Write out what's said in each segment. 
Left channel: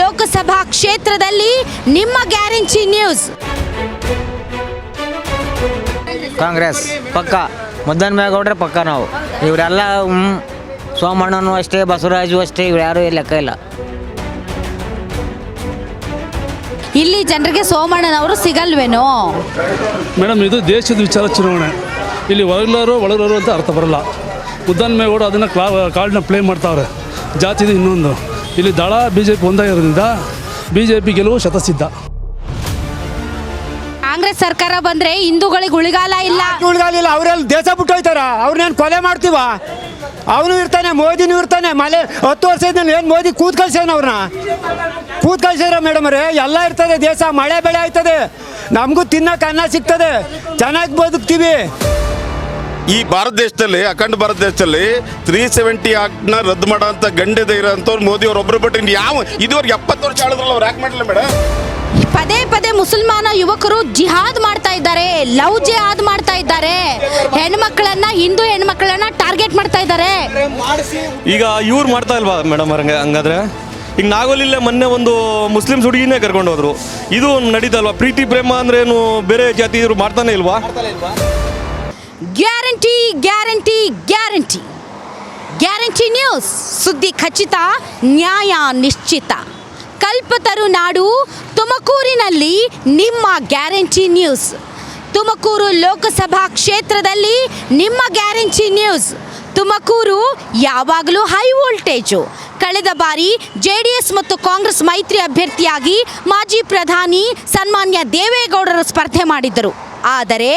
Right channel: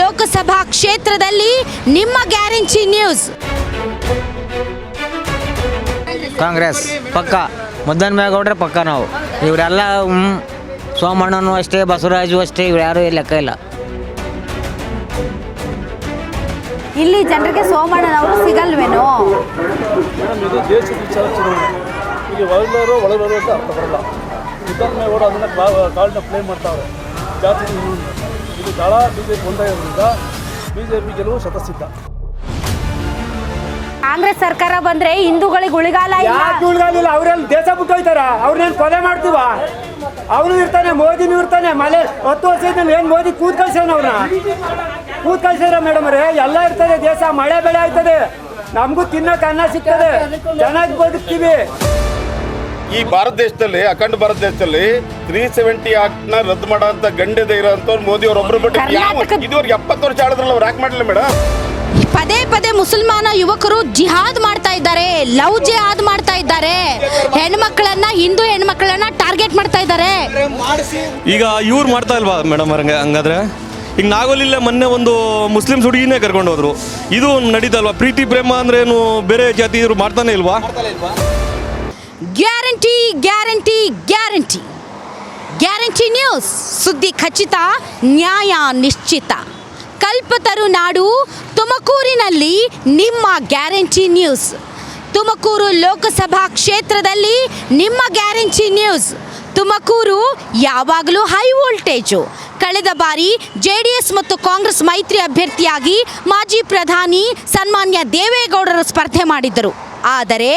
ಲೋಕಸಭಾ ಕ್ಷೇತ್ರದಲ್ಲಿ ನಿಮ್ಮ guarantee news. Congress ಪಕ್ಕ, ಮುದ್ದನ್ಮೇಗೌಡ್ರೆ ಪಕ್ಕ. ನಾವು ಇವರೆಲ್ಲ ಸೋಮಣ್ಣನು ಅಷ್ಟೇ, ಬಸವರಾಜು ಅಷ್ಟೇ, ಇವ್ರು ಯಾರೂ ಲೆಕ್ಕ ಇಲ್ಲ. ಇಲ್ಲಿ ಜನರಿಗೆ ಸೋಮಣ್ಣನವರು ಸಿಗಲ್ವೇನೋ? ಮೇಡಮ್, ಇದು ದೇಶದ ವಿಚಾರ ಚುನಾವಣೆ. ಇಲ್ಲಿ ಒಳಗರೋರು ಅಂತ ಅರ್ಥ ಬರಲ್ಲ. ಮುದ್ದನ್ಮೇಗೌಡ ಅದನ್ನು ಕಾರ್ಡ್ನ ಪ್ಲೇ ಮಾಡ್ತಾವ್ರೆ. ಜಾತಿದು ಇನ್ನೊಂದು. ಇಲ್ಲಿ ದಳ BJP ಒಂದಾಗಿರೋದ್ರಿಂದ BJP ಗೆಲುವು ಶತಸಿದ್ಧ. ಕಾಂಗ್ರೆಸ್ ಸರ್ಕಾರ ಬಂದ್ರೆ ಹಿಂದೂಗಳಿಗೆ ಉಳಿಗಾಲ ಇಲ್ಲ. ಅವ್ರೆಲ್ಲ ದೇಶ ಬಿಟ್ಟು ಹೋಯ್ತಾರ. ಅವ್ರನ್ನೇನು ಕೊಲೆ ಮಾಡ್ತೀವ? ಅವನು ಇರ್ತಾನೆ, ಮೋದಿನೂ ಇರ್ತಾನೆ. 10 ವರ್ಷದಿಂದ ಏನು ಮೋದಿ ಕೂತ್ ಕಳ್ಸ್ಯಾನ? ಅವ್ರನ್ನ ಕೂತ್ ಕಳ್ಸ್ಯಾರ ಮೇಡಮ್ ಅವ್ರೆ. ಎಲ್ಲ ಇರ್ತದೆ, ದೇಶ ಮಳೆ ಬೆಳೆ ಆಯ್ತದೆ, ನಮಗೂ ತಿನ್ನಕ್ಕೆ ಅನ್ನ ಸಿಗ್ತದೆ, ಚೆನ್ನಾಗಿ ಬದುಕ್ತೀವಿ. ಈ ಭಾರತ ದೇಶದಲ್ಲಿ, ಅಖಂಡ ಭಾರತ ದೇಶದಲ್ಲಿ 370 ಆಕ್ಟ್ನ ರದ್ದು ಮಾಡೋ ಅಂತ ಗಂಡೆದ ಇರೋಂಥವ್ರು ಮೋದಿ ಅವ್ರು ಒಬ್ರು ಬಿಟ್ಟು ಯಾವ ಇದುವರೆಗೆ 70 ವರ್ಷ ಆಡಿದ್ರಲ್ಲ, ಅವ್ರು ಯಾಕೆ ಮಾಡಲಿಲ್ಲ ಮೇಡಮ್? ಪದೇ ಪದೇ ಮುಸಲ್ಮಾನ ಯುವಕರು ಜಿಹಾದ್ ಮಾಡ್ತಾ ಇದ್ದಾರೆ, ಲವ್ ಜಿಹಾದ್ ಮಾಡ್ತಾ ಇದ್ದಾರೆ, ಹೆಣ್ಮಕ್ಳನ್ನ, ಹಿಂದೂ ಹೆಣ್ಮಕ್ಳನ್ನ ಟಾರ್ಗೆಟ್ ಮಾಡ್ತಾ ಇದ್ದಾರೆ. ಈಗ ಇವ್ರು ಮಾಡ್ತಾ ಇಲ್ವಾ ಮೇಡಮ್? ಹಂಗಾದ್ರೆ ಈಗ ನಾಗೋಲಿಲ್ಲೇ ಮೊನ್ನೆ ಒಂದು ಮುಸ್ಲಿಮ್ಸ್ ಹುಡುಗಿನೇ ಕರ್ಕೊಂಡು ಹೋದ್ರು. ಇದು ನಡೀತಲ್ವಾ? ಪ್ರೀತಿ ಪ್ರೇಮ ಅಂದ್ರೆ ಏನು ಬೇರೆ ಜಾತಿ ಇವರು ಮಾಡ್ತಾನೆ ಇಲ್ವಾ? Guarantee guarantee guarantee guarantee news. ಸುದ್ದಿ ಖಚಿತ, ನ್ಯಾಯ ನಿಶ್ಚಿತ. ಕಲ್ಪತರು ನಾಡು ತುಮಕೂರಿನಲ್ಲಿ ನಿಮ್ಮ ಗ್ಯಾರಂಟಿ ನ್ಯೂಸ್. ತುಮಕೂರು ಲೋಕಸಭಾ ಕ್ಷೇತ್ರದಲ್ಲಿ ನಿಮ್ಮ ಗ್ಯಾರಂಟಿ ನ್ಯೂಸ್. ತುಮಕೂರು ಯಾವಾಗಲೂ ಹೈ ವೋಲ್ಟೇಜು. ಕಳೆದ ಬಾರಿ JDS ಮತ್ತು ಕಾಂಗ್ರೆಸ್ ಮೈತ್ರಿ ಅಭ್ಯರ್ಥಿಯಾಗಿ ಮಾಜಿ ಪ್ರಧಾನಿ ಸನ್ಮಾನ್ಯ ದೇವೇಗೌಡರು ಸ್ಪರ್ಧೆ ಮಾಡಿದ್ದರು. ಆದರೆ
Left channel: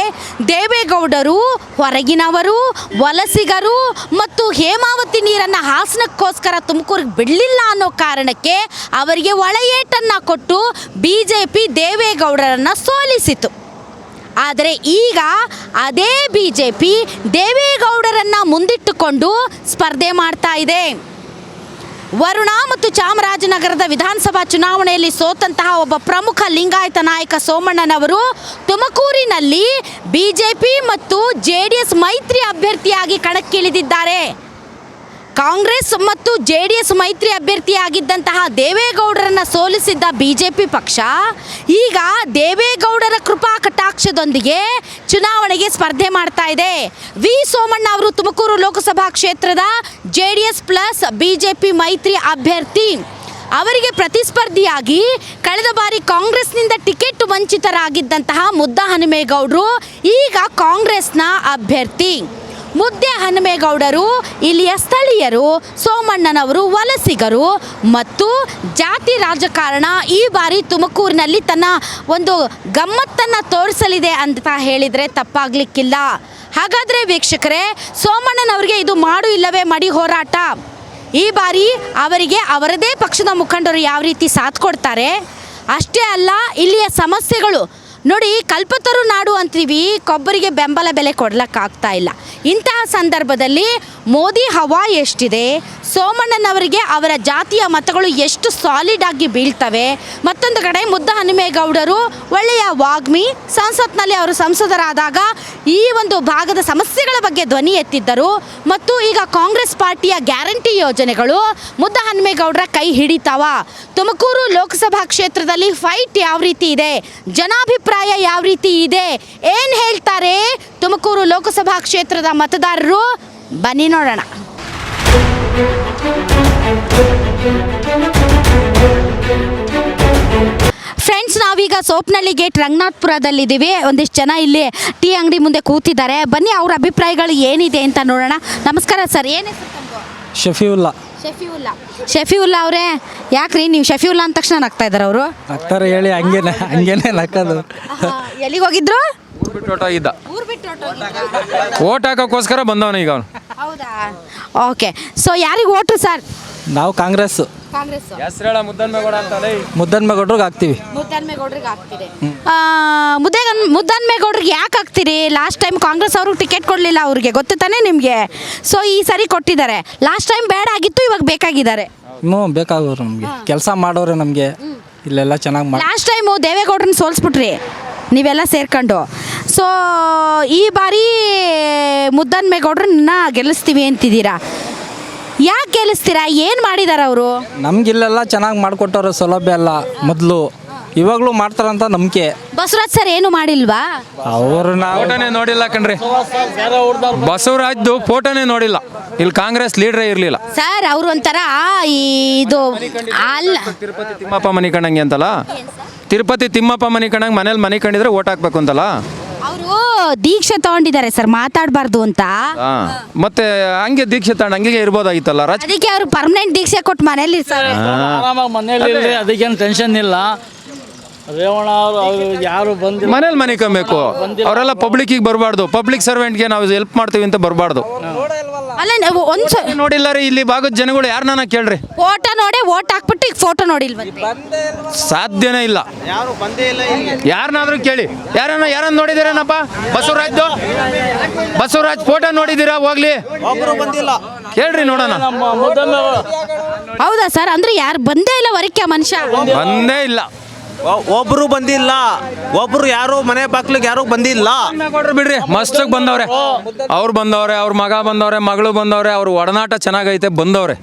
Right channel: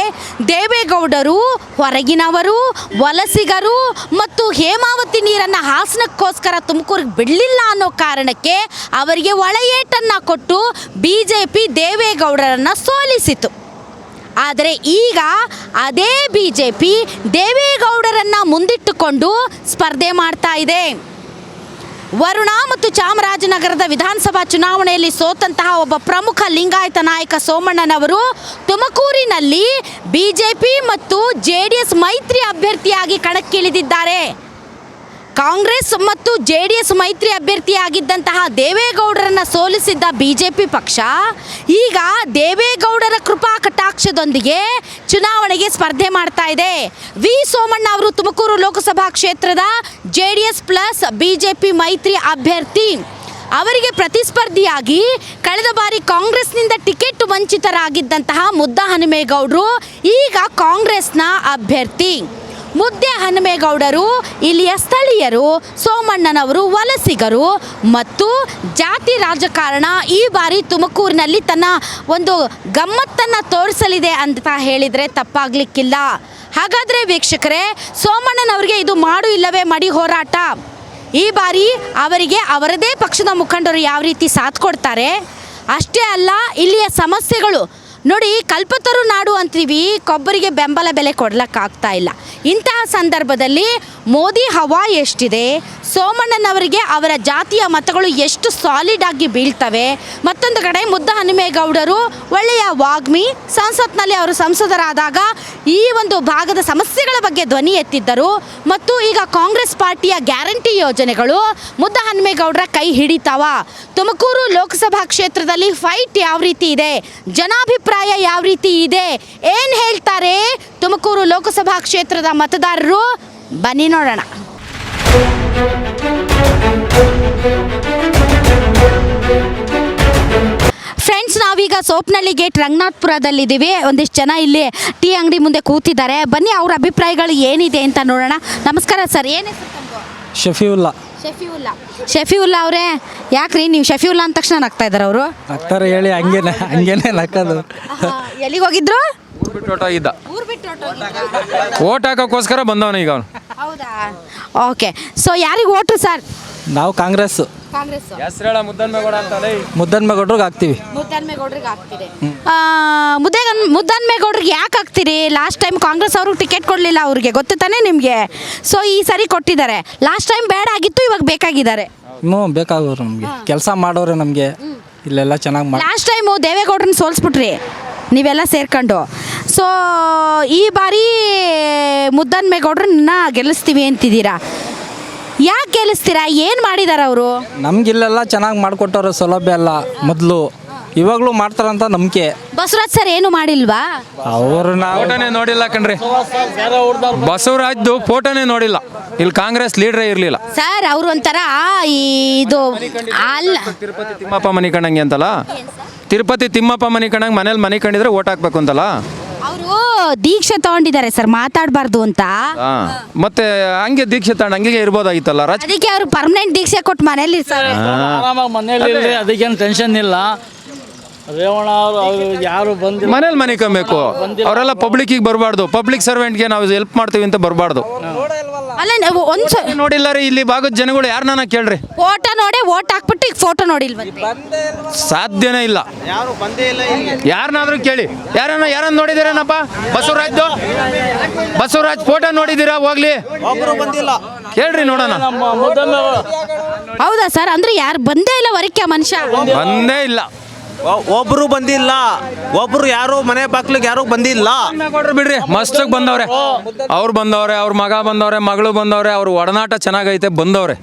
ದೇವೇಗೌಡರು ಹೊರಗಿನವರು, ವಲಸಿಗರು ಮತ್ತು ಹೇಮಾವತಿ ನೀರನ್ನು ಹಾಸನಕ್ಕೋಸ್ಕರ ತುಮಕೂರಿಗೆ ಬಿಡಲಿಲ್ಲ ಅನ್ನೋ ಕಾರಣಕ್ಕೆ ಅವರಿಗೆ ಒಳೆಯೇಟನ್ನು ಕೊಟ್ಟು BJP ದೇವೇಗೌಡರನ್ನು ಸೋಲಿಸಿತು. ಆದರೆ ಈಗ ಅದೇ BJP ದೇವೇಗೌಡರನ್ನು ಮುಂದಿಟ್ಟುಕೊಂಡು ಸ್ಪರ್ಧೆ ಮಾಡ್ತಾ ಇದೆ. ವರುಣಾ ಮತ್ತು ಚಾಮರಾಜನಗರದ ವಿಧಾನಸಭಾ ಚುನಾವಣೆಯಲ್ಲಿ ಸೋತಂತಹ ಒಬ್ಬ ಪ್ರಮುಖ ಲಿಂಗಾಯತ ನಾಯಕ ಸೋಮಣ್ಣನವರು ತುಮಕೂರಿನಲ್ಲಿ BJP ಮತ್ತು JDS ಮೈತ್ರಿ ಅಭ್ಯರ್ಥಿಯಾಗಿ ಕಣಕ್ಕಿಳಿದಿದ್ದಾರೆ. ಕಾಂಗ್ರೆಸ್ ಮತ್ತು JDS ಮೈತ್ರಿ ಅಭ್ಯರ್ಥಿಯಾಗಿದ್ದಂತಹ ದೇವೇಗೌಡರನ್ನು ಸೋಲಿಸಿದ್ದ BJP ಪಕ್ಷ ಈಗ ದೇವೇಗೌಡರ ಕೃಪಾ ಕಟಾಕ್ಷದೊಂದಿಗೆ ಚುನಾವಣೆಗೆ ಸ್ಪರ್ಧೆ ಮಾಡ್ತಾ ಇದೆ. ವಿ ಸೋಮಣ್ಣ ಅವರು ತುಮಕೂರು ಲೋಕಸಭಾ ಕ್ಷೇತ್ರದ JDS ಪ್ಲಸ್ BJP ಮೈತ್ರಿ ಅಭ್ಯರ್ಥಿ. ಅವರಿಗೆ ಪ್ರತಿಸ್ಪರ್ಧಿಯಾಗಿ ಕಳೆದ ಬಾರಿ ಕಾಂಗ್ರೆಸ್ನಿಂದ ಟಿಕೆಟ್ ವಂಚಿತರಾಗಿದ್ದಂತಹ ಮುದ್ದಹನುಮೇಗೌಡರು ಈಗ ಕಾಂಗ್ರೆಸ್ನ ಅಭ್ಯರ್ಥಿ. ಮುದ್ದಹನುಮೇಗೌಡರು ಇಲ್ಲಿಯ ಸ್ಥಳೀಯರು, ಸೋಮಣ್ಣನವರು ವಲಸಿಗರು ಮತ್ತು ಜಾತಿ ರಾಜಕಾರಣ ಈ ಬಾರಿ ತುಮಕೂರಿನಲ್ಲಿ ತನ್ನ ಒಂದು ಗಮ್ಮತ್ತನ್ನು ತೋರಿಸಲಿದೆ ಅಂತ ಹೇಳಿದರೆ ತಪ್ಪಾಗಲಿಕ್ಕಿಲ್ಲ. ಹಾಗಾದರೆ ವೀಕ್ಷಕರೇ, ಸೋಮಣ್ಣನವರಿಗೆ ಇದು ಮಾಡು ಇಲ್ಲವೇ ಮಡಿ ಹೋರಾಟ. ಈ ಬಾರಿ ಅವರಿಗೆ ಅವರದೇ ಪಕ್ಷದ ಮುಖಂಡರು ಯಾವ ರೀತಿ ಸಾಥ್ ಕೊಡ್ತಾರೆ, ಅಷ್ಟೇ ಅಲ್ಲ ಇಲ್ಲಿಯ ಸಮಸ್ಯೆಗಳು ನೋಡಿ. ಕಲ್ಪತರು ನಾಡು ಅಂತೀವಿ, ಕೊಬ್ಬರಿಗೆ ಬೆಂಬಲ ಬೆಲೆ ಕೊಡ್ಲಿಕ್ಕಾಗ್ತಾ ಇಲ್ಲ. ಇಂತಹ ಸಂದರ್ಭದಲ್ಲಿ ಮೋದಿ ಹವಾ ಎಷ್ಟಿದೆ, ಸೋಮಣ್ಣನವರಿಗೆ ಅವರ ಜಾತಿಯ ಮತಗಳು ಎಷ್ಟು ಸಾಲಿಡ್ ಆಗಿ ಬೀಳ್ತವೆ. ಮತ್ತೊಂದು ಕಡೆ ಮುದ್ದಹನುಮೇಗೌಡರು ಒಳ್ಳೆಯ ವಾಗ್ಮಿ, ಸಂಸತ್ನಲ್ಲಿ ಅವರು ಸಂಸದರಾದಾಗ ಈ ಒಂದು ಭಾಗದ ಸಮಸ್ಯೆಗಳ ಬಗ್ಗೆ ಧ್ವನಿ ಎತ್ತಿದ್ದರು. ಮತ್ತು ಈಗ ಕಾಂಗ್ರೆಸ್ ಪಾರ್ಟಿಯ ಗ್ಯಾರಂಟಿ ಯೋಜನೆಗಳು ಮುದ್ದಹನುಮೇಗೌಡರ ಕೈ ಹಿಡಿತಾವ. ತುಮಕೂರು ಲೋಕಸಭಾ ಕ್ಷೇತ್ರದಲ್ಲಿ ಫೈಟ್ ಯಾವ ರೀತಿ ಇದೆ, ಜನಾಭಿಪ್ರಾಯ ಯಾವ ರೀತಿ ಇದೆ, ಏನು ಹೇಳ್ತಾರೆ ತುಮಕೂರು ಲೋಕಸಭಾ ಕ್ಷೇತ್ರದ ಮತದಾರರು, ಬನ್ನಿ ನೋಡೋಣ. ಫ್ರೆಂಡ್ಸ್, ನಾವೀಗ ಸೋಪನಹಳ್ಳಿ ಗೇಟ್ ರಂಗನಾಥಪುರದಲ್ಲಿದ್ದೀವಿ. ಒಂದಿಷ್ಟು ಜನ ಇಲ್ಲಿ ಟೀ ಅಂಗಡಿ ಮುಂದೆ ಕೂತಿದ್ದಾರೆ. ಬನ್ನಿ ಅವ್ರ ಅಭಿಪ್ರಾಯಗಳು ಏನಿದೆ ಅಂತ ನೋಡೋಣ. ನಮಸ್ಕಾರ ಸರ್, ಏನು ಶಫೀವುಲ್ಲಾ. ಶಫೀವುಲ್ಲಾ ಅವರೇ, ಯಾಕ್ರಿ ನೀವು ಶಫೀವುಲ್ಲಾ ಅಂದ ತಕ್ಷಣ ನಗ್ತಾ ಇದ್ದಾರೆ ಅವರು? ನಗ್ತಾರೆ ಹೇಳಿ, ಹಂಗೇನೆ ನಕ್ಕದು. ಎಲ್ಲಿಗೆ ಹೋಗಿದ್ರು? ಊರು ಬಿಟ್ಟು ಓಟ್ ಹಾಕೋಕ್ಕೋಸ್ಕರ ಬಂದವನ ಈಗ ಅವನು. ಹೌದಾ? ಓಕೆ. ಸೊ ಯಾರಿಗೆ ಓಟ್ರು ಸರ್? ನಾವು ಕಾಂಗ್ರೆಸ್. ಹೆಸರೇಳ ಮುದ್ದನ್ಮೇಗೌಡ ಅಂತ. ಮುದ್ದನ್ಮೇಗೌಡ್ರಿಗೆ ಹಾಕ್ತೀವಿ. ಮುದ್ದನ್ಮೇಗೌಡ್ರಿಗೆ ಹಾಕ್ತೀರಿ. ಮುದ್ದನ್ಮೇಗೌಡ್ರಿಗೆ ಯಾಕೆ ಹಾಕ್ತೀರಿ? ಲಾಸ್ಟ್ ಟೈಮ್ ಕಾಂಗ್ರೆಸ್ ಅವ್ರಿಗೆ ಟಿಕೆಟ್ ಕೊಡಲಿಲ್ಲ, ಅವ್ರಿಗೆ ಗೊತ್ತು ತಾನೇ ನಿಮಗೆ. ಸೊ ಈ ಸರಿ ಕೊಟ್ಟಿದ್ದಾರೆ. ಲಾಸ್ಟ್ ಟೈಮ್ ಬೇಡ ಆಗಿತ್ತು, ಇವಾಗ ಬೇಕಾಗಿದ್ದಾರೆ. ಬೇಕಾಗೋರು ನಮಗೆ, ಕೆಲಸ ಮಾಡೋರು ನಮಗೆ ಇಲ್ಲೆಲ್ಲ ಚೆನ್ನಾಗಿ ಮಾಡಿ. ಲಾಸ್ಟ್ ಟೈಮು ದೇವೇಗೌಡರನ್ನ ಸೋಲ್ಸ್ಬಿಟ್ರಿ ನೀವೆಲ್ಲ ಸೇರ್ಕೊಂಡು. ಸೊ ಈ ಬಾರಿ ಮುದ್ದನ್ಮೇಗೌಡ್ರನ್ನ ಗೆಲ್ಲಿಸ್ತೀವಿ ಅಂತಿದ್ದೀರಾ. ಯಾಕೆ ಗೆಲ್ಲಿಸ್ತೀರಾ? ಏನು ಮಾಡಿದಾರೆ ಅವರು? ನಮ್ಗಿಲ್ಲೆಲ್ಲ ಚೆನ್ನಾಗಿ ಮಾಡಿಕೊಟ್ಟವ್ರೆ ಸೌಲಭ್ಯ ಎಲ್ಲ ಮೊದಲು, ಇವಾಗಲೂ ಮಾಡ್ತಾರಂತ ನಂಬಿಕೆ. ಬಸವರಾಜ್ ಸರ್ ಏನು ಮಾಡಿಲ್ವಾ? ಅವ್ರನ್ನ ಫೋಟೋನೇ ನೋಡಿಲ್ಲ ಕಣ್ರಿ, ಬಸವರಾಜ್ದು ಫೋಟೋನೇ ನೋಡಿಲ್ಲ. ಇಲ್ಲಿ ಕಾಂಗ್ರೆಸ್ ಲೀಡ್ರೇ ಇರಲಿಲ್ಲ. ಸರ್ ಅವರು ಒಂಥರ ಇದು ಅಲ್ಲ, ತಿರುಪತಿ ತಿಮ್ಮಪ್ಪ ಮನೆ ಕಂಡಂಗೆ ಅಂತಲ್ಲ, ತಿರುಪತಿ ತಿಮ್ಮಪ್ಪ ಮನೆ ಕಂಡಂಗೆ ಮನೇಲಿ ಮನೆ ಕಂಡಿದ್ರೆ ಓಟ್ ಹಾಕ್ಬೇಕು ಅಂತಲ್ಲ. ಅವರು ದೀಕ್ಷೆ ತಗೊಂಡಿದ್ದಾರೆ ಸರ್, ಮಾತಾಡಬಾರ್ದು ಅಂತ. ಮತ್ತೆ ಹಂಗೆ ದೀಕ್ಷೆ ತಗೊಂಡು ಹಂಗೆ ಇರ್ಬೋದಾಗಿತ್ತಲ್ಲ. ಅದಕ್ಕೆ ಅವರು ಪರ್ಮನೆಂಟ್ ದೀಕ್ಷೆ ಕೊಟ್ಟು ಮನೇಲಿ ಸರ್. ಆರಾಮಾಗಿ ಮನೇಲಿ ಅದಕ್ಕೇನು ಟೆನ್ಷನ್ ಇಲ್ಲ. ರೇವಣ್ಣ ಅವರು ಯಾರು ಬಂದು ಮನೇಲಿ ಮನೆ ಕಮ್ಮಬೇಕು, ಅವರೆಲ್ಲ ಪಬ್ಲಿಕ್ಕಿಗೆ ಬರಬಾರ್ದು. ಪಬ್ಲಿಕ್ ಸರ್ವೆಂಟ್ಗೆ ನಾವು ಹೆಲ್ಪ್ ಮಾಡ್ತೀವಿ ಅಂತ ಬರಬಾರ್ದು. ಅಲ್ಲ ಒಂದು ನೋಡಿಲ್ಲ ರೀ, ಇಲ್ಲಿ ಭಾಗದ ಜನಗಳು ಯಾರನ್ನ ಕೇಳ್ರಿ, ಫೋಟೋ ನೋಡಿ ಓಟ್ ಹಾಕ್ಬಿಟ್ಟು ಈಗ ಫೋಟೋ ನೋಡಿಲ್ವಂತೆ. ಸಾಧ್ಯನೇ ಇಲ್ಲ. ಯಾರನ್ನಾದ್ರೂ ಕೇಳಿ, ಯಾರನ್ನ ನೋಡಿದಿರೇನಪ್ಪ? ಬಸವರಾಜ್ ಫೋಟೋ ನೋಡಿದ್ದೀರಾ? ಹೋಗ್ಲಿ, ಕೇಳ್ರಿ ನೋಡೋಣ. ಹೌದಾ ಸರ್? ಅಂದ್ರೆ ಯಾರು ಬಂದೇ ಇಲ್ಲ ವರಕ್ಕೆ ಮನುಷ್ಯ? ಬಂದೇ ಇಲ್ಲ, ಒಬ್ರು ಬಂದಿಲ್ಲ, ಒಬ್ರು ಯಾರು ಮನೆ ಬಾಗ್ಲಿಗೆ ಯಾರು ಬಂದಿಲ್ಲ. ಕೊಡ್ರಿ ಬಿಡ್ರಿ, ಮಸ್ತಾಗಿ ಬಂದವ್ರೆ. ಅವ್ರು ಬಂದವ್ರೆ, ಅವ್ರ ಮಗ ಬಂದವ್ರೆ, ಮಗಳು ಬಂದವ್ರೆ, ಅವ್ರ ಒಡನಾಟ ಚೆನ್ನಾಗೈತೆ, ಬಂದವ್ರೆ,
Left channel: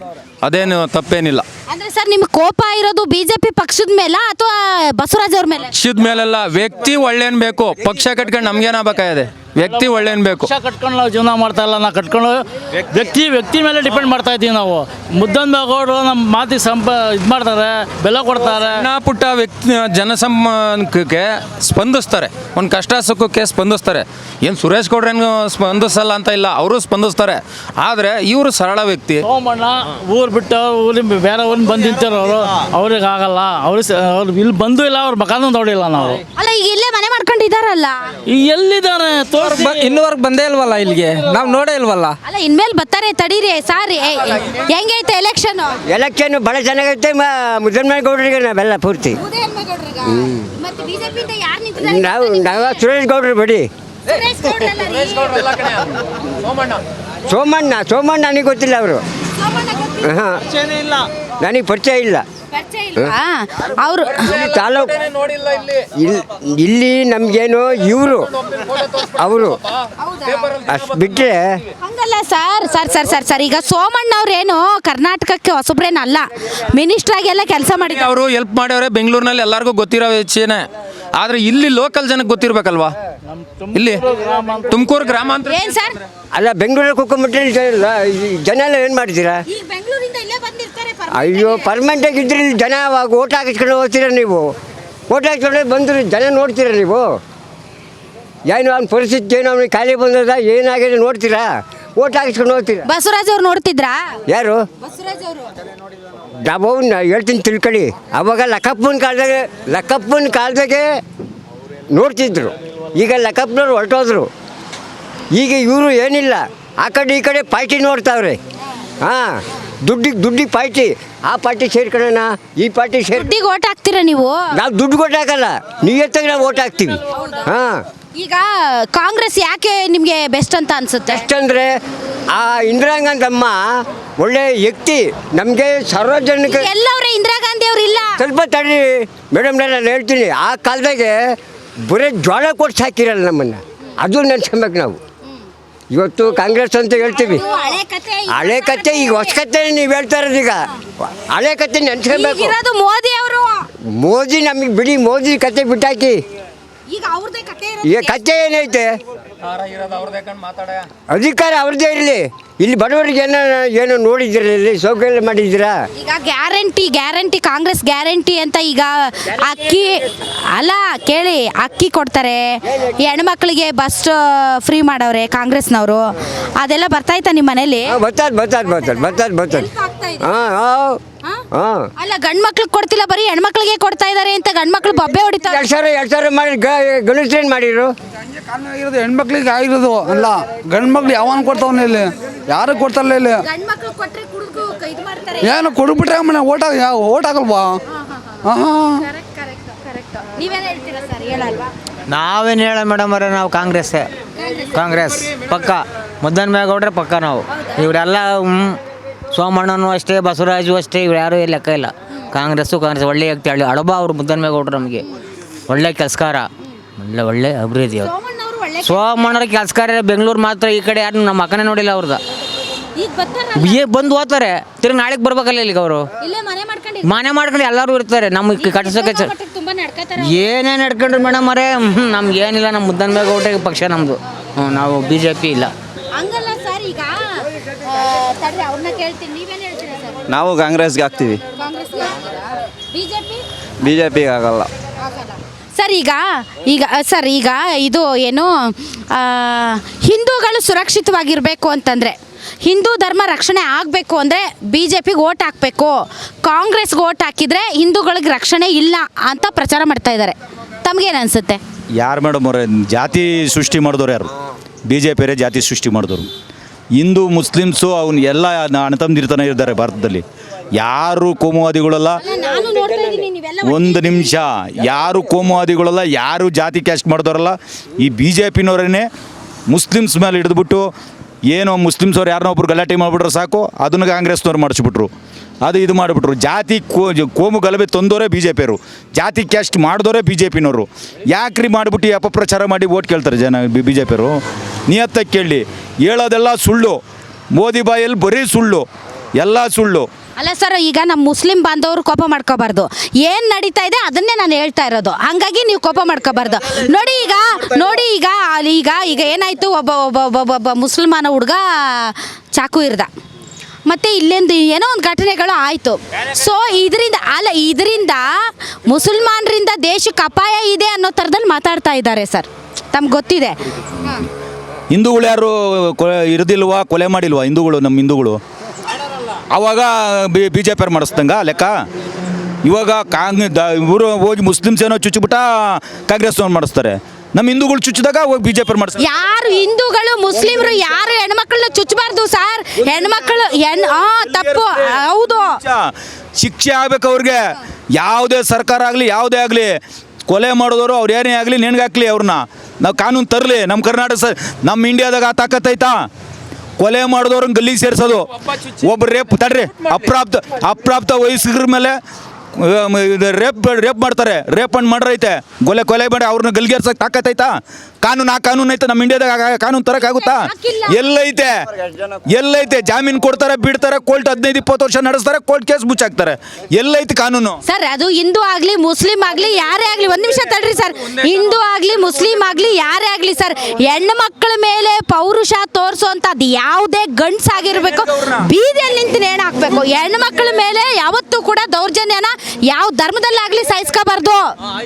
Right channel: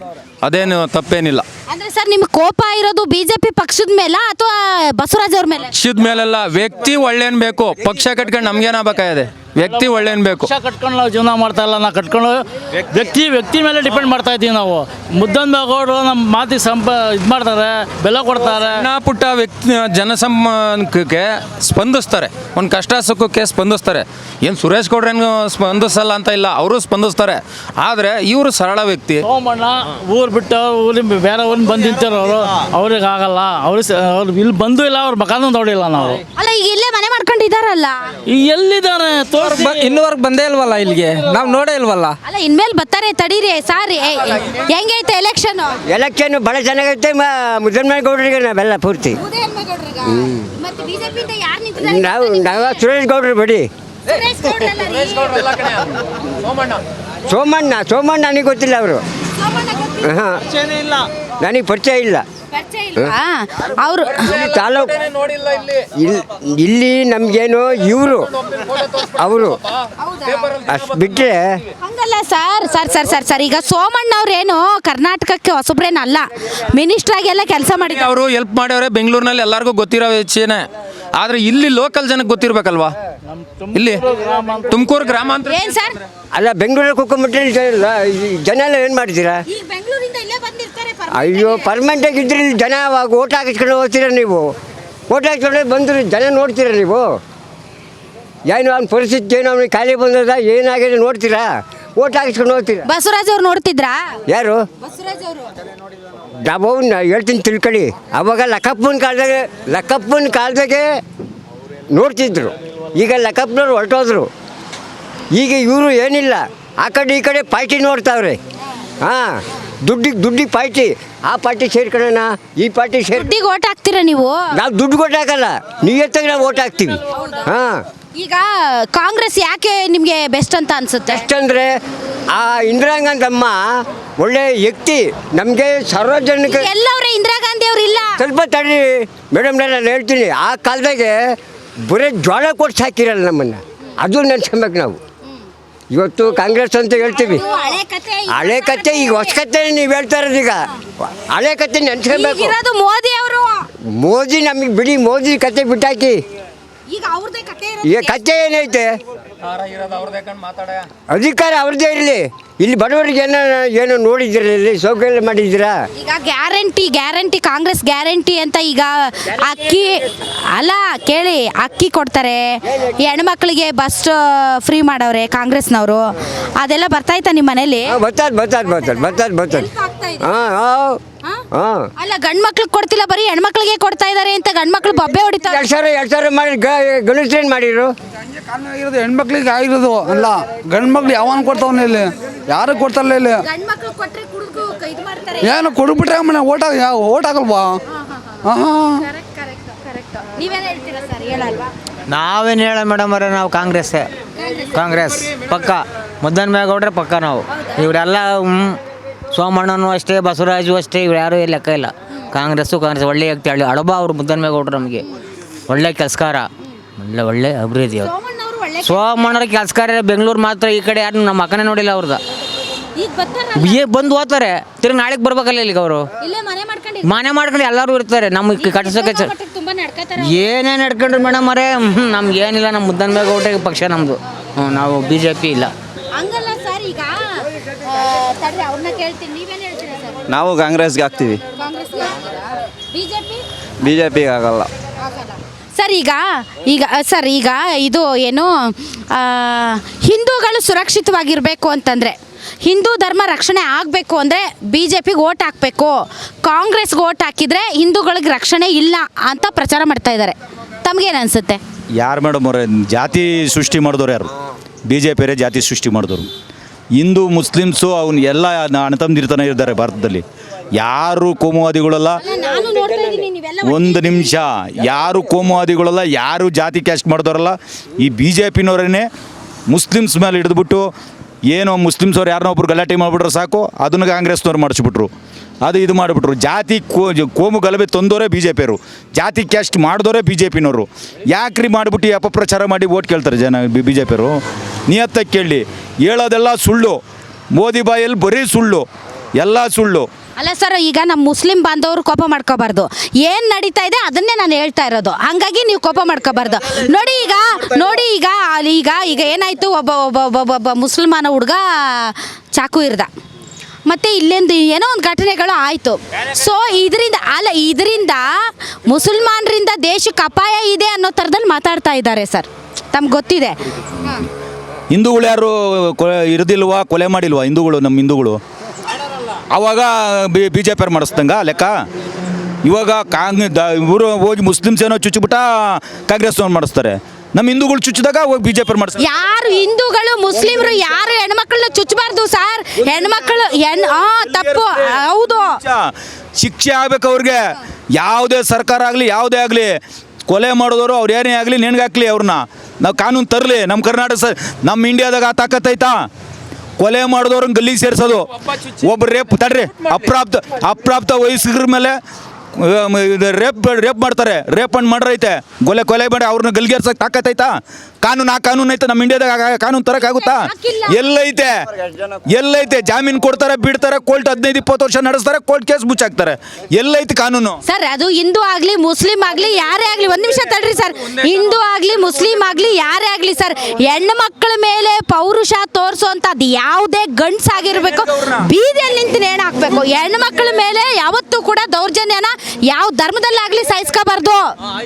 ಅದೇನು ತಪ್ಪೇನಿಲ್ಲ. ಅಂದ್ರೆ ಸರ್ ನಿಮ್ಗೆ ಕೋಪ ಇರೋದು ಬಿಜೆಪಿ ಪಕ್ಷದ ಮೇಲೆ ಅಥವಾ ಬಸವರಾಜ್ ಅವ್ರ ಮೇಲೆ? ಪಕ್ಷದ ಮೇಲೆಲ್ಲ, ವ್ಯಕ್ತಿ ಒಳ್ಳೇನ್ ಬೇಕು. ಪಕ್ಷ ಕಟ್ಕೊಂಡು ನಮ್ಗೇನಾಗಬೇಕಾಗಿದೆ? ವ್ಯಕ್ತಿ ಒಳ್ಳೇನ್ ಬೇಕು. ಪಕ್ಷ ಕಟ್ಕೊಂಡು ನಾವು ಜೀವನ ಮಾಡ್ತಾ ಇಲ್ಲ, ನಾವು ಕಟ್ಕೊಂಡು ವ್ಯಕ್ತಿ ಮೇಲೆ ಡಿಪೆಂಡ್ ಮಾಡ್ತಾ ಇದ್ದೀವಿ ನಾವು. ಮುದ್ದನ್ಮೇಗೌಡರು ನಮ್ಮ ಮಾತಿಗೆ ಇದು ಮಾಡ್ತಾರೆ, ಬೆಲೆ ಕೊಡ್ತಾರೆ. ಸಣ್ಣ ಪುಟ್ಟ ವ್ಯಕ್ತಿ ಜನಸಂಪರ್ಕಕ್ಕೆ ಸ್ಪಂದಿಸ್ತಾರೆ, ಒಂದು ಕಷ್ಟ ಸುಖಕ್ಕೆ ಸ್ಪಂದಿಸ್ತಾರೆ. ಏನು ಸುರೇಶ್ ಗೌಡ್ರೇನು ಸ್ಪಂದಿಸಲ್ಲ ಅಂತ ಇಲ್ಲ, ಅವರು ಸ್ಪಂದಿಸ್ತಾರೆ. ಆದರೆ ಇವರು ಸರಳ ವ್ಯಕ್ತಿ. ಸೋಮಣ್ಣ ಊರು ಬಿಟ್ಟು ಊರಿಗೆ ಬೇರೆ ಊರಿನ ಬಂದು ನಿಂತಿರೋರು, ಅವ್ರಿಗೆ ಆಗಲ್ಲ. ಅವ್ರು ಇಲ್ಲಿ ಬಂದು ಇಲ್ಲ, ಅವ್ರ ಮಕಾನು ನೋಡಿಲ್ಲ ನಾವು. ಅಲ್ಲ ಈಗ ಇಲ್ಲೇ ಮನೆ ಮಾಡ್ಕೊಂಡಿದಾರಲ್ಲ, ಈಗ ಎಲ್ಲಿದ್ದಾರೆ ಇನ್ನೂವರೆಗೆ ಬಂದೇ ಇಲ್ವಲ್ಲ ಇಲ್ಲಿಗೆ, ನಾವು ನೋಡೇ ಇಲ್ವಲ್ಲ. ಅಲ್ಲ ಇನ್ಮೇಲೆ ಬರ್ತಾರೆ ತಡೀರಿ ಸಾರ್. ಹೆಂಗೈತೆ ಎಲೆಕ್ಷನ್? ಎಲೆಕ್ಷನ್ ಭಾಳ ಚೆನ್ನಾಗೈತೆ. ಮುದ್ದನ್ಮೇಗೌಡರಿಗೆ ನಾವೆಲ್ಲ ಪೂರ್ತಿ ನಾವು ಸುರೇಶ್ ಗೌಡ್ರು ಬಿಡಿ. ಸೋಮಣ್ಣ ನನಗೆ ಗೊತ್ತಿಲ್ಲ, ಅವರು ನನಗೆ ಪರಿಚಯ ಇಲ್ಲ. ಅವರು ತಾಲೂಕು ಇಲ್ಲಿ ನಮಗೇನು ಇವರು ಅವರು ಅಷ್ಟು ಬಿಟ್ಟರೆ ಹಂಗಲ್ಲ ಸರ್. ಈಗ ಸೋಮಣ್ಣ ಅವ್ರೇನು ಕರ್ನಾಟಕಕ್ಕೆ ಹೊಸಬ್ರೇನಲ್ಲ, ಮಿನಿಸ್ಟರ್ ಆಗಿ ಎಲ್ಲ ಕೆಲಸ ಮಾಡಿದ್ರು. ಅವರು ಹೆಲ್ಪ್ ಮಾಡ್ಯವ್ರೆ ಬೆಂಗಳೂರಿನಲ್ಲಿ, ಎಲ್ಲರಿಗೂ ಗೊತ್ತಿರೋ ವಿಷಯನೇ. ಆದರೆ ಇಲ್ಲಿ ಲೋಕಲ್ ಜನಕ್ಕೆ ಗೊತ್ತಿರ್ಬೇಕಲ್ವಾ? ಇಲ್ಲಿ ತುಮಕೂರು ಗ್ರಾಮಾಂತರ ಏನ್ ಸರ್? ಅಲ್ಲ, ಬೆಂಗಳೂರಿಗೆ ಹೋಗ್ಕೊಂಬಿಟ್ರೆ ಜನ ಎಲ್ಲ ಏನು ಮಾಡ್ತೀರಾ? ಈಗ ಬೆಂಗಳೂರಿಂದ ಇಲ್ಲೇ ಬಂದಿರ್ತಾರೆ. ಅಯ್ಯೋ, ಪರ್ಮನೆಂಟಾಗಿ ಇದ್ರೆ ಇಲ್ಲಿ ಜನ ಓಟ್ ಹಾಕಿಸ್ಕೊಂಡು ಹೋಗ್ತೀರ ನೀವು. ಓಟ್ ಹಾಕಿಸ್ಕೊಂಡ್ರೆ ಬಂದ್ರೆ ಜನ ನೋಡ್ತೀರ ನೀವು? ಏನು ಅವ್ನ ಪರಿಸ್ಥಿತಿ, ಏನು ಅವ್ನಿಗೆ ಖಾಲಿ ಬಂದದ, ಏನಾಗಿದೆ ನೋಡ್ತೀರಾ? ಓಟ್ ಹಾಕಿಸ್ಕೊಂಡು ಹೋಗ್ತೀರಾ? ಬಸವರಾಜ್ ಅವ್ರು ನೋಡ್ತಿದ್ರಾ? ಯಾರು? ಬಸವರಾಜ್ ಅವರು ನಾವು ಹೇಳ್ತೀನಿ ತಿಳ್ಕೊಳ್ಳಿ. ಅವಾಗ ಲಕ್ಕಪ್ಪನ ಕಾಲದಾಗೆ ನೋಡ್ತಿದ್ರು. ಈಗ ಲಕ್ಕಪ್ಪನವ್ರು ಹೊರಟೋದ್ರು. ಈಗ ಇವರು ಏನಿಲ್ಲ, ಆ ಕಡೆ ಈ ಕಡೆ ಪಾರ್ಟಿ ನೋಡ್ತಾವ್ರೆ. ಹಾಂ, ದುಡ್ಡಿಗೆ ಪಾರ್ಟಿ, ಆ ಪಾರ್ಟಿ ಸೇರ್ಕೊಳ್ಳೋಣ, ಈ ಪಾರ್ಟಿ ದುಡ್ಡಿಗೆ ಓಟ್ ಹಾಕ್ತೀರಾ ನೀವು? ನಾವು ದುಡ್ಡು ಕೊಟ್ಟು ಹಾಕಲ್ಲ, ನೀವು ಎತ್ತಾಗ ನಾವು ಓಟ್ ಹಾಕ್ತೀವಿ. ಹಾಂ, ಈಗ ಕಾಂಗ್ರೆಸ್ ಯಾಕೆ ನಿಮಗೆ ಬೆಸ್ಟ್ ಅಂತ ಅನ್ಸುತ್ತೆ? ಎಷ್ಟಂದರೆ ಆ ಇಂದಿರಾ ಗಾಂಧಿ ಅಮ್ಮ ಒಳ್ಳೆ ವ್ಯಕ್ತಿ, ನಮಗೆ ಸಾರ್ವಜನಿಕ. ಎಲ್ಲವ್ರೆ ಇಂದಿರಾ ಗಾಂಧಿ ಅವ್ರು ಇಲ್ಲ. ಸ್ವಲ್ಪ ತಡಿ ಮೇಡಮ್, ನಾನು ಹೇಳ್ತೀನಿ. ಆ ಕಾಲದಾಗೆ ಬರೀ ಜೋಳ ಕೊಟ್ಟು ಸಾಕಿರಲ್ಲ ನಮ್ಮನ್ನು, ಅದು ನೆನ್ಸ್ಕೊಬೇಕು ನಾವು. ಇವತ್ತು ಕಾಂಗ್ರೆಸ್ ಅಂತ ಹೇಳ್ತೀವಿ, ಹಳೆ ಕತೆ. ಈಗ ಹೊಸ ಕತೆ ನೀವು ಹೇಳ್ತಾ ಇರೋದು. ಈಗ ಹಳೆ ಕತೆ ನೆನ್ಸ್ಕೊಬೇಕು. ಮೋದಿ ಅವರು. ಮೋದಿ ನಮಗೆ ಬಿಡಿ, ಮೋದಿ ಕತೆ ಬಿಟ್ಟಾಕಿ. ಈಗ ಅವ್ರದೇ ಕತೆ ಈಗ ಕತೆ ಏನೈತೆ? ಅಧಿಕಾರ ಅವ್ರದ್ದೇ ಇರಲಿ. ಇಲ್ಲಿ ಬಡವರಿಗೆ ಏನೋ ನೋಡಿದ್ದೀರಾ? ಇಲ್ಲಿ ಸೌಕರ್ಯ ಮಾಡಿದ್ದೀರಾ? ಈಗ ಗ್ಯಾರಂಟಿ ಕಾಂಗ್ರೆಸ್ ಗ್ಯಾರಂಟಿ ಅಂತ ಈಗ ಅಕ್ಕಿ ಅಲ್ಲ ಕೇಳಿ, ಅಕ್ಕಿ ಕೊಡ್ತಾರೆ, ಹೆಣ್ಮಕ್ಳಿಗೆ ಬಸ್ ಫ್ರೀ ಮಾಡವ್ರೆ ಕಾಂಗ್ರೆಸ್ನವರು. ಅದೆಲ್ಲ ಬರ್ತಾಯ್ತಾ ನಿಮ್ಮ ಮನೇಲಿ? ಬರ್ತದೆ. ಹಾಂ, ಅಲ್ಲ ಗಂಡ್ ಮಕ್ಳಿಗೆ ಕೊಡ್ತಿಲ್ಲ, ಬರೀ ಹೆಣ್ಮಕ್ಳಿಗೆ ಕೊಡ್ತಾ ಇದಾರೆ ಅಂತ ಗಂಡ್ ಮಕ್ಳು ಬಬ್ಬೆ ಹೊಡಿತಾರೆ. 2,000 ಮಾಡಿ ಗಣೇಶನ್ ಮಾಡಿರು. ಆಗಿರೋದು ಹೆಣ್ಮಕ್ಳಿಗೆ ಆಗಿರೋದು ಅಲ್ಲ, ಗಂಡು ಮಕ್ಳು ಯಾವನ್ ಕೊಡ್ತಾವನ ಇಲ್ಲಿ? ಯಾರು ಕೊಡ್ತಾರಲ್ಲ ಇಲ್ಲಿ? ಏನು ಕೊಡ್ಬಿಟ್ರೆ ಮನೆ ಓಟ್ ಹಾಕಲ್ವಾ? ನಾವೇನು ಹೇಳ ಮೇಡಮ್ ಅವರೇ, ನಾವು ಕಾಂಗ್ರೆಸ್ ಪಕ್ಕ. ಮುದ್ದನ್ಮೇಗೌಡ್ರೆ ಪಕ್ಕ ನಾವು. ಇವರೆಲ್ಲ ಸೋಮಣ್ಣನೂ ಅಷ್ಟೇ, ಬಸವರಾಜು ಅಷ್ಟೇ, ಇವ್ರು ಯಾರೂ ಲೆಕ್ಕ ಇಲ್ಲ. ಕಾಂಗ್ರೆಸ್ ಒಳ್ಳೆ ವ್ಯಕ್ತಿ. ಹಳಬ ಅವರು ಮುದ್ದನ್ಮೇಗೌಡ್ರು ನಮಗೆ ಒಳ್ಳೆ ಕೆಲಸಕಾರ, ಒಳ್ಳೆ ಅಭಿವೃದ್ಧಿ. ಅವರು ಸೋಮಣ್ಣರ ಕೆಲಸಕಾರ ಬೆಂಗಳೂರು ಮಾತ್ರ, ಈ ಕಡೆ ಯಾರು ನಮ್ಮ ಮಕ್ಕನೇ ನೋಡಿಲ್ಲ ಅವ್ರದ್ದು. ಈಗ ಬರ್ತಾರ ಬಂದು ಹೋಗ್ತಾರೆ ತಿರ್ಗಿ ನಾಳೆಗೆ ಬರ್ಬೇಕಲ್ಲ ಇಲ್ಲಿಗೆ ಅವರು ಇಲ್ಲೇ ಮನೆ ಮಾಡ್ಕೊಂಡು ಮನೆ ಮಾಡ್ಕೊಂಡು ಎಲ್ಲರೂ ಇರ್ತಾರೆ ನಮಗೆ ಕಟ್ಸೋಕೆ ತುಂಬಾ ನಡ್ಕತಾರ. ಏನೇನು ನಡ್ಕೊಂಡ್ರಿ ಮೇಡಮ್ ಅವರೇ ನಮ್ಗೆ ಏನಿಲ್ಲ ನಮ್ಮ ಮುದ್ದನ್ಮೇಗೌಡ ಪಕ್ಷ ನಮ್ಮದು ನಾವು BJP ಇಲ್ಲ. ಹಂಗಲ್ಲ ಸರ್, ಈಗ ತಡ್ರಿ ಅವ್ರನ್ನ ಕೇಳ್ತೀನಿ, ನೀವೇನು ಹೇಳ್ತೀರಾ ಸರ್? ನಾವು ಕಾಂಗ್ರೆಸ್ಗೆ ಹಾಕ್ತೀವಿ, ಕಾಂಗ್ರೆಸ್ಗೆ ಬಿಜೆಪಿ BJPಗೆ ಆಗಲ್ಲ. ಸರ್ ಸರ್ ಈಗ ಇದು ಏನು ಹಿಂದೂಗಳು ಸುರಕ್ಷಿತವಾಗಿರಬೇಕು ಅಂತಂದರೆ, ಹಿಂದೂ ಧರ್ಮ ರಕ್ಷಣೆ ಆಗಬೇಕು ಅಂದರೆ BJPಗೆ ಓಟ್ ಹಾಕಬೇಕು, ಕಾಂಗ್ರೆಸ್ಗೆ ಓಟ್ ಹಾಕಿದರೆ ಹಿಂದೂಗಳಿಗೆ ರಕ್ಷಣೆ ಇಲ್ಲ ಅಂತ ಪ್ರಚಾರ ಮಾಡ್ತಾ ಇದ್ದಾರೆ. ತಮಗೇನು ಅನಿಸುತ್ತೆ? ಯಾರು ಮೇಡಮ್ ಅವರೇ ಜಾತಿ ಸೃಷ್ಟಿ ಮಾಡಿದವ್ರು ಯಾರು? BJPಯವರೇ ಜಾತಿ ಸೃಷ್ಟಿ ಮಾಡಿದವರು. ಹಿಂದೂ ಮುಸ್ಲಿಮ್ಸು ಅವನು ಎಲ್ಲ ಅಣ್ಣತಮ್ಮದಿರ್ತಾನೆ ಇದ್ದಾರೆ ಭಾರತದಲ್ಲಿ. ಯಾರು ಕೋಮುವಾದಿಗಳಲ್ಲ, ನಾನು ನೋಡ್ತಾ ಇದ್ದೀನಿ ನೀವೆಲ್ಲ ಒಂದು ನಿಮಿಷ, ಯಾರು ಕೋಮುವಾದಿಗಳಲ್ಲ, ಯಾರು ಜಾತಿ ಕ್ಯಾಸ್ಟ್ ಮಾಡಿದವರಲ್ಲ. ಈ BJPನವರೇ ಮುಸ್ಲಿಮ್ಸ್ ಮೇಲೆ ಹಿಡಿದ್ಬಿಟ್ಟು ಏನೋ ಮುಸ್ಲಿಮ್ಸ್ ಅವ್ರು ಯಾರನ್ನೋ ಒಬ್ರು ಗಲಾಟೆ ಮಾಡಿಬಿಟ್ರೆ ಸಾಕು, ಅದನ್ನು ಕಾಂಗ್ರೆಸ್ನವ್ರು ಮಾಡಿಸ್ಬಿಟ್ರು. ಇದು ಮಾಡಿಬಿಟ್ರು. ಜಾತಿ ಕೋಮು ಗಲಭೆ ತಂದವರೇ BJPಯವರು, ಜಾತಿ ಕ್ಯಾಸ್ಟ್ ಮಾಡಿದವರೇ BJPನವರು. ಯಾಕ್ರಿ ಮಾಡಿಬಿಟ್ಟು ಅಪಪ್ರಚಾರ ಮಾಡಿ ಓಟ್ ಕೇಳ್ತಾರೆ ಜನ BJPಯವರು? ನಿಯತ್ತಾಗಿ ಕೇಳಿ, ಹೇಳೋದೆಲ್ಲ ಸುಳ್ಳು. ಮೋದಿ ಬಾಯಲ್ಲಿ ಬರೀ ಸುಳ್ಳು, ಎಲ್ಲ ಸುಳ್ಳು. ಅಲ್ಲ ಸರ್, ಈಗ ನಮ್ಮ ಮುಸ್ಲಿಂ ಬಾಂಧವರು ಕೋಪ ಮಾಡ್ಕೋಬಾರ್ದು. ಏನು ನಡೀತಾ ಇದೆ ಅದನ್ನೇ ನಾನು ಹೇಳ್ತಾ ಇರೋದು. ಹಾಗಾಗಿ ನೀವು ಕೋಪ ಮಾಡ್ಕೋಬಾರ್ದು. ನೋಡಿ ಈಗ ಏನಾಯಿತು, ಒಬ್ಬ ಮುಸಲ್ಮಾನ ಹುಡುಗ ಚಾಕು ಇರ್ದ, ಮತ್ತು ಇಲ್ಲೆಂದು ಏನೋ ಒಂದು ಘಟನೆಗಳು ಆಯಿತು. ಸೊ ಇದರಿಂದ ಮುಸಲ್ಮಾನರಿಂದ ದೇಶಕ್ಕೆ ಅಪಾಯ ಇದೆ ಅನ್ನೋ ಥರದಲ್ಲಿ ಮಾತಾಡ್ತಾ ಇದ್ದಾರೆ ಸರ್. ತಮ್ಗೆ ಗೊತ್ತಿದೆ? ಹಿಂದೂಗಳು ಯಾರು ಇರೋದಿಲ್ವಾ, ಕೊಲೆ ಮಾಡಿಲ್ವಾ ಹಿಂದೂಗಳು? ನಮ್ಮ ಹಿಂದೂಗಳು ಅವಾಗ BJPಯವ್ರು ಮಾಡಿಸ್ದಂಗ ಲೆಕ್ಕ. ಇವಾಗ ಇವರು ಹೋಗಿ ಮುಸ್ಲಿಮ್ಸ್ ಏನೋ ಚುಚ್ಚಿಬಿಟ್ಟ ಕಾಂಗ್ರೆಸ್ನವ್ರು ಮಾಡಿಸ್ತಾರೆ. ನಮ್ಮ ಹಿಂದೂಗಳು ಚುಚ್ಚಿದಾಗ ಹೋಗಿ BJPಯವ್ರು ಮಾಡಿಸ್ತಾರೆ. ಯಾರು ಹಿಂದೂಗಳು ಮುಸ್ಲಿಮರು ಯಾರು ಹೆಣ್ಮಕ್ಳನ್ನ ಚುಚ್ಚಬಾರ್ದು ಸರ್. ಹೆಣ್ಮಕ್ಳು ತಪ್ಪು, ಹೌದು. ಶಿಕ್ಷೆ ಆಗ್ಬೇಕು ಅವ್ರಿಗೆ. ಯಾವುದೇ ಸರ್ಕಾರ ಆಗಲಿ ಯಾವುದೇ ಆಗಲಿ, ಕೊಲೆ ಮಾಡಿದವರು ಅವ್ರು ಏನೇ ಆಗಲಿ ನೆನ್ಗಾಕ್ಲಿ ಅವ್ರನ್ನ. ನಾವು ಕಾನೂನು ತರಲಿ. ನಮ್ಮ ಕರ್ನಾಟಕ ನಮ್ಮ ಇಂಡಿಯಾದಾಗ ಆ ತಾಕತ್ತೈತಾ? ಕೊಲೆ ಮಾಡಿದವ್ರನ್ನ ಗಲ್ಲಿಗೆ ಸೇರಿಸೋದು. ಒಬ್ಬರು ಅಪ್ರಾಪ್ತ ವಯಸ್ಕರ ಮೇಲೆ ರೇಪ್ ಮಾಡ್ತಾರೆ. ರೇಪ್ ಅಂಡ್ ಮರ್ಡರ್ ಐತೆ. ಕೊಲೆ ಮಾಡಿ ಅವ್ರನ್ನ ಗಲ್ಲಿಗೇರ್ಸಕ್ಕೆ ತಾಕತ್ತೈತಾ? ಕಾನೂನು ಐತೆ ನಮ್ಮ ಇಂಡಿಯಾದಾಗ? ಕಾನೂನು ತರಕ್ಕಾಗುತ್ತಾ? ಎಲ್ಲೈತೆ? ಜಾಮೀನು ಕೊಡ್ತಾರೆ, ಬಿಡ್ತಾರೆ, ಕೋರ್ಟ್ 15-20 ವರ್ಷ ನಡೆಸ್ತಾರೆ, ಕೋರ್ಟ್ ಕೇಸ್ ಮುಚ್ಚಾಕ್ತಾರೆ. ಎಲ್ಲೈತೆ ಕಾನೂನು? ಸರ್, ಅದು ಹಿಂದೂ ಆಗಲಿ ಮುಸ್ಲಿಂ ಆಗಲಿ ಯಾರೇ ಆಗಲಿ, ಒಂದು ನಿಮಿಷ ತಡ್ರಿ ಸರ್. ಹಿಂದೂ ಆಗಲಿ ಮುಸ್ಲಿಂ ಆಗಲಿ ಯಾರೇ ಆಗಲಿ ಸರ್, ಹೆಣ್ಣು ಮಕ್ಕಳ ಮೇಲೆ ಪೌರುಷ ತೋರಿಸುವಂಥದ್ದು ಯಾವುದೇ ಗಂಡ್ಸಾಗಿರ್ಬೇಕು ಬೀದಿಯಲ್ಲಿ ನಿಂತು ನೇಣು ಹಾಕಬೇಕು. ಹೆಣ್ಣು ಮಕ್ಕಳ ಮೇಲೆ ಯಾವತ್ತೂ ಕೂಡ ದೌರ್ಜನ್ಯನ ಯಾವ ಧರ್ಮದಲ್ಲಾಗಲಿ ಸಹಿಸ್ಕೋಬಾರ್ದು.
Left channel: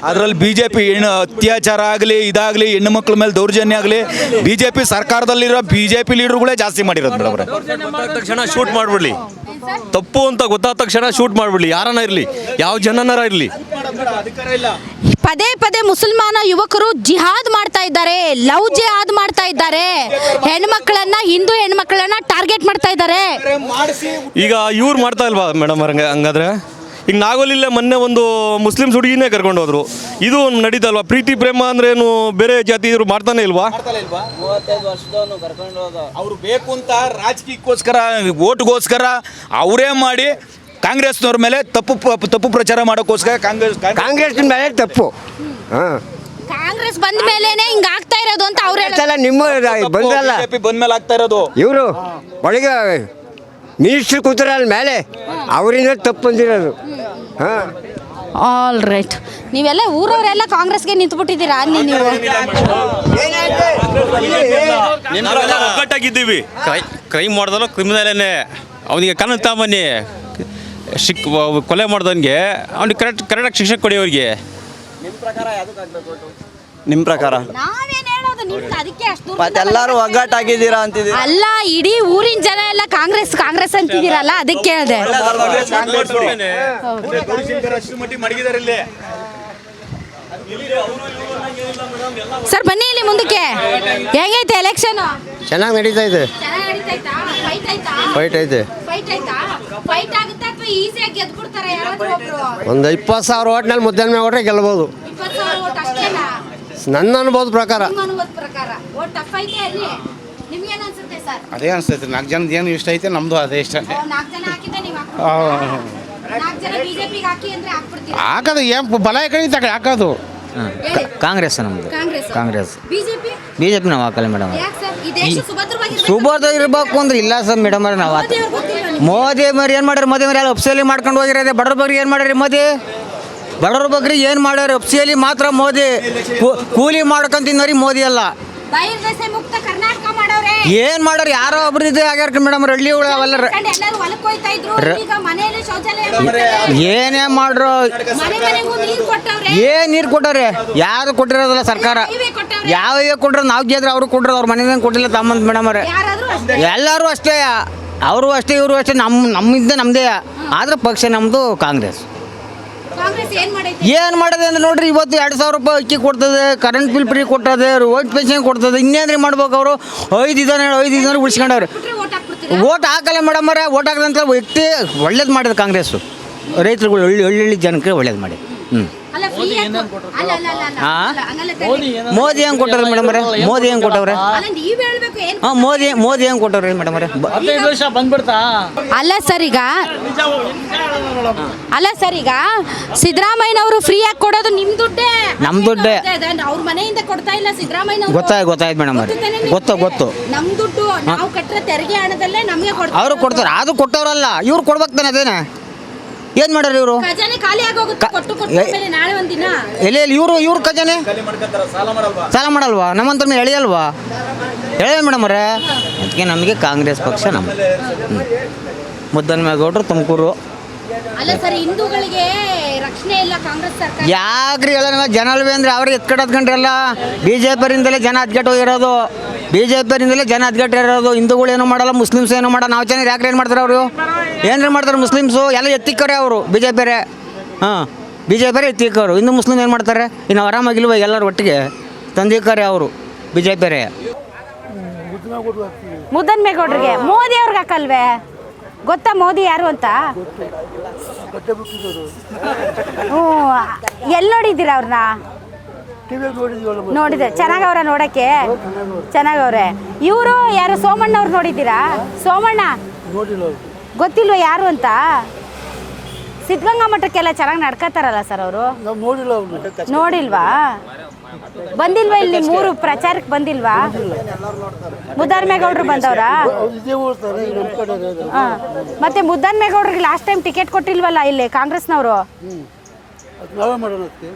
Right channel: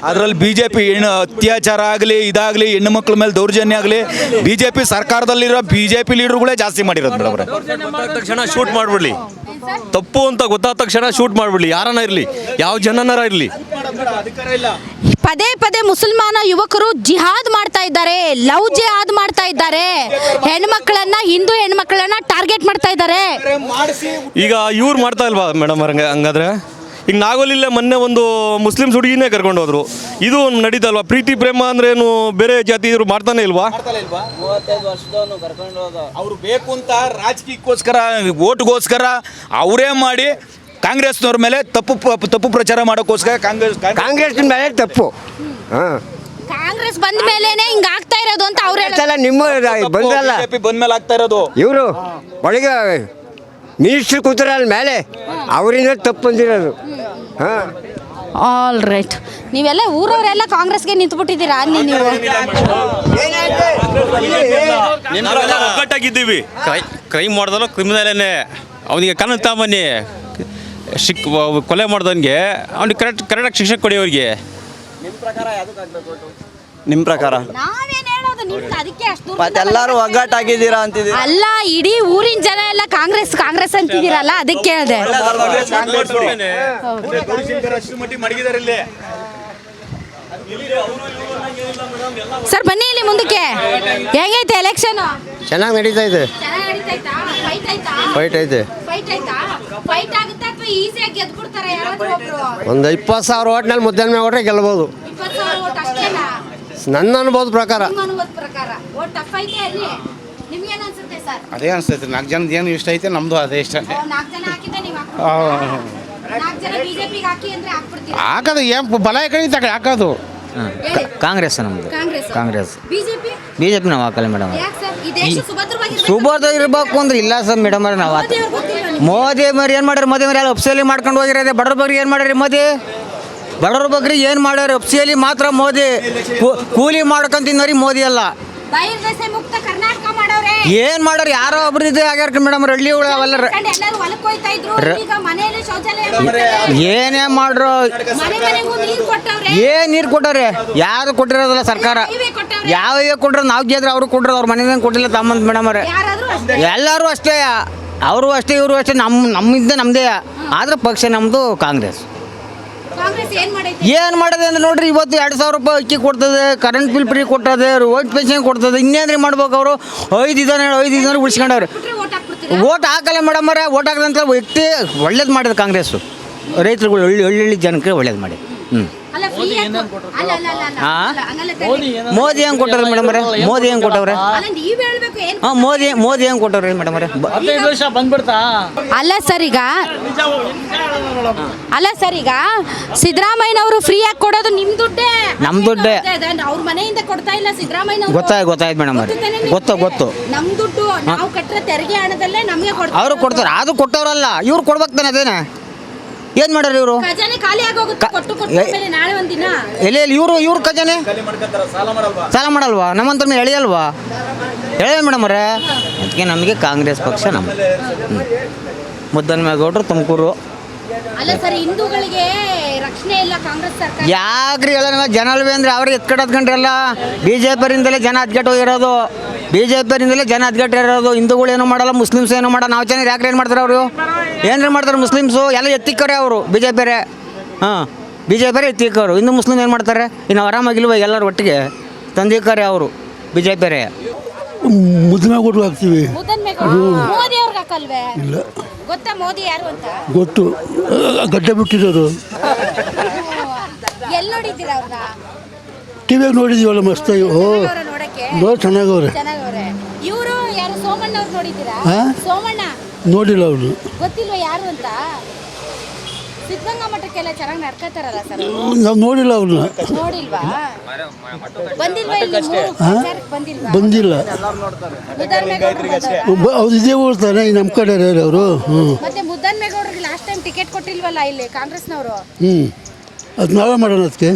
ಅದರಲ್ಲಿ BJP ಅತ್ಯಾಚಾರ ಆಗಲಿ ಇದಾಗಲಿ, ಹೆಣ್ಣು ಮಕ್ಕಳ ಮೇಲೆ ದೌರ್ಜನ್ಯ ಆಗಲಿ, BJP ಸರ್ಕಾರದಲ್ಲಿರೋ BJP ಲೀಡರ್ಗಳೇ ಜಾಸ್ತಿ ಮಾಡಿರೋದು ಮೇಡಮ್. ಗೊತ್ತಾದ ತಕ್ಷಣ ಶೂಟ್ ಮಾಡಿಬಿಡ್ಲಿ, ತಪ್ಪು ಅಂತ ಗೊತ್ತಾದ ತಕ್ಷಣ ಶೂಟ್ ಮಾಡಿಬಿಡ್ಲಿ, ಯಾರನ್ನ ಇರಲಿ, ಯಾವ ಜನನಾರ ಇರಲಿ. ಪದೇ ಮುಸಲ್ಮಾನ ಯುವಕರು ಜಿಹಾದ್ ಮಾಡ್ತಾ ಇದ್ದಾರೆ, ಲವ್ ಜಿಹಾದ್ ಮಾಡ್ತಾ ಇದ್ದಾರೆ. ಹೆಣ್ಮಕ್ಳನ್ನ, ಹಿಂದೂ ಹೆಣ್ಮಕ್ಳನ್ನ ಟಾರ್ಗೆಟ್ ಮಾಡ್ತಾ ಇದ್ದಾರೆ. ಈಗ ಇವ್ರು ಮಾಡ್ತಾ ಇಲ್ವಾ ಮೇಡಮ್ ಹಂಗಾದ್ರೆ? ಈಗ ನಾಗೋಲಿಲ್ಲೇ ಮೊನ್ನೆ ಒಂದು ಮುಸ್ಲಿಮ್ಸ್ ಹುಡುಗಿನೇ ಕರ್ಕೊಂಡು ಹೋದ್ರು. ಇದು ನಡೀತಲ್ವಾ? ಪ್ರೀತಿ ಪ್ರೇಮ ಅಂದ್ರೇನು ಬೇರೆ ಜಾತಿ ಇವರು ಮಾಡ್ತಾನೆ ಇಲ್ವಾ? 35 ವರ್ಷದವನು ಕರ್ಕೊಂಡು ಹೋದ. ಅವರು ಬೇಕು ಅಂತ ರಾಜಕೀಯಕ್ಕೋಸ್ಕರ, ಓಟ್ಗೋಸ್ಕರ ಅವರೇ ಮಾಡಿ ಕಾಂಗ್ರೆಸ್ನವ್ರ ಮೇಲೆ ತಪ್ಪು ಪ್ರಚಾರ ಮಾಡೋಕ್ಕೋಸ್ಕರ ಕಾಂಗ್ರೆಸ್ ಮೇಲೆ ತಪ್ಪು. ಕಾಂಗ್ರೆಸ್ ಬಂದ ಮೇಲೇನೆ ಹಿಂಗ ಆಗ್ತಾ ಇರೋದು ಅಂತ ಅವ್ರು ಹೇಳ್ತಾರೆ. ನಿಮ್ಮ ಬಂದ್ರಲ್ಲ, ಬಂದ್ಮೇಲೆ ಆಗ್ತಾ ಇರೋದು. ಇವರು ಒಳಗೆ ಮಿನಿಸ್ಟ್ರ್ ಕೂತಾರಲ್ಲ ಮೇಲೆ, ಅವರಿಂದ ತಪ್ಪು ಬಂದಿರೋದು. All right. ನೀವೆಲ್ಲ ಊರವರೆಲ್ಲ ಕಾಂಗ್ರೆಸ್ಗೆ ನಿಂತ್ಬಿಟ್ಟಿದ್ದೀರಾ? ನೀವು ಒಗ್ಗಟ್ಟಾಗಿದ್ದೀವಿ. ಕ್ರೈಮ್ ಮಾಡಿದಲ್ಲ ಕ್ರಿಮಿನಲೇನೆ, ಅವನಿಗೆ ಕಾನೂನು ತಗೊಂಬನ್ನಿ. ಕೊಲೆ ಮಾಡ್ದವನಿಗೆ ಅವ್ನಿಗೆ ಕರೆಕ್ಟಾಗಿ ಶಿಕ್ಷೆ ಕೊಡಿ ಅವ್ರಿಗೆ. ನಿಮ್ಮ ಪ್ರಕಾರ ನಾವೇನ್ ಹೇಳೋದು? ನಿಮ್ಗೆ ಅದಕ್ಕೆ ಅಷ್ಟು ಎಲ್ಲರೂ ಒಗ್ಗಟ್ಟಾಗಿದ್ದೀರಾ ಅಂತಿದ್ದೀರಾ? ಅಲ್ಲ, ಇಡೀ ಊರಿನ ಜನ ಎಲ್ಲ ಕಾಂಗ್ರೆಸ್ ಅಂತಿದ್ದೀರಲ್ಲ, ಅದಕ್ಕೆ ಹೇಳಿದೆ. ಸರ್ ಬನ್ನಿ ಇಲ್ಲಿ ಮುಂದಕ್ಕೆ. ಹೇಗೈತೆ ಎಲೆಕ್ಷನ್? ಚೆನ್ನಾಗಿ ನಡೀತಾ ಇದೆ. ಫೈಟ್ ಐತೆ. ಒಂದು 20,000 ಓಟ್ನಲ್ಲಿ ಮುದ್ದನ್ಮೇಗೌಡ್ರೆ ಗೆಲ್ಬೋದು. ನನ್ನ ಅನುಭವದ ಪ್ರಕಾರ. ಅದೇ ಅನಿಸ್ತೈತೆ. 4 ಜನದ ಏನು ಇಷ್ಟ ಐತೆ, ನಮ್ಮದು ಅದೇ ಇಷ್ಟ. ಹಾಕೋದು ಏನು ಬಲ ಕಳೀತಾಗ ಹಾಕೋದು. ಕಾಂಗ್ರೆಸ್ ನಮ್ಮದು. ಕಾಂಗ್ರೆಸ್ BJP ನಾವು ಹಾಕಲ್ಲ ಮೇಡಮ್. ಈ ದೇಶ ಸುಭದ್ರವಾಗಿರ್ಬೇಕು. ಸುಬೋಧ ಇರ್ಬೇಕು ಅಂದ್ರೆ ಇಲ್ಲ ಸರ್ ಮೇಡಮ್ ಅವ್ರೆ ನಾವು ಮೋದಿ ಅವ್ರು ಗೊತ್ತಿಲ್ವಾ ನಿಮ್ಗೆ? ಮೋದಿ ಮರಿ ಏನು ಮಾಡ್ಯಾರ ಮೋದಿ ಮರಿ ಎಲ್ಲ ಅಪ್ಸಿಯಲ್ಲಿ ಮಾಡ್ಕೊಂಡು ಹೋಗಿರೋದೆ ಬಡವ್ರ ಬಗ್ಗೆ ಏನು ಮಾಡ್ಯಾರ ಮೋದಿ ಬಡವ್ರ ಬಗ್ಗೆ ಏನು ಮಾಡ್ಯಾರ ಅಪ್ಸಿಯಲ್ಲಿ ಮಾತ್ರ ಮೋದಿ ಕೂಲಿ ಮಾಡ್ಕೊಂಡ್ ತಿನ್ನೋರಿ ಮೋದಿ ಅಲ್ಲ ಬಹಿರ್ದೆಸೆ ಮುಕ್ತ ಕರ್ನಾಟಕ ಮಾಡವ್ರೆ. ಏನು ಮಾಡ್ಯಾರ ಯಾರೋ ಒಬ್ರು ಇದೆ ಆಗ್ಯಾರ ಮೇಡಮ್ ಹಳ್ಳಿ ಅವೆಲ್ಲ ಎಲ್ಲರೂ ಹೊಲಕ್ಕೆ ಹೋಯ್ತಾ ಇದ್ರು. ಈಗ ಮನೆಯಲ್ಲಿ ಶೌಚಾಲಯ ಮಾಡ್ತಾರೆ. ಏನೇ ಮಾಡ್ರು ಮನೆ ಮನೆಗೂ ನೀರು ಕೊಟ್ಟವ್ರೆ. ಏನ್ ನೀರು ಕೊಟ್ಟಾರೆ ಯಾರು ಕೊಟ್ಟಿರೋದಿಲ್ಲ ಸರ್ಕಾರ ನೀವೇ ಕೊಟ್ಟವ್ರೆ. ಯಾವ ಕೊಟ್ರೆ ನಾವು ಗೆದ್ರೆ ಅವ್ರು ಕೊಟ್ರೆ ಅವ್ರ ಮನೆಯಿಂದ ಕೊಟ್ಟಿಲ್ಲ ತಮ್ಮಂತ ಮೇಡಮ್ ಅವ್ರೆ ಯಾರಾದ್ರೂ ಅಷ್ಟೇ. ಎಲ್ಲರೂ ಅಷ್ಟೇ ಅವರು ಅಷ್ಟೇ ಇವರು ಅಷ್ಟೇ ನಮ್ಮಿಂದ ನಮ್ಮದೇ ಆದ್ರೆ ಪಕ್ಷ ನಮ್ಮದು ಕಾಂಗ್ರೆಸ್ ಕಾಂಗ್ರೆಸ್ ಏನ್ ಮಾಡೈತಿ? ಏನು ಮಾಡೋದು ಅಂದ್ರೆ ನೋಡ್ರಿ ಇವತ್ತು 2,000 ರೂಪಾಯಿ ಅಕ್ಕಿ ಕೊಡ್ತದೆ ಕರೆಂಟ್ ಬಿಲ್ ಫ್ರೀ ಕೊಟ್ಟದೆ ರೋಡ್ ಪೆನ್ಷನ್ ಕೊಡ್ತದೆ ಇನ್ನೇನ್ರಿ ಮಾಡ್ಬೇಕು ಅವರು 5 ಇದಾನೆ ಉಳಿಸ್ಕೊಂಡವ್ರೆ ವೋಟ್ ಹಾಕ್ಬಿಡ್ತೀರಾ? ಓಟ್ ಹಾಕಲ್ಲ ಮೇಡಮ್ ಅವರೇ ಓಟ್ ಹಾಕದಂತ ವ್ಯಕ್ತಿ ಒಳ್ಳೇದು ಮಾಡಿದ ಕಾಂಗ್ರೆಸ್ಸು ರೈತರುಗಳು ಹಳ್ಳಿ ಜನಕ್ಕೆ ಒಳ್ಳೇದು ಮಾಡಿ ಅಲ್ಲ ಫ್ರೀ ಅಲ್ಲ ಅಲ್ಲ ಅಲ್ಲ ಅಲ್ಲ ಹಾ? ಅಲ್ಲ, ಹಂಗಲ್ಲ ತರ್ಲಿ. ಮೋದಿ ಹೆಂಗೆ ಕೊಟ್ಟವ್ರೆ ಮೇಡಮ್ ಅವರೇ ಮೋದಿ ಹೆಂಗೆ ಕೊಟ್ಟವ್ರೆ ಅಲ್ಲ ನೀವ್ ಹೇಳ್ಬೇಕು ಏನ್ ಹಾಂ ಮೋದಿ ಹೆಂಗೆ ಕೊಟ್ಟವ್ರೆ ಮೇಡಮ್ ಅವರೇ 15 ವರ್ಷ ಬಂದ್ಬಿಡ್ತಾ ಅಲ್ಲ ಸರ್ ಈಗ ಸಿದ್ದರಾಮಯ್ಯನವರು ಫ್ರೀ ಆಗಿ ಕೊಡೋದು ನಿಮ್ ದುಡ್ಡೇ ನಮ್ ದುಡ್ಡೇ. ಅವ್ರ ಮನೆಯಿಂದ ಕೊಡ್ತಾ ಇಲ್ಲ ಸಿದ್ದರಾಮಯ್ಯ. ಗೊತ್ತಾಯ್ತು ಮೇಡಮ್ ಅವರೇ ಗೊತ್ತು ನಮ್ ದುಡ್ಡು ನಾವು ಕಟ್ಟರೆ ತೆರಿಗೆ ಹಣದಲ್ಲೇ ನಮ್ಗೆ ಅವರು ಕೊಡ್ತಾರೆ ಅದು ಕೊಟ್ಟವ್ರಲ್ಲ ಇವ್ರು ಕೊಡ್ಬೇಕು ತಾನೆ ಅದೇನೆ ಏನು ಮಾಡ್ಯಾರ ಇವರು ಖಜಾನೆ ಖಾಲಿ ಆಗೋಗುತ್ತೆ. ಕೊಟ್ಟು ಮೇಲೆ ನಾಳೆ ಒಂದಿನ ಎಲ್ಲಿ ಇವ್ರ ಖಜಾನೆ ಸಾಲ ಮಾಡಲ್ವಾ ನಮ್ಮಂತ ಎಳೆಯಲ್ವಾ ಎಳೆಯ ಮೇಡಮ್ ಅವರೇ ಅದಕ್ಕೆ ನಮಗೆ ಕಾಂಗ್ರೆಸ್ ಪಕ್ಷ ನಮ್ಮ ಮುದ್ದನ್ಮೇಗೌಡರು ತುಮಕೂರು ಅಲ್ಲ ಸರ್ ಹಿಂದೂಗಳಿಗೆ ರಕ್ಷಣೆ ಇಲ್ಲ ಕಾಂಗ್ರೆಸ್ ಸರ್ಕಾರ. ಯಾಕ್ರಿ ಹೇಳ ಜನ ಅಲ್ವೇ ಅಂದ್ರೆ ಅವ್ರಿಗೆ ಎತ್ಕಟ್ಟೋದ್ಕೊಂಡ್ರಲ್ಲ BJPರಿಂದಲೇ ಜನ ಹತ್ಗೆಟ್ಟು ಹೋಗಿರೋದು BJPರಿಂದಲೇ ಜನ ಹತ್ಗೆಟ್ಟು ಇರೋದು ಹಿಂದೂಗಳು ಏನು ಮಾಡಲ್ಲ ಮುಸ್ಲಿಮ್ಸ್ ಏನು ಮಾಡಲ್ಲ ನಾವು ಚೆನ್ನಾಗಿ ಯಾಕ್ರಿ ಏನು ಮಾಡ್ತಾರೆ ಅವರು ಏನ್ರಿ ಮಾಡ್ತಾರೆ ಮುಸ್ಲಿಮ್ಸು ಎಲ್ಲ ಎತ್ತಿಕ್ಕರೆ ಅವರು BJP ಹಾಂ BJP ಎತ್ತಿಕ್ಕವರು ಇನ್ನು ಮುಸ್ಲಿಮ್ ಏನು ಮಾಡ್ತಾರೆ ಇನ್ನು ಆರಾಮಾಗಿಲ್ವ ಎಲ್ಲರೂ ಒಟ್ಟಿಗೆ ತಂದಿಕ್ಕರೆ ಅವರು BJP ಮುದ್ದನ್ಮೇಗೌಡರು ಹಾಕ್ತೀವಿ ಮುದ್ದನ್ಮೇಗೌಡರಿಗೆ ಮೋದಿ ಅವ್ರಿಗೆ ಹಾಕಲ್ವೇ? ಗೊತ್ತಾ ಮೋದಿ ಯಾರು ಅಂತ? ಗೊತ್ತು ಗಡ್ಡೆ ಬಿಟ್ಟಿರೋರು ಎಲ್ಲಿ ನೋಡಿದ್ದೀರಾ ಅವ್ರನ್ನ? ಟಿವಿಯಾಗ ನೋಡಿದೀವಲ್ಲ ಮಸ್ತ್ ಚೆನ್ನಾಗವ್ರ ನೋಡಕ್ಕೆ? ಚೆನ್ನಾಗವ್ರೆ. ಇವರು ಯಾರು ಸೋಮಣ್ಣ ಅವ್ರು ನೋಡಿದ್ದೀರಾ? ಸೋಮಣ್ಣ ನೋಡಿಲ್ಲ ಅವ್ರು ಗೊತ್ತಿಲ್ವಾ ಯಾರು ಅಂತ? ಸಿದ್ಧಗಂಗಾ ಮಠಕ್ಕೆಲ್ಲ ಚೆನ್ನಾಗಿ ನಡ್ಕೋತಾರಲ್ಲ ಸರ್ ಅವರು. ನಾವು ನೋಡಿಲ್ಲ ಅವ್ರನ್ನ ನೋಡಿಲ್ವಾ? ಬಂದಿಲ್ವಾ ಇಲ್ಲಿ ಮೂರು ಪ್ರಚಾರಕ್ಕೆ ಬಂದಿಲ್ವಾ? ಬಂದಿಲ್ಲ ಮುದ್ದನ್ಮೇಗೌಡರು ಬಂದವ್ರ? ಅವ್ರು ಇದೇ ಓಡ್ತಾರೆ ನಮ್ಮ ಕಡೆ ಅವರು ಮತ್ತೆ ಮುದ್ದನ್ಮೇಗೌಡರಿಗೆ ಲಾಸ್ಟ್ ಟೈಮ್ ಟಿಕೆಟ್ ಕೊಟ್ಟಿಲ್ವಲ್ಲ ಇಲ್ಲಿ ಕಾಂಗ್ರೆಸ್ನವರು? ಅದು ನಾವೇ ಮಾಡೋಣ ಅದಕ್ಕೆ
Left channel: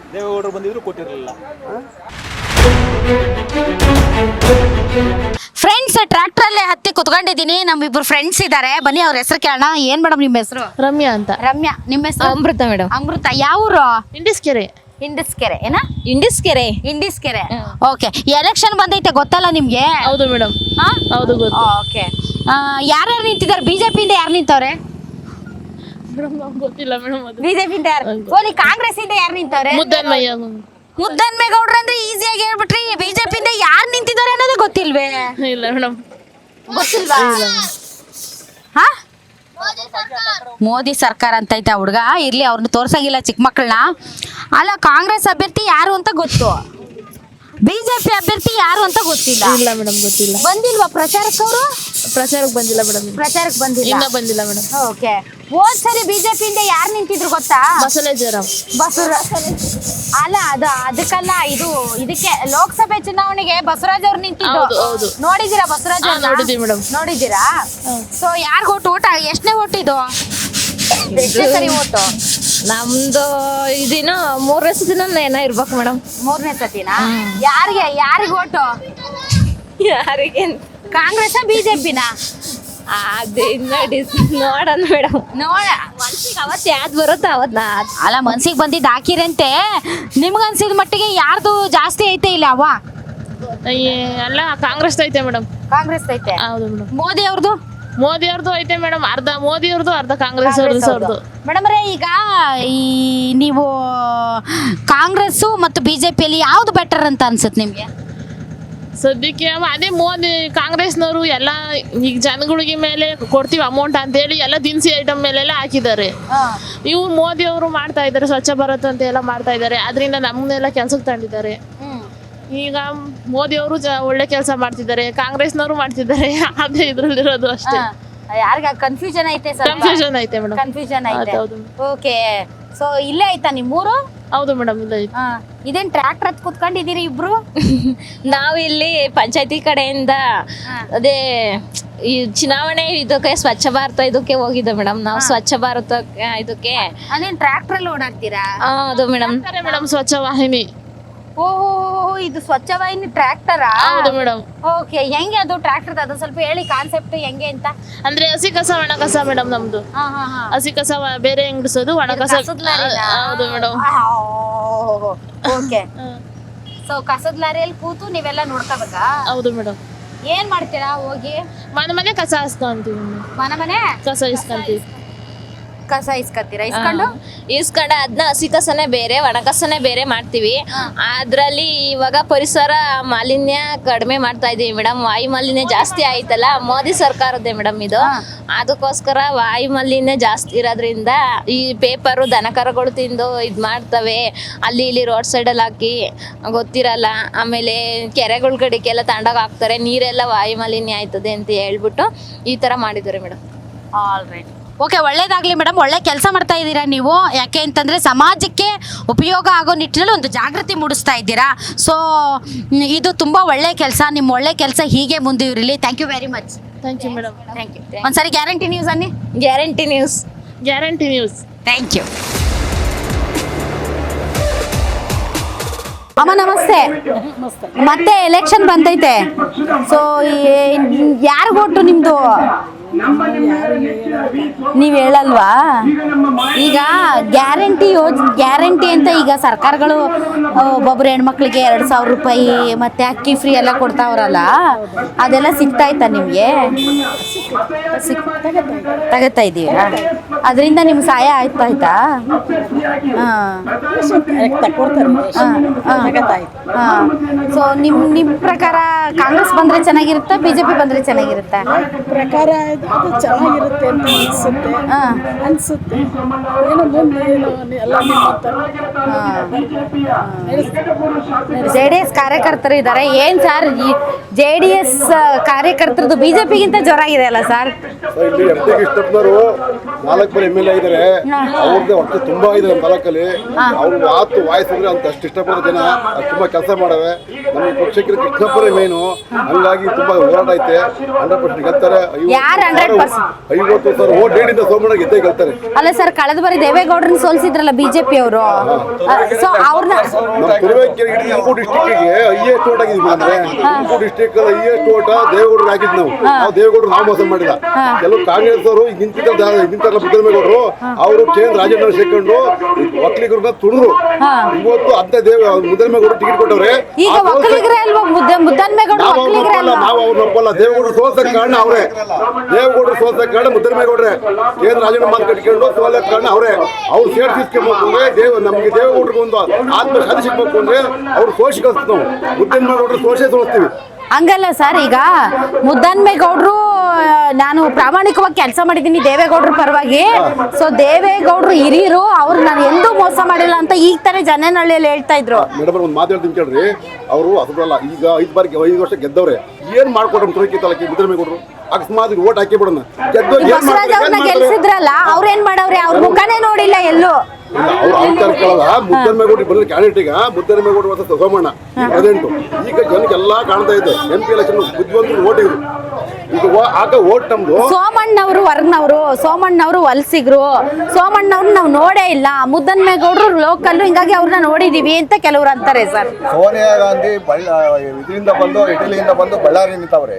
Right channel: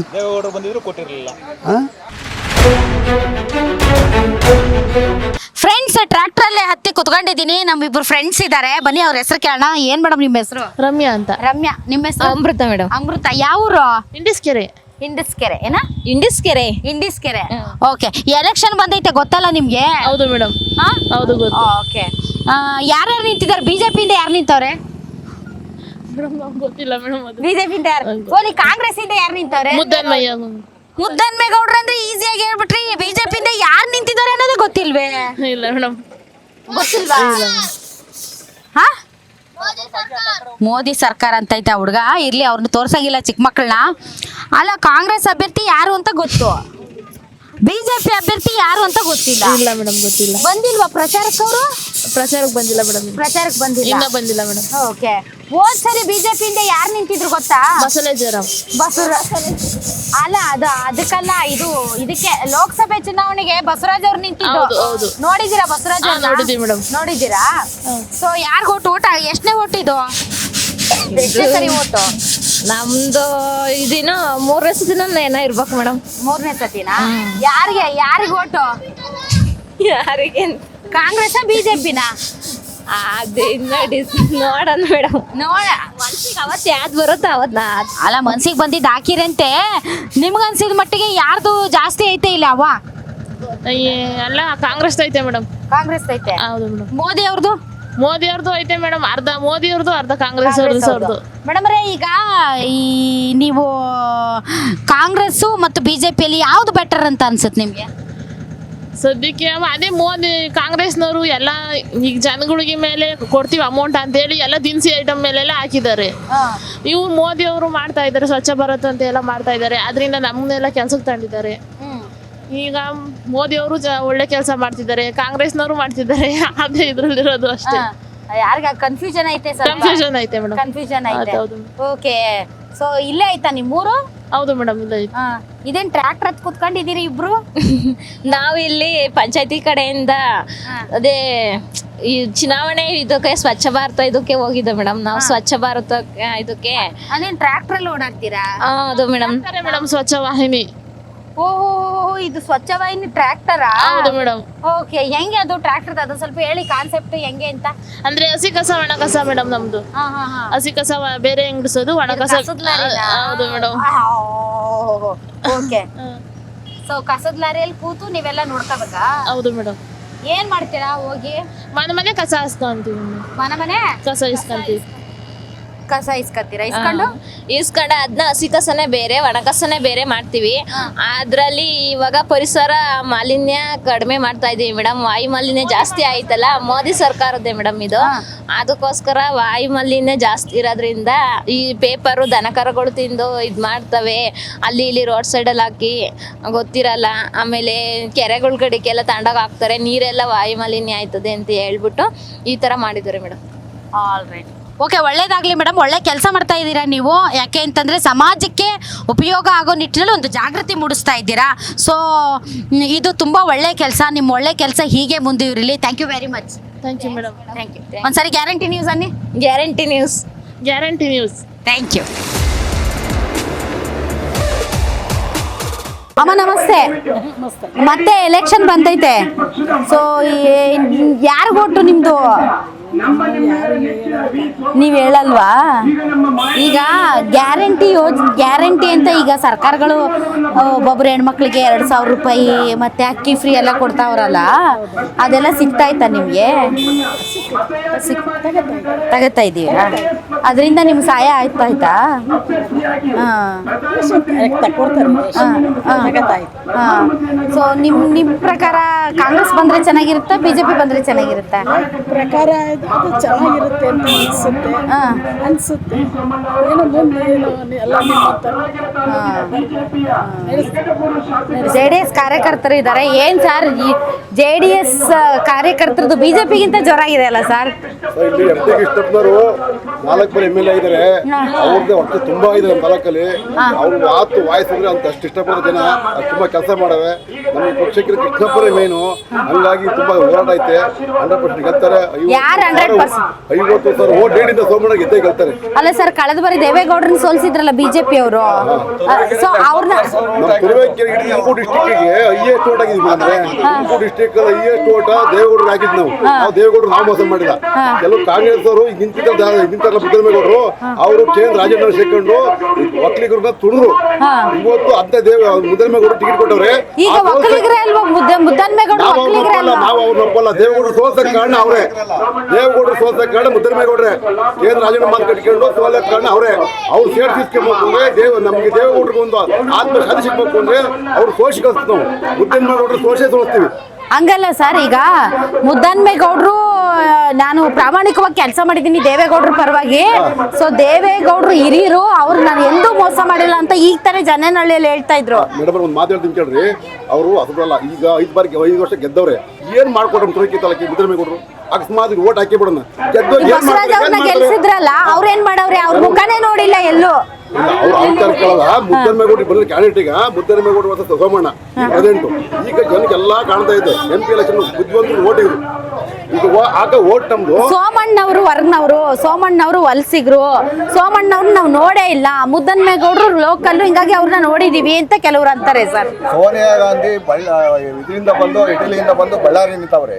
ಫ್ರೆಂಡ್ಸ್ ಟ್ರ್ಯಾಕ್ಟರ್ ಅಲ್ಲೇ ಹತ್ತಿ ಕುತ್ಕೊಂಡಿದ್ದೀನಿ. ನಮ್ಮಿಬ್ರು ಫ್ರೆಂಡ್ಸ್ ಇದ್ದಾರೆ, ಬನ್ನಿ ಅವ್ರ ಹೆಸರು ಕೇಳೋಣ. ಏನ್ ಮೇಡಮ್ ನಿಮ್ಮ ಹೆಸರು? ರಮ್ಯಾ ಅಂತ. ರಮ್ಯಾ. ನಿಮ್ಮ ಹೆಸರು? ಅಮೃತ ಮೇಡಮ್. ಅಮೃತ. ಯಾವ ಊರು? ಇಂಡಿಸ್ಕೆರೆ. ಇಂಡಿಸ್ಕೆರೆ ಏನ? ಇಂಡಿಸ್ಕೆರೆ. ಇಂಡಿಸ್ಕೆರೆ. ಓಕೆ. ಎಲೆಕ್ಷನ್ ಬಂದೈತೆ ಗೊತ್ತಲ್ಲ ನಿಮ್ಗೆ? ಹೌದು ಮೇಡಮ್. ಹೌದು ಗೊತ್ತು. ಓಕೆ. ಯಾರ್ಯಾರು ನಿಂತಿದ್ದಾರೆ? ಬಿಜೆಪಿಯಿಂದ ಯಾರು ನಿಂತವ್ರೆ? ಗೊತ್ತಿಲ್ಲ ಮೇಡಮ್. ಬಿಜೆಪಿಯಿಂದ ಯಾರು? ಓಲಿ ಕಾಂಗ್ರೆಸ್ ಇಂದ ಯಾರು ನಿಂತವ್ರೆ? ಮುದ್ದನ್ಮೇಗೌಡ್ರು ಅಂದ್ರೆ ಈಸಿಯಾಗಿ ಹೇಳ್ಬಿಟ್ರಿ. ಬಿಜೆಪಿಯಿಂದ ಯಾರು ನಿಂತಿದ್ದಾರೆ ಅನ್ನೋದು ಗೊತ್ತಿಲ್ವೇ? ಇಲ್ಲ ಮೇಡಮ್. ಗೊತ್ತಿಲ್ವಾ? ಹಾ? ಮೋದಿ ಸರ್ಕಾರ ಅಂತ ಐತೆ ಹುಡುಗ. ಇರ್ಲಿ, ಅವ್ರನ್ನ ತೋರ್ಸಂಗಿಲ್ಲ ಚಿಕ್ಕ ಮಕ್ಕಳನ್ನ. ಅಲ್ಲ, ಕಾಂಗ್ರೆಸ್ ಅಭ್ಯರ್ಥಿ ಯಾರು ಅಂತ ಗೊತ್ತು, ಬಿಜೆಪಿ ಅಭ್ಯರ್ಥಿ ಯಾರು ಅಂತ ಗೊತ್ತಿಲ್ಲ. ಇಲ್ಲ ಮೇಡಮ್, ಗೊತ್ತಿಲ್ಲ. ಬಂದಿಲ್ವಾ ಪ್ರಚಾರಕ್ಕೆ ಅವರು? ಪ್ರಚಾರಕ್ಕೆ ಬಂದಿಲ್ಲ ಮೇಡಮ್. ಪ್ರಚಾರಕ್ಕೆ ಬಂದಿಲ್ಲ. ಇನ್ನ ಬಂದಿಲ್ಲ ಮೇಡಮ್. ಓಕೆ. ಹೋದ್ ಸರಿ ಬಿಜೆಪಿಯಿಂದ ಯಾರು ನಿಂತಿದ್ರು ಗೊತ್ತಾ? ಬಸವರಾಜರಾವ್. ಅಲ್ಲ, ಅದಕ್ಕಲ್ಲ, ಇದಕ್ಕೆ ಲೋಕಸಭೆ ಚುನಾವಣೆಗೆ ಬಸವರಾಜ್ ಅವ್ರು ನಿಂತಿದ್ದು. ನೋಡಿದೀರಾ ಬಸವರಾಜ್? ನೋಡಿದೀವಿ ಮೇಡಮ್. ನೋಡಿದೀರಾ? ಸೊ ಯಾರಿಗ ಓಟ್ ಎಷ್ಟನೇ ಓಟ್ ಇದು? ಎಷ್ಟನೇ ಸರಿ ಓಟು? ನಮ್ದು ಇದಿನ 3ನೇ ಸತಿನ ಏನೋ ಇರ್ಬೇಕು ಮೇಡಮ್. 3ನೇ ಸತಿನಾ? ಯಾರಿಗೆ ಓಟು? ಯಾರಿಗೆ? ಕಾಂಗ್ರೆಸ್ ಬಿಜೆಪಿನ? ಅದೇ ನೋಡೋಣ ಮೇಡಮ್. ಮನ್ಸಿಗೆ ಅವತ್ತು ಯಾವ್ದು ಬರುತ್ತೋ ಅವತ್ತು. ಅಲ್ಲ, ಮನ್ಸಿಗೆ ಬಂದಿದ್ದು ಹಾಕಿರಂತೆ. ನಿಮ್ಗನ್ಸಿದ ಮಟ್ಟಿಗೆ ಯಾರ್ದು ಜಾಸ್ತಿ ಐತೆ ಇಲ್ಲ ಅವ? ಎಲ್ಲ ಕಾಂಗ್ರೆಸ್ ಐತೆ ಮೇಡಮ್. ಕಾಂಗ್ರೆಸ್ ಐತೆ. ಹೌದು ಮೇಡಮ್. ಮೋದಿ ಅವ್ರದ್ದು? ಮೋದಿ ಅವ್ರದ್ದು ಐತೆ ಮೇಡಮ್. ಅರ್ಧ ಮೋದಿ ಅವ್ರದ್ದು, ಅರ್ಧ ಕಾಂಗ್ರೆಸ್ ಅವ್ರದ್ದು. ಮೇಡಮ್ ರೇ, ಈಗ ನೀವು ಕಾಂಗ್ರೆಸ್ ಮತ್ತು ಬಿಜೆಪಿಯಲ್ಲಿ ಯಾವ್ದು ಬೆಟರ್ ಅಂತ ಅನ್ಸುತ್ತೆ ನಿಮ್ಗೆ? ಸದ್ಯಕ್ಕೆ ಅದೇ ಮೋದಿ ಕಾಂಗ್ರೆಸ್ನವರು ಎಲ್ಲ ಈಗ ಜನಗಳಿಗೆ ಮೇಲೆ ಕೊಡ್ತೀವಿ ಅಮೌಂಟ್ ಅಂತೇಳಿ ಎಲ್ಲ ದಿನಸಿ ಐಟಮ್ ಮೇಲೆಲ್ಲ ಹಾಕಿದ್ದಾರೆ. ಇವ್ರು ಮೋದಿ ಅವರು ಮಾಡ್ತಾ ಇದ್ದಾರೆ, ಸ್ವಚ್ಛ ಭಾರತ್ ಅಂತ ಎಲ್ಲ ಮಾಡ್ತಾ ಇದ್ದಾರೆ. ಅದರಿಂದ ನಮ್ಮನ್ನೆಲ್ಲ ಕೆಲ್ಸಕ್ಕೆ ತಂದಿದ್ದಾರೆ. ಈಗ ಮೋದಿ ಅವರು ಒಳ್ಳೆ ಕೆಲಸ ಮಾಡ್ತಿದ್ದಾರೆ, ಕಾಂಗ್ರೆಸ್ನವರು ಮಾಡ್ತಿದ್ದಾರೆ. ಅದೇ ಇದ್ರಲ್ಲಿರೋದು ಅಷ್ಟೇ. ಯಾರಿಗ ಕನ್ಫ್ಯೂಷನ್ ಐತೆ? ಕನ್ಫ್ಯೂಷನ್ ಐತೆ ಮೇಡಮ್. ಕನ್ಫ್ಯೂಷನ್ ಐತೆ. ಹೌದು. ಓಕೆ. ಸೊ ಇಲ್ಲೇ ಆಯ್ತಾ ನಿಮ್ಮೂರು? ಹೌದು ಮೇಡಮ್ ಇಲ್ಲ ಇದೇನ್ ಟ್ರ್ಯಾಕ್ಟರ್ ಹತ್ ಕುತ್ಕೊಂಡಿದ್ದೀರಿ ಇಬ್ರು? ನಾವು ಇಲ್ಲಿ ಪಂಚಾಯತಿ ಕಡೆಯಿಂದ ಅದೇ ಈ ಚುನಾವಣೆ ಇದಕ್ಕೆ ಸ್ವಚ್ಛ ಭಾರತ ಇದಕ್ಕೆ ಹೋಗಿದ್ದೆ ಮೇಡಮ್. ನಾವು ಸ್ವಚ್ಛ ಭಾರತ ಇದಕ್ಕೆ ಅದೇನ್ ಟ್ರ್ಯಾಕ್ಟರ್ ಅಲ್ಲಿ ಓಡಾಡ್ತೀರಾ? ಹೌದು ಮೇಡಮ್. ಮೇಡಮ್ ಸ್ವಚ್ಛ ವಾಹಿನಿ. ಓಹೋ, ಇದು ಸ್ವಚ್ಛ ವಾಹಿನಿ ಟ್ರ್ಯಾಕ್ಟರಾ? ಹೌದು ಮೇಡಮ್. ಓಕೆ, ಹೆಂಗೆ ಅದು ಟ್ರ್ಯಾಕ್ಟರ್? ಅದು ಸ್ವಲ್ಪ ಹೇಳಿ ಕಾನ್ಸೆಪ್ಟ್ ಹೆಂಗೆ ಅಂತ. ಅಂದ್ರೆ ಹಸಿ ಕಸ ಒಣ ಕಸ ಮೇಡಮ್ ನಮ್ದು. ಹಸಿ ಕಸ ಬೇರೆ ಹೆಂಗಡಿಸೋದು, ಒಣ ಕಸ. ಹೌದು ಮೇಡಮ್. ಓಕೆ, ಸೊ ಕಸದ ಲಾರಿಯಲ್ಲಿ ಕೂತು ನೀವೆಲ್ಲ ನೋಡ್ಕೋಬೇಕಾ? ಹೌದು ಮೇಡಮ್. ಏನ್ ಮಾಡ್ತೀರಾ ಹೋಗಿ? ಮನೆ ಕಸ ಇಸ್ಕೊಂತೀವಿ. ಮನೆ ಕಸ ಇಸ್ಕೊಂತೀವಿ. ಕಸ ಇಸ್ಕೊತೀರಾ? ಇಸ್ಕೊಂಡು ಅದನ್ನ ಹಸಿ ಕಸನೇ ಬೇರೆ ಒಣ ಕಸನೇ ಬೇರೆ ಮಾಡ್ತೀವಿ. ಅದ್ರಲ್ಲಿ ಇವಾಗ ಪರಿಸರ ಮಾಲಿನ್ಯ ಕಡಿಮೆ ಮಾಡ್ತಾ ಇದೀವಿ ಮೇಡಮ್. ವಾಯು ಮಾಲಿನ್ಯ ಜಾಸ್ತಿ ಆಯ್ತಲ್ಲ, ಮೋದಿ ಸರ್ಕಾರದ್ದೇ ಮೇಡಮ್ ಇದು. ಅದಕ್ಕೋಸ್ಕರ ವಾಯು ಮಾಲಿನ್ಯ ಜಾಸ್ತಿ ಇರೋದ್ರಿಂದ ಈ ಪೇಪರು ದನಕರಗಳು ತಿಂದು ಇದು ಮಾಡ್ತವೆ, ಅಲ್ಲಿ ಇಲ್ಲಿ ರೋಡ್ ಸೈಡಲ್ಲಿ ಹಾಕಿ ಗೊತ್ತಿರಲ್ಲ. ಆಮೇಲೆ ಕೆರೆಗಳ ಕಡೆಗೆಲ್ಲ ತಗೊಂಡೋಗಿ ಹಾಕ್ತಾರೆ, ನೀರೆಲ್ಲ ವಾಯು ಮಾಲಿನ್ಯ ಆಯ್ತದೆ ಅಂತ ಹೇಳ್ಬಿಟ್ಟು ಈ ಥರ ಮಾಡಿದ್ದಾರೆ ಮೇಡಮ್. ಆಲ್ ರೈಟ್, ಓಕೆ, ಒಳ್ಳೇದಾಗಲಿ ಮೇಡಮ್. ಒಳ್ಳೆ ಕೆಲಸ ಮಾಡ್ತಾ ಇದ್ದೀರಾ ನೀವು. ಯಾಕೆ ಅಂತಂದರೆ ಸಮಾಜಕ್ಕೆ ಉಪಯೋಗ ಆಗೋ ನಿಟ್ಟಿನಲ್ಲಿ ಒಂದು ಜಾಗೃತಿ ಮೂಡಿಸ್ತಾ ಇದ್ದೀರಾ. ಸೊ ಇದು ತುಂಬ ಒಳ್ಳೆ ಕೆಲಸ. ನಿಮ್ಮ ಒಳ್ಳೆ ಕೆಲಸ ಹೀಗೆ ಮುಂದುವರಿಲಿ. Thank you very much. Thank you madam. Thank you. ಒಂದ್ಸರಿ ಗ್ಯಾರಂಟಿ ನ್ಯೂಸ್ ಅನ್ನಿ. Guarantee news. Guarantee news. Thank you. ಅಮ್ಮ ನಮಸ್ತೆ. ಮತ್ತೆ ಎಲೆಕ್ಷನ್ ಬಂದೈತೆ. ಸೊ ಯಾರು ಓಟು ನಿಮ್ಮದು? ನೀವು ಹೇಳಲ್ವಾ? ಈಗ ಗ್ಯಾರಂಟಿ ಅಂತ ಈಗ ಸರ್ಕಾರಗಳು ಒಬ್ಬೊಬ್ರು ಹೆಣ್ಮಕ್ಳಿಗೆ 2,000 ರೂಪಾಯಿ ಮತ್ತೆ ಅಕ್ಕಿ ಫ್ರೀ ಎಲ್ಲ ಕೊಡ್ತಾವ್ರಲ್ಲ, ಅದೆಲ್ಲ ಸಿಗ್ತಾಯ್ತಾ ನಿಮಗೆ? ತಗೋತಾ ಇದ್ದೀರಾ? ಅದರಿಂದ ನಿಮ್ಗೆ ಸಹಾಯ ಆಯ್ತಾ? ಸೊ ನಿಮ್ಮ ಪ್ರಕಾರ ಕಾಂಗ್ರೆಸ್ ಬಂದ್ರೆ ಚೆನ್ನಾಗಿರುತ್ತಾ, ಬಿಜೆಪಿ ಬಂದ್ರೆ ಚೆನ್ನಾಗಿರುತ್ತಾ? ಪ್ರಕಾರ ಅದು ಚೆನ್ನಾಗಿರುತ್ತೆ ಅಂತ ಅನ್ಸುತ್ತೆ. ಏನೋ ಮುಂದೆ ಎಲ್ಲ JDS ಕಾರ್ಯಕರ್ತರು ಇದ್ದಾರೆ. ಏನ್ ಸರ್, JDS ಕಾರ್ಯಕರ್ತರದ್ದು ಬಿಜೆಪಿಗಿಂತ ಜೋರಾಗಿದೆ ಅಲ್ಲ ಸರ್? ಇಲ್ಲಿ ಕೃಷ್ಣಪ್ಪನವರು 4 MLA ಇದ್ದಾರೆ. ಅವ್ರದ್ದು ಒಟ್ಟು ತುಂಬಾ ಇದೆ ನಮ್ಮ ತಾಲೂಕಲ್ಲಿ. ಅವ್ರು ಮಾತು ವಾಯ್ಸ್ ಅಂದ್ರೆ ಅಂತ ಅಷ್ಟು ಇಷ್ಟಪಡೋ ಜನ ತುಂಬಾ ಕೆಲಸ ಮಾಡವೆ. ನಮ್ಮ ಪಕ್ಷಕ್ಕೆ ಕೃಷ್ಣಪ್ಪರೇ ಮೇನು. ಹಂಗಾಗಿ ತುಂಬಾ ಹೋರಾಟ ಐತೆ. 100% ಗೆಲ್ತಾರೆ. 50 ಓಟ್ ರೇಡಿಂದ ಸೋಮಣ್ಣ ಗೆದ್ದೇ ಗೆಲ್ತಾರೆ. ಅಲ್ಲ ಸರ್, ಕಳೆದ ಬಾರಿ ದೇವೇಗೌಡರನ್ನ ಸೋಲಿಸಿದ್ರಲ್ಲ ಬಿಜೆಪಿ ಅವರು. ಸೊ ಅವ್ರನ್ನ ತುಮಕೂರು ಡಿಸ್ಟಿಕ್ಗೆ ಹೈಯೆಸ್ಟ್ ಓಟ್ ಆಗಿದ್ವಿ. ಅಂದ್ರೆ ತುಮಕೂರು ಡಿಸ್ಟಿಕ್ ಅಲ್ಲಿ ಹೈಯೆಸ್ಟ್ ಓಟ್ ದೇವೇಗೌಡರು ಹಾಕಿದ್ ನಾವು ದೇವೇಗೌಡರು ನಾವು ಮೋಸ ಮಾಡಿಲ್ಲ. ಕೆಲವು ಕಾಂಗ್ರೆಸ್ ಅವರು ನಿಂತಾರಲ್ಲ ಮುದ್ದರಮೇಗೌಡರು, ಅವರು ಕೇಂದ್ರ ರಾಜೇಂದ್ರ ಸೇರ್ಕೊಂಡು ಒಕ್ಕಲಿಗರನ್ನ ತುಳಿದ್ರು. ಇವತ್ತು ಅಂತ ಮುದ್ದರಮೇಗೌಡರು ಟಿಕೆಟ್ ಕೊಟ್ಟವ್ರೆ. ನಾವು ಅವ್ರನ್ನ ಒಪ್ಪಲ್ಲ. ದೇವೇಗೌಡರು ಸೋಲ್ಸಕ್ ಕಾರಣ ಅವರೇ. ದೇವೇಗೌಡರು ಸೋಲ್ಸಕ್ ಕಾರಣ ಮುದ್ದರಮೇಗೌಡ್ರೆ. ಕೇಂದ್ರ ರಾಜೇಂದ್ರ ಮಾತು ಕಟ್ಕೊಂಡು ಸೋಲಕ್ ಕಾರಣ ಅವರೇ. ಅವ್ರು ಸೇರ್ಸಿಸ್ಕೊಬೇಕು ಅಂದ್ರೆ ನಮ್ಗೆ ದೇವೇಗೌಡರಿಗೆ ಒಂದು ಆತ್ಮಶಾಂತಿ ಸಿಗ್ಬೇಕು ಅಂದ್ರೆ ಅವ್ರು ಸೋಷಿ ಕಳಿಸ್ತೀವಿ. ನಾವು ಮುದ್ದರಮೇಗೌಡರು ಸೋಷೆ ಸೋಲಿಸ್ತೀವಿ. ಹಂಗಲ್ಲ ಸರ್, ಈಗ ಮುದ್ದನ್ಮೇಗೌಡರು ನಾನು ಪ್ರಾಮಾಣಿಕವಾಗಿ ಕೆಲಸ ಮಾಡಿದ್ದೀನಿ ದೇವೇಗೌಡರ ಪರವಾಗಿ. ಸೊ ದೇವೇಗೌಡರು ಹಿರಿಯರು, ಅವ್ರು ನಾನು ಎಂದೂ ಮೋಸ ಮಾಡಿಲ್ಲ ಅಂತ ಈಗ ತಾನೇ ಜನನಹಳ್ಳಿಯಲ್ಲಿ ಹೇಳ್ತಾ ಇದ್ರು. ಮೇಡಮ್ ಒಂದು ಮಾತು ಹೇಳ್ತೀನಿ ಕೇಳ್ರಿ. ಅವರು ಅದ್ರಲ್ಲ ಈಗ 5 ವರ್ಷ ಗೆದ್ದವ್ರೆ. ಏನ್ ಮಾಡ್ಕೊಟ್ರು ತುರುಕಿ ತಾಲೂಕಿ ಮುದ್ದರಮೇಗೌಡರು? ಅಕಸ್ಮಾತ್ ಓಟ್ ಹಾಕಿ ಬಿಡೋಣ. ಬಸವರಾಜ್ ಅವ್ರನ್ನ ಗೆಲ್ಸಿದ್ರಲ್ಲ, ಅವ್ರೇನ್ ಮಾಡವ್ರೆ? ಅವ್ರ ಮುಖನೇ ನೋಡಿಲ್ಲ ಎಲ್ಲೂ. ಮುದ್ದರಮೇಗೌಡರು ಬಂದ್ರೆ ಕ್ಯಾಂಡಿಡೇಟ್ ಮುದ್ದರಮೇಗೌಡರು ಮತ್ತು ಸೋಮಣ್ಣ ಪ್ರೆಸಿಡೆಂಟ್. ಈಗ ಜನಕ್ಕೆಲ್ಲ ಕಾಣ್ತಾ ಇದೆ. MP ಎಲೆಕ್ಷನ್ ಬುದ್ಧಿವಂತರು ಓಟ್ ಇದ್ರು. ಈಗ ಆಗ ಓಟ್ ನಮ್ದು. ಸೋಮಣ್ಣವರು ವರ್ಗನವರು, ಸೋಮಣ್ಣವರು ವಲಸಿಗರು. ಸೋಮಣ್ಣವ್ರು ನಾವು ನೋಡೇ ಇಲ್ಲ. ಮುದ್ದನ್ಮೇಗೌಡರು ಲೋಕಲ್, ಹಿಂಗಾಗಿ ಅವ್ರನ್ನ ನೋಡಿದೀವಿ ಅಂತ ಕೆಲವ್ರು ಅಂತಾರೆ ಸರ್. ಸೋನಿಯಾ ಗಾಂಧಿ ಇದರಿಂದ ಬಂದು ಇಟಲಿಯಿಂದ ಬಂದು ಬಳ್ಳಾರಿ ನಿಂತವ್ರೆ.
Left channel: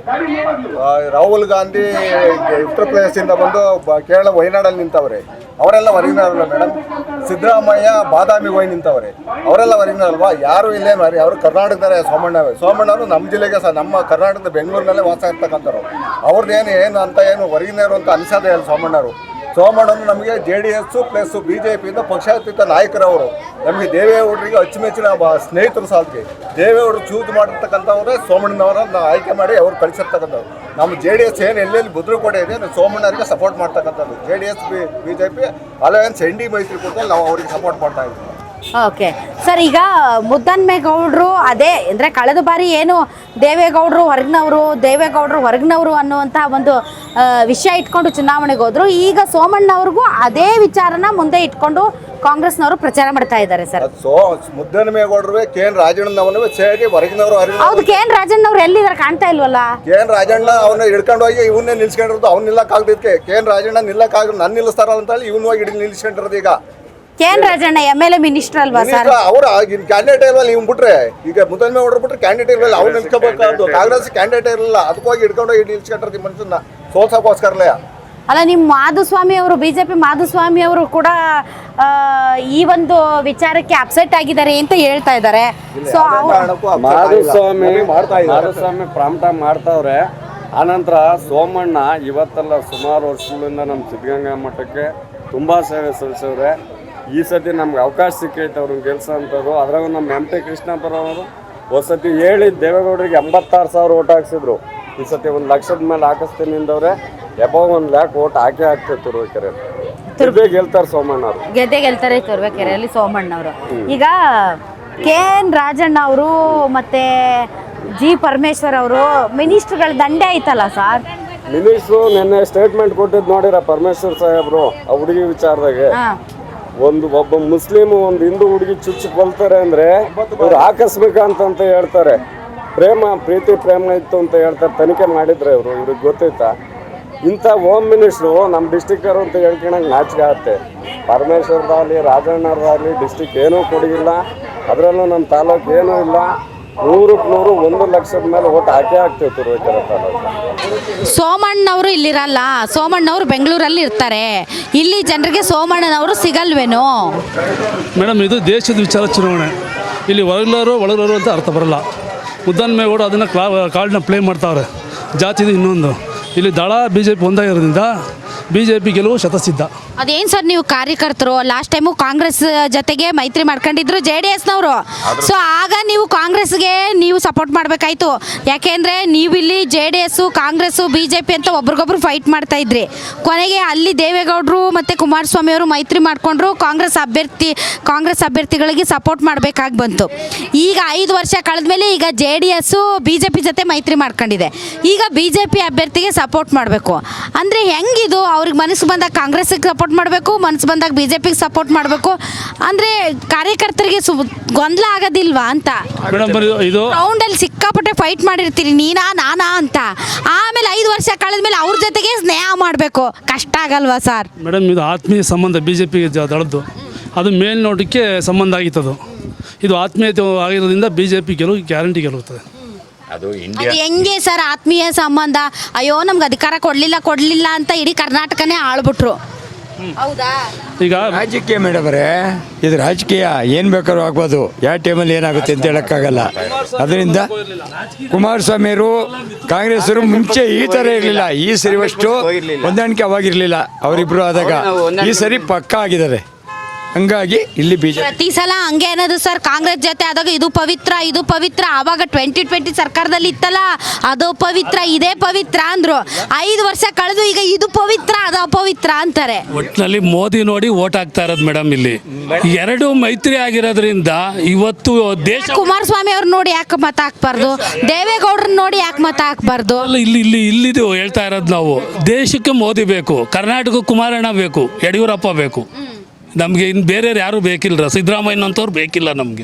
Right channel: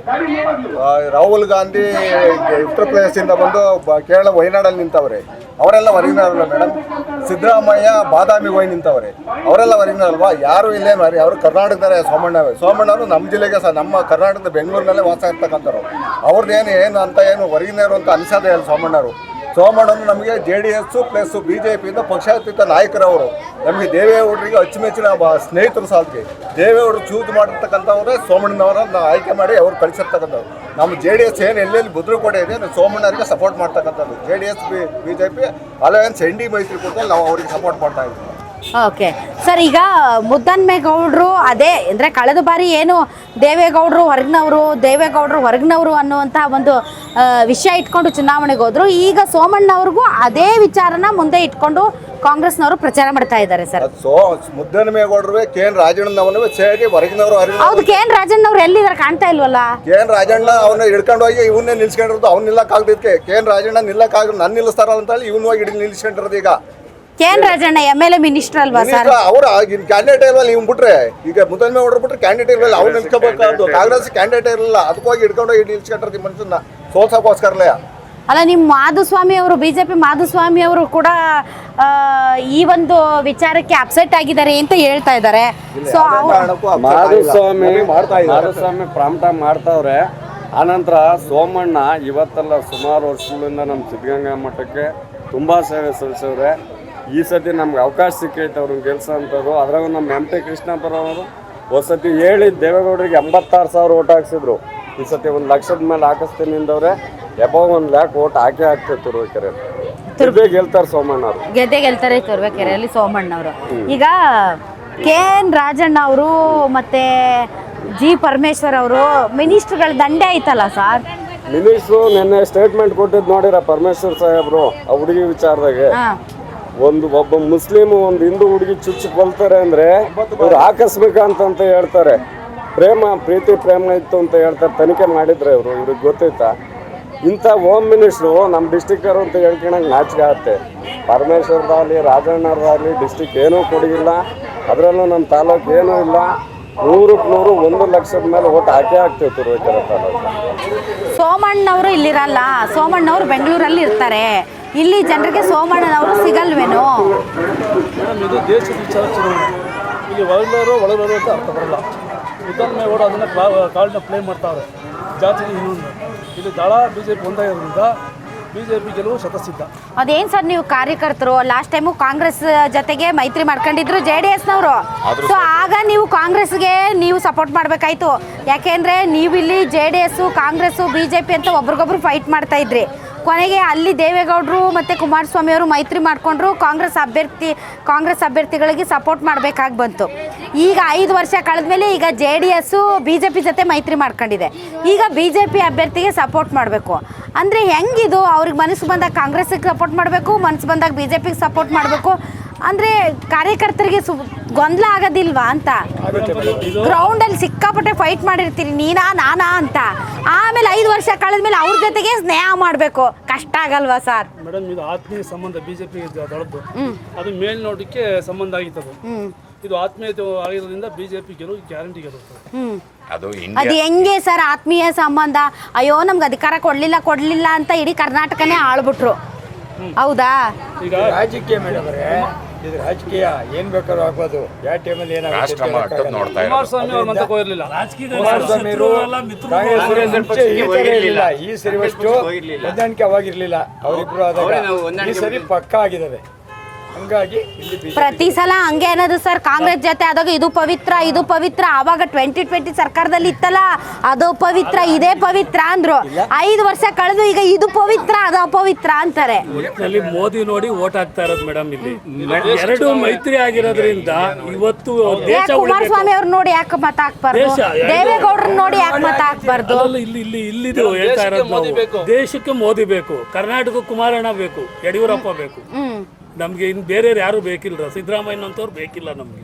ರಾಹುಲ್ ಗಾಂಧಿ ಉತ್ತರ ಪ್ರದೇಶದಿಂದ ಬಂದು ಕೇರಳ ವಯನಾಡಲ್ಲಿ ನಿಂತವ್ರೆ. ಅವರೆಲ್ಲ ಹೊರಗಿನವರಲ್ಲ ಮೇಡಮ್. ಸಿದ್ದರಾಮಯ್ಯ ಬಾದಾಮಿ ಹೋಗಿ ನಿಂತವ್ರೆ. ಅವರೆಲ್ಲ ಹೊರಗಿನಲ್ವಾ? ಯಾರು ಇಲ್ಲೇ ಮಾರಿ. ಅವರು ಕರ್ನಾಟಕದಲ್ಲೇ ಸೋಮಣ್ಣವರು ನಮ್ಮ ಜಿಲ್ಲೆಗೆ ನಮ್ಮ ಕರ್ನಾಟಕದ ಬೆಂಗಳೂರಿನಲ್ಲೇ ವಾಸ ಇರ್ತಕ್ಕಂಥವ್ರು. ಅವ್ರದ್ದೇನು ಏನು ಅಂತ ಏನು ಹೊರಗಿನವರು ಅಂತ ಅನಿಸೋದೇ ಇಲ್ಲ ಸೋಮಣ್ಣವರು. ಸೋಮಣ್ಣವರು ನಮಗೆ JDS ಪ್ಲಸ್ BJಪಿಯಿಂದ ಪಕ್ಷಾತೀತ ನಾಯಕರವರು. ನಮಗೆ ದೇವೇಗೌಡರಿಗೆ ಅಚ್ಚುಮೆಚ್ಚಿನ ಸ್ನೇಹಿತರು ಸಾಧ್ಯ. ದೇವೇಗೌಡರು ಚೂಸ್ ಮಾಡಿರ್ತಕ್ಕಂಥವ್ರೆ ಸೋಮಣ್ಣನವರನ್ನ ಆಯ್ಕೆ ಮಾಡಿ ಅವ್ರು ಕಳಿಸಿರ್ತಕ್ಕಂಥವ್ರು. ನಮ್ಮ JDS ಏನು ಎಲ್ಲೆಲ್ಲಿ ಭದ್ರಕೋಟೆ ಇದೆ ಸೋಮಣ್ಣರಿಗೆ ಸಪೋರ್ಟ್ ಮಾಡ್ತಕ್ಕಂಥದ್ದು. JDS BJP ಅಲಯನ್ಸ್ ND ಮೈತ್ರಿಕೂಟದಲ್ಲಿ ನಾವು ಅವರಿಗೆ ಸಪೋರ್ಟ್ ಮಾಡ್ತಾ ಇದ್ದೀವಿ. ಓಕೆ ಸರ್, ಈಗ ಮುದ್ದನ್ಮೇಗೌಡರು ಅದೇ ಅಂದರೆ ಕಳೆದ ಬಾರಿ ಏನು ದೇವೇಗೌಡರು ಹೊರಗಿನವರು ಅನ್ನುವಂಥ ಒಂದು ವಿಷಯ ಇಟ್ಕೊಂಡು ಚುನಾವಣೆಗೆ ಹೋದರು. ಈಗ ಸೋಮಣ್ಣವ್ರಿಗೂ ಅದೇ ವಿಚಾರನ ಮುಂದೆ ಇಟ್ಕೊಂಡು ಕಾಂಗ್ರೆಸ್ನವರು ಪ್ರಚಾರ ಮಾಡ್ತಾ ಇದ್ದಾರೆ ಸರ್. ಮುದ್ದನಮೇಗೌಡರು ಕೆ.ಎನ್. ರಾಜಣ್ಣನವನು ಸೇರಿ ಹೊರಗಿನವರು ಹೌದು, ಕೆ.ಎನ್. ರಾಜಣ್ಣವ್ರು ಎಲ್ಲಿದ್ದಾರೆ ಕಾಣ್ತಾ ಇಲ್ವಲ್ಲ? ಕೆ.ಎನ್. ರಾಜಣ್ಣ ಅವನ್ನ ಹಿಡ್ಕೊಂಡು ಹೋಗಿ ಇವನ್ನೇ ನಿಲ್ಸ್ಕೊಂಡಿರೋದು. ಅವ್ನು ನಿಲ್ಲಕ್ಕಾಗದಕ್ಕೆ ಕೆ.ಎನ್. ರಾಜಣ್ಣ ನಿಲ್ಲಕ್ಕಾಗ ನನ್ನ ನಿಲ್ಲಿಸ್ತಾರ ಅಂತ ಹೇಳಿ ಇವನು ಹೋಗಿ ಹಿಡಿದು ನಿಲ್ಸ್ಕೊಂಡಿರೋದು. ಈಗ ಕೆ.ಎನ್. ರಾಜಣ್ಣ MLA ಮಿನಿಸ್ಟರ್ ಅಲ್ವಾ ಸರ್? ಅವ್ರು ಕ್ಯಾಂಡಿಡೇಟ್ ಇಲ್ವಲ್ಲ, ಇವ್ನು ಬಿಟ್ರೆ ಈಗ ಮುದ್ದನಮೇಗೌಡರು ಬಿಟ್ರೆ ಕ್ಯಾಂಡಿಡೇಟ್ ಇರಲಿಲ್ಲ. ಅವ್ರು ನಿಲ್ಸ್ಕೋಬೇಕಾದ್ರು. ಕಾಂಗ್ರೆಸ್ ಕ್ಯಾಂಡಿಡೇಟ್ ಇರಲಿಲ್ಲ, ಅದಕ್ಕೋಗಿ ಹಿಡ್ಕೊಂಡು ಹೋಗಿ ನಿಲ್ಸ್ಕೊಂಡಿರೋದು ಮನುಷ್ಯನ ಸೋಲ್ಸಕ್ಕೋಸ್ಕರಲೇ. ಅಲ್ಲ, ನಿಮ್ಮ ಮಾಧುಸ್ವಾಮಿ ಅವರು BJP ಮಾಧುಸ್ವಾಮಿ ಅವರು ಕೂಡ ಈ ಒಂದು ವಿಚಾರಕ್ಕೆ ಅಪ್ಸೆಟ್ ಆಗಿದ್ದಾರೆ ಅಂತ ಹೇಳ್ತಾ ಇದ್ದಾರೆ. ಸೊ ಮಾಧುಸ್ವಾಮಿ ಪ್ರಾಂಪ್ಟಾಗಿ ಮಾಡ್ತಾವ್ರೆ. ಆನಂತರ ಸೋಮಣ್ಣ ಇವತ್ತಲ್ಲ ಸುಮಾರು ವರ್ಷಗಳಿಂದ ನಮ್ಮ ಸಿದ್ಧಗಂಗಾ ಮಠಕ್ಕೆ ತುಂಬ ಸೇವೆ ಸಲ್ಲಿಸವ್ರೆ. ಈ ಸತಿ ನಮ್ಗೆ ಅವಕಾಶ ಸಿಕ್ಕೈತೆ ಅವ್ರನ್ನ ಗೆಲ್ಸೋ ಅಂಥದ್ದು. ಅದ್ರಾಗ ನಮ್ಮ MP ಕೃಷ್ಣಪ್ಪರವರು ಹೊಸತಿ ಹೇಳಿ ದೇವೇಗೌಡರಿಗೆ 86,000 ಓಟ್ ಹಾಕ್ಸಿದ್ರು. ಈ ಸತಿ 1 ಲಕ್ಷದ ಮೇಲೆ ಹಾಕಿಸ್ತೀನಿ ನಿಂದವ್ರೆ. ಎಬವ್ 1 ಲ್ಯಾಕ್ ಓಟ್ ಹಾಕ್ತೇವೆ ತುರುವೇಕೆರೆ. ಗೆಲ್ತಾರೆ ಸೋಮಣ್ಣ ಅವರು, ಗೆದ್ದೆ ಗೆಲ್ತಾರೆ ತುರುವೇಕೆರೆಯಲ್ಲಿ ಸೋಮಣ್ಣ ಅವರು. ಈಗ ಕೆ.ಎನ್. ರಾಜಣ್ಣ ಅವರು ಮತ್ತೆ ಜಿ. ಪರಮೇಶ್ವರ್ ಅವರು ಮಿನಿಸ್ಟರ್ಗಳ ದಂಡೆ ಐತಲ್ಲ ಸರ್? ಮಿನಿಸ್ಟ್ರು ನಿನ್ನೆ ಸ್ಟೇಟ್ಮೆಂಟ್ ಕೊಟ್ಟಿದ್ದು ನೋಡಿರ ಪರಮೇಶ್ವರ್ ಸಾಹೇಬ್ರು ಆ ಹುಡುಗಿ ವಿಚಾರದಾಗೆ. ಒಬ್ಬ ಮುಸ್ಲಿಮ್ ಒಂದು ಹಿಂದೂ ಹುಡುಗಿ ಚುಚ್ಚಿ ಕೊಲ್ತಾರೆ ಅಂದ್ರೆ ಇವ್ರು ಹಾಕಿಸ್ಬೇಕಂತ ಹೇಳ್ತಾರೆ. ಪ್ರೀತಿ ಪ್ರೇಮ ಇತ್ತು ಅಂತ ಹೇಳ್ತಾರೆ. ತನಿಖೆ ಮಾಡಿದ್ರೆ ಇವ್ರಿಗೆ ಗೊತ್ತೈತಾ? ಇಂಥ ಹೋಮ್ ಮಿನಿಸ್ಟ್ರು ನಮ್ಮ ಡಿಸ್ಟಿಕ್ಕರು ಅಂತ ಹೇಳ್ಕೊಳಂಗೆ ನಾಚಿಕೆ ಆಗುತ್ತೆ. ಪರಮೇಶ್ವರದಾಗಲಿ ರಾಜಣ್ಣರದಾಗಲಿ ಡಿಸ್ಟಿಕ್ ಏನೂ ಕೊಡಗಿಲ್ಲ. ಅದರಲ್ಲೂ ನಮ್ಮ ತಾಲೂಕು ಏನೂ ಇಲ್ಲ. 100ಕ್ಕೆ 100 1 ಲಕ್ಷದ ಮೇಲೆ ಓಟ್ ಹಾಕ್ತೇವೆ ತುರುವೇಕೆರೆ ತಾಲೂಕು. ಸೋಮಣ್ಣವರು ಇಲ್ಲಿರಲ್ಲ, ಸೋಮಣ್ಣವರು ಬೆಂಗಳೂರಲ್ಲಿ ಇರ್ತಾರೆ. ಇಲ್ಲಿ ಜನರಿಗೆ ಸೋಮಣ್ಣನವರು ಸಿಗಲ್ವೇನೋ? ಮೇಡಮ್, ಇದು ದೇಶದ ವಿಚಾರ ಚುನಾವಣೆ. ಇಲ್ಲಿ ಒಳಗಲವರು ಅಂತ ಅರ್ಥ ಬರಲ್ಲ. ಮುದ್ದನಮೇಗೌಡ ಅದನ್ನು ಕಾರ್ಡ್ನ ಪ್ಲೇ ಮಾಡ್ತಾವ್ರೆ. ಜಾತಿದು ಇನ್ನೊಂದು. ಇಲ್ಲಿ ದಳ BJP ಒಂದಾಗಿರೋದ್ರಿಂದ BJP ಗೆಲುವು ಶತಸಿದ್ಧ. ಅದೇನು ಸರ್, ನೀವು ಕಾರ್ಯಕರ್ತರು ಲಾಸ್ಟ್ ಟೈಮು ಕಾಂಗ್ರೆಸ್ ಜೊತೆಗೆ ಮೈತ್ರಿ ಮಾಡ್ಕೊಂಡಿದ್ರು JDSನವರು. ಸೊ ಆಗ ನೀವು ಕಾಂಗ್ರೆಸ್ಗೆ ನೀವು ಸಪೋರ್ಟ್ ಮಾಡಬೇಕಾಯ್ತು. ಯಾಕೆಂದರೆ ನೀವಿಲ್ಲಿ JDS, ಕಾಂಗ್ರೆಸ್ಸು, BJP ಅಂತ ಒಬ್ರಿಗೊಬ್ರು ಫೈಟ್ ಮಾಡ್ತಾ ಇದ್ರಿ. ಕೊನೆಗೆ ಅಲ್ಲಿ ದೇವೇಗೌಡರು ಮತ್ತು ಕುಮಾರಸ್ವಾಮಿ ಅವರು ಮೈತ್ರಿ ಮಾಡಿಕೊಂಡ್ರು. ಕಾಂಗ್ರೆಸ್ ಅಭ್ಯರ್ಥಿಗಳಿಗೆ ಸಪೋರ್ಟ್ ಮಾಡಬೇಕಾಗಿ ಬಂತು. ಈಗ 5 ವರ್ಷ ಕಳೆದ್ಮೇಲೆ ಈಗ JDS BJP ಜೊತೆ ಮೈತ್ರಿ ಮಾಡ್ಕೊಂಡಿದೆ. ಈಗ BJP ಅಭ್ಯರ್ಥಿಗೆ ಸಪೋರ್ಟ್ ಮಾಡಬೇಕು ಅಂದರೆ ಹೆಂಗಿದು? ಅವ್ರಿಗೆ ಮನಸ್ಸು ಬಂದಾಗ ಕಾಂಗ್ರೆಸ್ಗೆ ಸಪೋರ್ಟ್ ಮಾಡಬೇಕು, ಮನಸ್ಸು ಬಂದಾಗ BJPಗೆ ಸಪೋರ್ಟ್ ಮಾಡಬೇಕು ಅಂದರೆ ಕಾರ್ಯಕರ್ತರಿಗೆ ಗೊಂದಲ ಆಗೋದಿಲ್ವಾ ಅಂತ? ಗ್ರೌಂಡಲ್ಲಿ ಸಿಕ್ಕಾಪಟ್ಟೆ ಫೈಟ್ ಮಾಡಿರ್ತೀರಿ, ನಾನಾ ಅಂತ. ಆಮೇಲೆ 5 ವರ್ಷ ಕಳೆದ್ಮೇಲೆ ಅವ್ರ ಜೊತೆಗೆ ಸ್ನೇಹ ಮಾಡಬೇಕು, ಕಷ್ಟ ಆಗಲ್ವಾ ಸರ್? ಮೇಡಮ್, ಇದು ಆತ್ಮೀಯ ಸಂಬಂಧ BJPಗೆ ದಳದ್ದು. ಅದು ಮೇಲ್ನೋಟಕ್ಕೆ ಸಂಬಂಧ ಆಗಿತ್ತದು. ಇದು ಆತ್ಮೀಯತೆ ಆಗಿರೋದ್ರಿಂದ BJP ಗೆಲುವು ಗ್ಯಾರಂಟಿ ಗೆಲ್ಲುತ್ತದೆ. ಅದು ಹೆಂಗೆ ಸರ್ ಆತ್ಮೀಯ ಸಂಬಂಧ? ಅಯ್ಯೋ ನಮ್ಗೆ ಅಧಿಕಾರ ಕೊಡ್ಲಿಲ್ಲ ಅಂತ ಇಡೀ ಕರ್ನಾಟಕನೇ ಆಳ್ಬಿಟ್ರು. ಹೌದಾ? ಈಗ ರಾಜಕೀಯ ಮೇಡಮ್ರೆ, ಇದು ರಾಜಕೀಯ ಏನು ಬೇಕಾದ್ರೂ ಆಗ್ಬೋದು. ಯಾವ ಟೈಮಲ್ಲಿ ಏನಾಗುತ್ತೆ ಅಂತ ಹೇಳಕ್ಕಾಗಲ್ಲ. ಅದರಿಂದ ಕುಮಾರಸ್ವಾಮಿಯವರು ಕಾಂಗ್ರೆಸ್ ಮುಂಚೆ ಈ ಥರ ಇರಲಿಲ್ಲ. ಈ ಸರಿವಷ್ಟು ಹೊಂದಾಣಿಕೆ ಅವಾಗಿರಲಿಲ್ಲ. ಅವರಿಬ್ರು ಆದಾಗ ಈ ಸರಿ ಪಕ್ಕಾ ಆಗಿದ್ದಾರೆ. ಹಂಗಾಗಿ ಇಲ್ಲಿ ಪ್ರತಿ ಸಲ ಹಂಗೆ ಅನ್ನೋದು ಸರ್. ಕಾಂಗ್ರೆಸ್ ಜೊತೆ ಆದಾಗ ಇದು ಪವಿತ್ರ ಆವಾಗ 2020 ಸರ್ಕಾರದಲ್ಲಿ ಇತ್ತಲ್ಲ, ಅದು ಪವಿತ್ರ, ಇದೇ ಪವಿತ್ರ ಅಂದ್ರು. 5 ವರ್ಷ ಕಳೆದು ಈಗ ಇದು ಪವಿತ್ರ, ಅದು ಅಪವಿತ್ರ ಅಂತಾರೆ. ಒಟ್ಟಿನಲ್ಲಿ ಮೋದಿ ನೋಡಿ ಓಟ್ ಹಾಕ್ತಾ ಇರೋದು ಮೇಡಮ್. ಇಲ್ಲಿ 2 ಮೈತ್ರಿ ಆಗಿರೋದ್ರಿಂದ ಇವತ್ತು ದೇಶ ಕುಮಾರಸ್ವಾಮಿ ಅವ್ರು ನೋಡಿ ಯಾಕೆ ಮತ ಹಾಕ್ಬಾರ್ದು? ದೇವೇಗೌಡರನ್ನ ನೋಡಿ ಯಾಕೆ ಮತ ಹಾಕ್ಬಾರ್ದು? ಇಲ್ಲಿದು ಹೇಳ್ತಾ ಇರೋದು ನಾವು. ದೇಶಕ್ಕೆ ಮೋದಿ ಬೇಕು, ಕರ್ನಾಟಕಕ್ಕೆ ಕುಮಾರಣ್ಣ ಬೇಕು, ಯಡಿಯೂರಪ್ಪ ಬೇಕು. ನಮ್ಗೆ ಇನ್ನು ಬೇರೆ ಯಾರು ಬೇಕಿಲ್ಲ. ಸಿದ್ದರಾಮಯ್ಯನಂತವ್ರು ಬೇಕಿಲ್ಲ ನಮ್ಗೆ.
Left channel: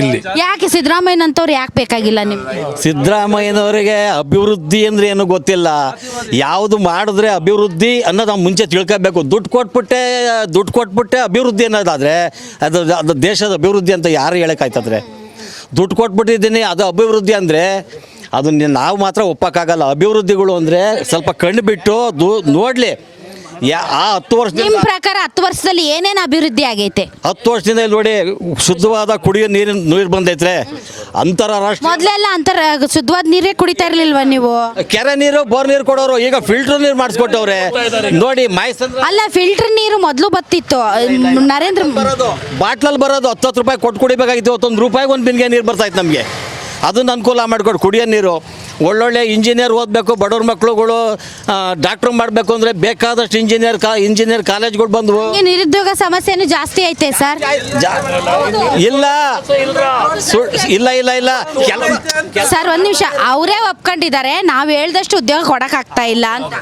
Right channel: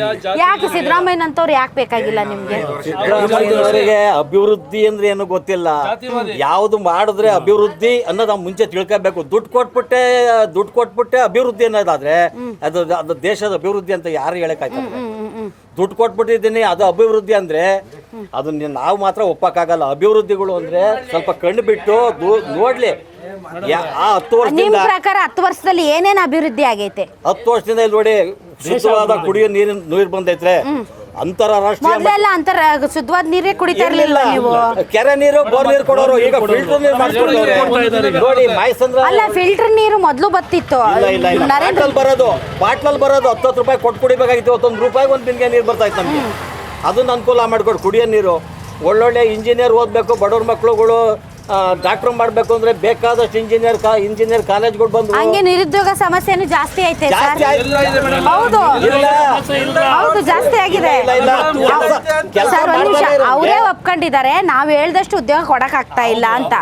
ಇಲ್ಲಿ ಯಾಕೆ ಸಿದ್ದರಾಮಯ್ಯನಂತವ್ರು ಯಾಕೆ ಬೇಕಾಗಿಲ್ಲ ನಿಮ್ಗೆ? ಸಿದ್ದರಾಮಯ್ಯನವರಿಗೆ ಅಭಿವೃದ್ಧಿ ಅಂದ್ರೆ ಏನು ಗೊತ್ತಿಲ್ಲ. ಯಾವುದು ಮಾಡಿದ್ರೆ ಅಭಿವೃದ್ಧಿ ಅನ್ನೋದು ನಾವು ಮುಂಚೆ ತಿಳ್ಕೋಬೇಕು. ದುಡ್ಡು ಕೊಟ್ಬಿಟ್ಟೆ ಅಭಿವೃದ್ಧಿ ಅನ್ನೋದಾದ್ರೆ ಅದು ದೇಶದ ಅಭಿವೃದ್ಧಿ ಅಂತ ಯಾರು ಹೇಳಕ್ಕಾಯ್ತದ್ರೆ? ದುಡ್ಡು ಕೊಟ್ಬಿಟ್ಟಿದ್ದೀನಿ ಅದು ಅಭಿವೃದ್ಧಿ ಅಂದರೆ ಅದು ನಾವು ಮಾತ್ರ ಒಪ್ಪಕ್ಕಾಗಲ್ಲ. ಅಭಿವೃದ್ಧಿಗಳು ಅಂದರೆ ಸ್ವಲ್ಪ ಕಣ್ಣು ಬಿಟ್ಟು ನೋಡಲಿ. ಆ 10 ವರ್ಷದಿಂದ ಪ್ರಕಾರ 10 ವರ್ಷದಲ್ಲಿ ಏನೇನು ಅಭಿವೃದ್ಧಿ ಆಗೈತೆ? 10 ವರ್ಷದಿಂದ ನೋಡಿ, ಶುದ್ಧವಾದ ಕುಡಿಯೋ ನೀರು ಬಂದೈತ್ರೆ. ಮೊದಲೆಲ್ಲ ಶುದ್ಧವಾದ ನೀರೇ ಕುಡಿತಾ ಇರ್ಲಿಲ್ವಾ ನೀವು? ಕೆರೆ ನೀರು, ಬೋರ್ ನೀರು ಕೊಡೋರು, ಈಗ ಫಿಲ್ಟರ್ ನೀರು ಮಾಡಿಸ್ಕೊಟ್ಟವ್ರೆ ನೋಡಿ. ಅಲ್ಲ, ಫಿಲ್ಟರ್ ನೀರು ಮೊದಲು ಬತ್ತಿತ್ತು. ನರೇಂದ್ರ ಬರೋದು ಬಾಟ್ಲಲ್ಲಿ ಬರೋದು 10 ರೂಪಾಯಿ ಕೊಟ್ಟು ಕುಡಿಬೇಕಾಗಿತ್ತು. 1 ರೂಪಾಯಿಗೆ 1 ಬಿನ್ಗೆ ನೀರು ಬರ್ತಾಯಿತ್ತು ನಮಗೆ. ಅದನ್ನ ಅನುಕೂಲ ಮಾಡಿಕೊಡು. ಕುಡಿಯೋ ನೀರು ಒಳ್ಳೊಳ್ಳೆ ಇಂಜಿನಿಯರ್ ಓದಬೇಕು, ಬಡವ್ರ ಮಕ್ಕಳುಗಳು ಡಾಕ್ಟ್ರ್ ಮಾಡಬೇಕು ಅಂದರೆ ಬೇಕಾದಷ್ಟು ಇಂಜಿನಿಯರ್ ಕಾಲೇಜ್ಗಳು ಬಂದವು. ನಿರುದ್ಯೋಗ ಸಮಸ್ಯೆನೂ ಜಾಸ್ತಿ ಐತೆ ಸರ್. ಇಲ್ಲ ಸರ್, 1 ನಿಮಿಷ. ಅವರೇ ಒಪ್ಕೊಂಡಿದ್ದಾರೆ, ನಾವು ಹೇಳ್ದಷ್ಟು ಉದ್ಯೋಗ ಕೊಡಕ್ ಆಗ್ತಾ ಇಲ್ಲ ಅಂತ.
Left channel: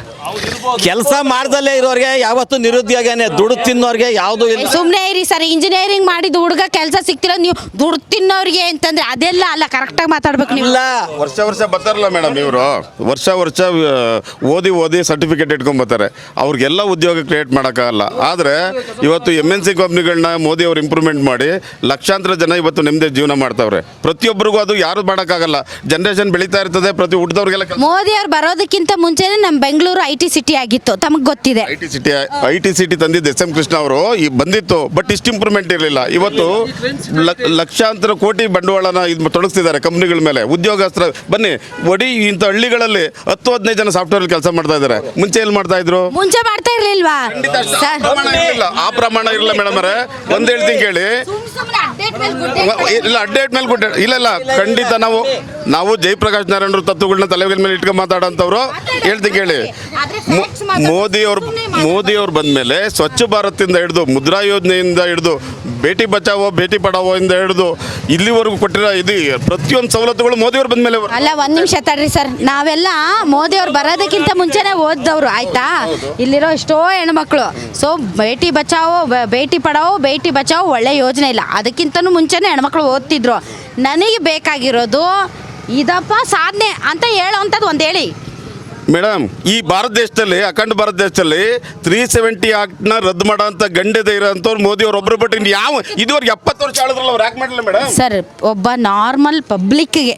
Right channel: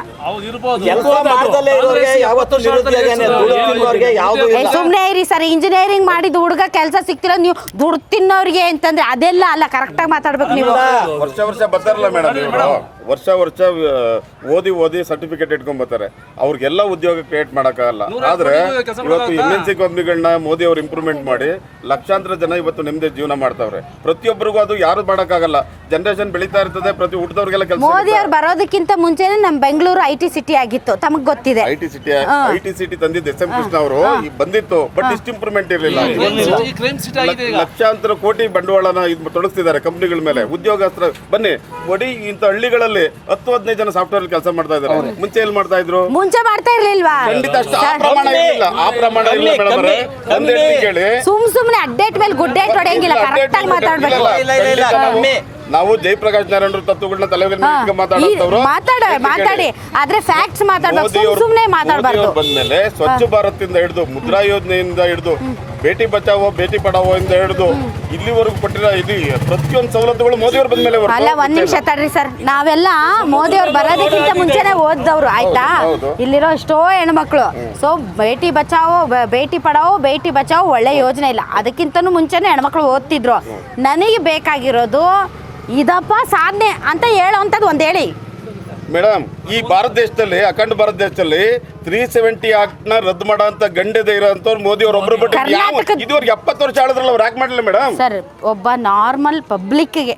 ಕೆಲಸ ಮಾಡ್ದಲ್ಲೇ ಇರೋರಿಗೆ ಯಾವತ್ತೂ ನಿರುದ್ಯೋಗನೇ. ದುಡ್ಡು ತಿನ್ನೋರಿಗೆ ಯಾವುದು ಇಲ್ಲ. ಸುಮ್ಮನೆ ಇರಿ ಸರ್ ಇಂಜಿನಿಯರಿಂಗ್ ಮಾಡಿದ ಹುಡುಗ ಕೆಲಸ ಸಿಕ್ತಿರೋ ನೀವು ದುಡ್ಡು ತಿನ್ನೋರಿಗೆ ಅಂತಂದ್ರೆ ಅದೆಲ್ಲ ಅಲ್ಲ, ಕರೆಕ್ಟಾಗಿ ಮಾತಾಡ್ಬೇಕು ನೀವು. ವರ್ಷ ಬರ್ತಾರಲ್ಲ ಮೇಡಮ್, ಇವರು ವರ್ಷ ಓದಿ ಸರ್ಟಿಫಿಕೇಟ್ ಇಟ್ಕೊಂಡ್ ಬರ್ತಾರೆ. ಅವ್ರಿಗೆಲ್ಲ ಉದ್ಯೋಗ ಕ್ರಿಯೇಟ್ ಮಾಡೋಕ್ಕಾಗಲ್ಲ. ಆದರೆ ಇವತ್ತು MNC ಕಂಪ್ನಿಗಳನ್ನ ಮೋದಿ ಅವರು ಇಂಪ್ರೂವ್ಮೆಂಟ್ ಮಾಡಿ ಲಕ್ಷಾಂತರ ಜನ ಇವತ್ತು ನೆಮ್ಮದಿ ಜೀವನ ಮಾಡ್ತಾವ್ರೆ. ಪ್ರತಿಯೊಬ್ಬರಿಗೂ ಅದು ಯಾರು ಮಾಡೋಕ್ಕಾಗಲ್ಲ. ಜನರೇಷನ್ ಬೆಳೀತಾ ಇರ್ತದೆ, ಪ್ರತಿ ಹುಟ್ಟಿದವ್ರಿಗೆಲ್ಲ ಕೆಲಸ. ಮೋದಿ ಅವ್ರು ಬರೋದಕ್ಕಿಂತ ಮುಂಚೆನೆ ನಮ್ಮ ಬೆಂಗಳೂರು IT ಸಿಟಿ ಆಗಿತ್ತು, ತಮಗೆ ಗೊತ್ತಿದೆ. ಐಟಿ ಸಿಟಿ ತಂದಿದ್ದು SM ಕೃಷ್ಣ ಅವರು ಬಂದಿತ್ತು, ಬಟ್ ಇಷ್ಟು ಇಂಪ್ರೂವ್ಮೆಂಟ್ ಇರಲಿಲ್ಲ. ಇವತ್ತು ಲಕ್ಷಾಂತರ ಕೋಟಿ ಬಂಡವಾಳನ ಇದು ತೊಡಗಿಸ್ತಿದ್ದಾರೆ ಕಂಪ್ನಿಗಳ ಮೇಲೆ. ಉದ್ಯೋಗಸ್ತ್ರ ಬನ್ನಿ ಒಡಿ ಇಂಥ ಹಳ್ಳಿಗಳಲ್ಲಿ 10-15 ಜನ ಸಾಫ್ಟ್ವೇರ್ ಕೆಲಸ ಮಾಡ್ತಾ ಇದ್ದಾರೆ. ಮುಂಚೆ ಎಲ್ಲಿ ಮಾಡ್ತಾ ಇದ್ರು? ಮುಂಚೆ ಮಾಡ್ತಾ ಇರ್ಲಿಲ್ವಾ? ಆ ಪ್ರಮಾಣ ಇರಲಿಲ್ಲ ಮೇಡಮ್ ಅವರೇ. ಒಂದ್ ಹೇಳ್ತೀನಿ ಕೇಳಿ, ಸುಮ್ನೆ ಅಪ್ಡೇಟ್ ಮೇಲೆ ಗುಡ್ಡೆ ಇಲ್ಲ ಖಂಡಿತ ನಾವು ಜಯಪ್ರಕಾಶ್ ನಾರಾಯಣರು ತತ್ವಗಳನ್ನ ತಲೆ ಮೇಲೆ ಇಟ್ಕೊಂಡು ಮಾತಾಡೋಂಥವ್ರು. ಹೇಳ್ತೀನಿ ಕೇಳಿ, ಮೋದಿ ಅವರು ಬಂದ್ಮೇಲೆ ಸ್ವಚ್ಛ ಭಾರತ್ ಇಂದ ಹಿಡಿದು ಮುದ್ರಾ ಯೋಜನೆಯಿಂದ ಹಿಡಿದು ಬೇಟಿ ಬಚಾವೋ ಬೇಟಿ ಪಡಾವೋ ಇಂದ ಹಿಡಿದು ಇಲ್ಲಿವರೆಗೂ ಕೊಟ್ಟಿರೋ ಇದು ಪ್ರತಿಯೊಂದು ಸವಲತ್ತುಗಳು ಮೋದಿ ಅವರು ಬಂದ್ಮೇಲೆ. ಅಲ್ಲ, ಒಂದ್ ನಿಮಿಷ ತಡ್ರಿ ಸರ್, ನಾವೆಲ್ಲ ಮೋದಿ ಅವ್ರು ಬರೋದಕ್ಕಿಂತ ಮುಂಚೆನೆ ಓದ್ದವ್ರು, ಆಯ್ತಾ? ಇಲ್ಲಿರೋ ಎಷ್ಟೋ ಹೆಣ್ಮಕ್ಳು. ಸೊ ಬೇಟಿ ಬಚಾವೋ ಬೇಟಿ ಪಡಾವೋ ಬೇಟಿ ಬಚಾವೋ ಒಳ್ಳೆ ಯೋಜನೆ ಇಲ್ಲ, ಅದಕ್ಕಿಂತನೂ ಮುಂಚೆನೆ ಹೆಣ್ಮಕ್ಳು ಓದ್ತಿದ್ರು. ನನಗೆ ಬೇಕಾಗಿರೋದು ಇದಪ್ಪ ಸಾಧನೆ ಅಂತ ಹೇಳೋವಂಥದ್ದು ಒಂದು ಹೇಳಿ ಮೇಡಮ್. ಈ ಭಾರತ ದೇಶದಲ್ಲಿ, ಅಖಂಡ ಭಾರತ ದೇಶದಲ್ಲಿ 370 ಆಕ್ಟ್ನ ರದ್ದು ಮಾಡೋ ಅಂತ ಗಂಡದೆ ಇರೋಂಥವ್ರು ಮೋದಿ ಅವ್ರು ಒಬ್ರು ಬಿಟ್ಟು ಯಾವ ಇದುವರೆಗೆ 70 ವರ್ಷ ಆಳಿದ್ರಲ್ಲ, ಅವ್ರು ಯಾಕೆ ಮಾಡಲಿಲ್ಲ ಮೇಡಮ್? ಸರ್, ಒಬ್ಬ ನಾರ್ಮಲ್ ಪಬ್ಲಿಕ್ಗೆ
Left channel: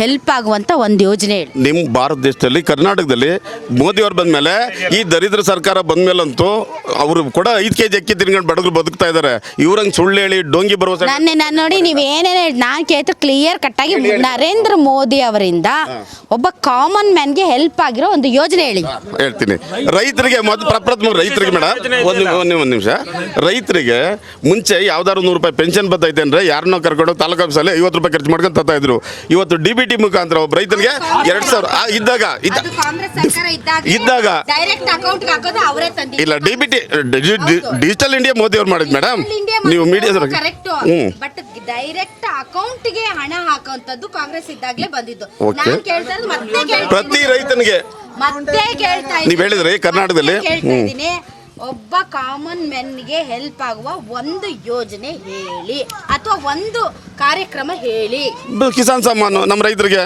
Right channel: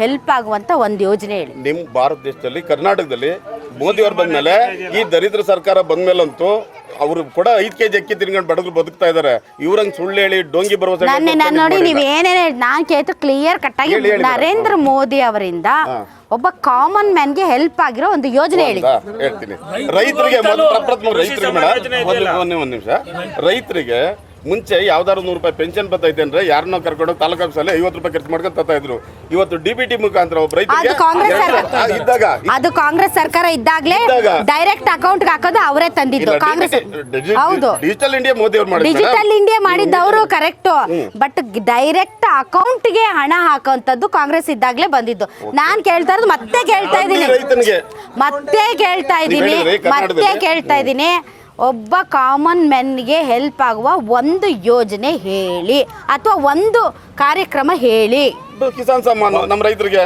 ಹೆಲ್ಪ್ ಆಗುವಂತ ಒಂದು ಯೋಜನೆ ನಿಮ್ಮ ಭಾರತ ದೇಶದಲ್ಲಿ, ಕರ್ನಾಟಕದಲ್ಲಿ ಮೋದಿ ಅವ್ರು ಬಂದ್ಮೇಲೆ, ಈ ದರಿದ್ರ ಸರ್ಕಾರ ಬಂದ್ಮೇಲಂತೂ ಅವರು ಕೂಡ 5 kg ಅಕ್ಕಿ ತಿನ್ಕೊಂಡು ಬಡದ್ರು ಬದುಕ್ತಾ ಇದ್ದಾರೆ. ಇವ್ರಂಗೆ ಸುಳ್ಳು ಹೇಳಿ ಡೋಂಗಿ ಭರವಸೆ ನಾನು ನೋಡಿ, ನೀವು ಏನೇನು ನಾನು ಕೇಳ್ತು ಕ್ಲಿಯರ್ ಕಟ್ಟಾಗಿ ನರೇಂದ್ರ ಮೋದಿ ಅವರಿಂದ ಒಬ್ಬ ಕಾಮನ್ ಮ್ಯಾನ್ಗೆ ಹೆಲ್ಪ್ ಆಗಿರೋ ಒಂದು ಯೋಜನೆ ಹೇಳಿ. ಹೇಳ್ತೀನಿ. ರೈತರಿಗೆ ಪ್ರಪ್ರಥಮ ರೈತರಿಗೆ ಮೇಡಮ್ ಒಂದು ನಿಮಿಷ. ರೈತರಿಗೆ ಮುಂಚೆ ಯಾವ್ದಾದ್ರು 100 ರೂಪಾಯಿ ಪೆನ್ಷನ್ ಬರ್ತೈತೆ ಅಂದ್ರೆ ಯಾರನ್ನೋ ಕರ್ಕೊಂಡು ತಾಲೂಕು ಆಫೀಸಲ್ಲಿ 50 ರೂಪಾಯಿ ಖರ್ಚು ಮಾಡ್ಕೊಂಡು ತರ್ತಾ ಇದ್ರು. ಇವತ್ತು DBT ಮುಖಾಂತರ ಒಬ್ಬ ರೈತರಿಗೆ 2000 ಇದ್ದಾಗ ಅದು ಕಾಂಗ್ರೆಸ್ ಸರ್ಕಾರ ಇದ್ದಾಗ ಡೈರೆಕ್ಟ್ ಅಕೌಂಟ್ ಹಾಕೋದು ಅವರೇ ತಂದಿದ್ದು. ಇಲ್ಲ, ಡಿಜಿಟಲ್ ಇಂಡಿಯಾ ಮೋದಿ ಅವ್ರು ಮಾಡಿದ್ರು ಮೇಡಮ್. ಡಿಜಿಟಲ್ ಇಂಡಿಯಾ ಮಾಡಿದ್ರು ಕರೆಕ್ಟ್, ಬಟ್ ಡೈರೆಕ್ಟ್ ಅಕೌಂಟ್ಗೆ ಹಣ ಹಾಕುವಂತದ್ದು ಕಾಂಗ್ರೆಸ್ ಇದ್ದಾಗಲೇ ಬಂದಿದ್ದು. ನಾನು ಕೇಳ್ತಾ ಇರೋದು ಮತ್ತೆ ಕೇಳ್ತಾ ಇದ್ದೀನಿ, ಒಬ್ಬ ಕಾಮನ್ ಮೆನ್ಗೆ ಹೆಲ್ಪ್ ಆಗುವ ಒಂದು ಯೋಜನೆ ಹೇಳಿ, ಅಥವಾ ಒಂದು ಕಾರ್ಯಕ್ರಮ ಹೇಳಿ. ಕಿಸಾನ್ ಸಮ್ಮಾನ್ ನಮ್ಮ ರೈತರಿಗೆ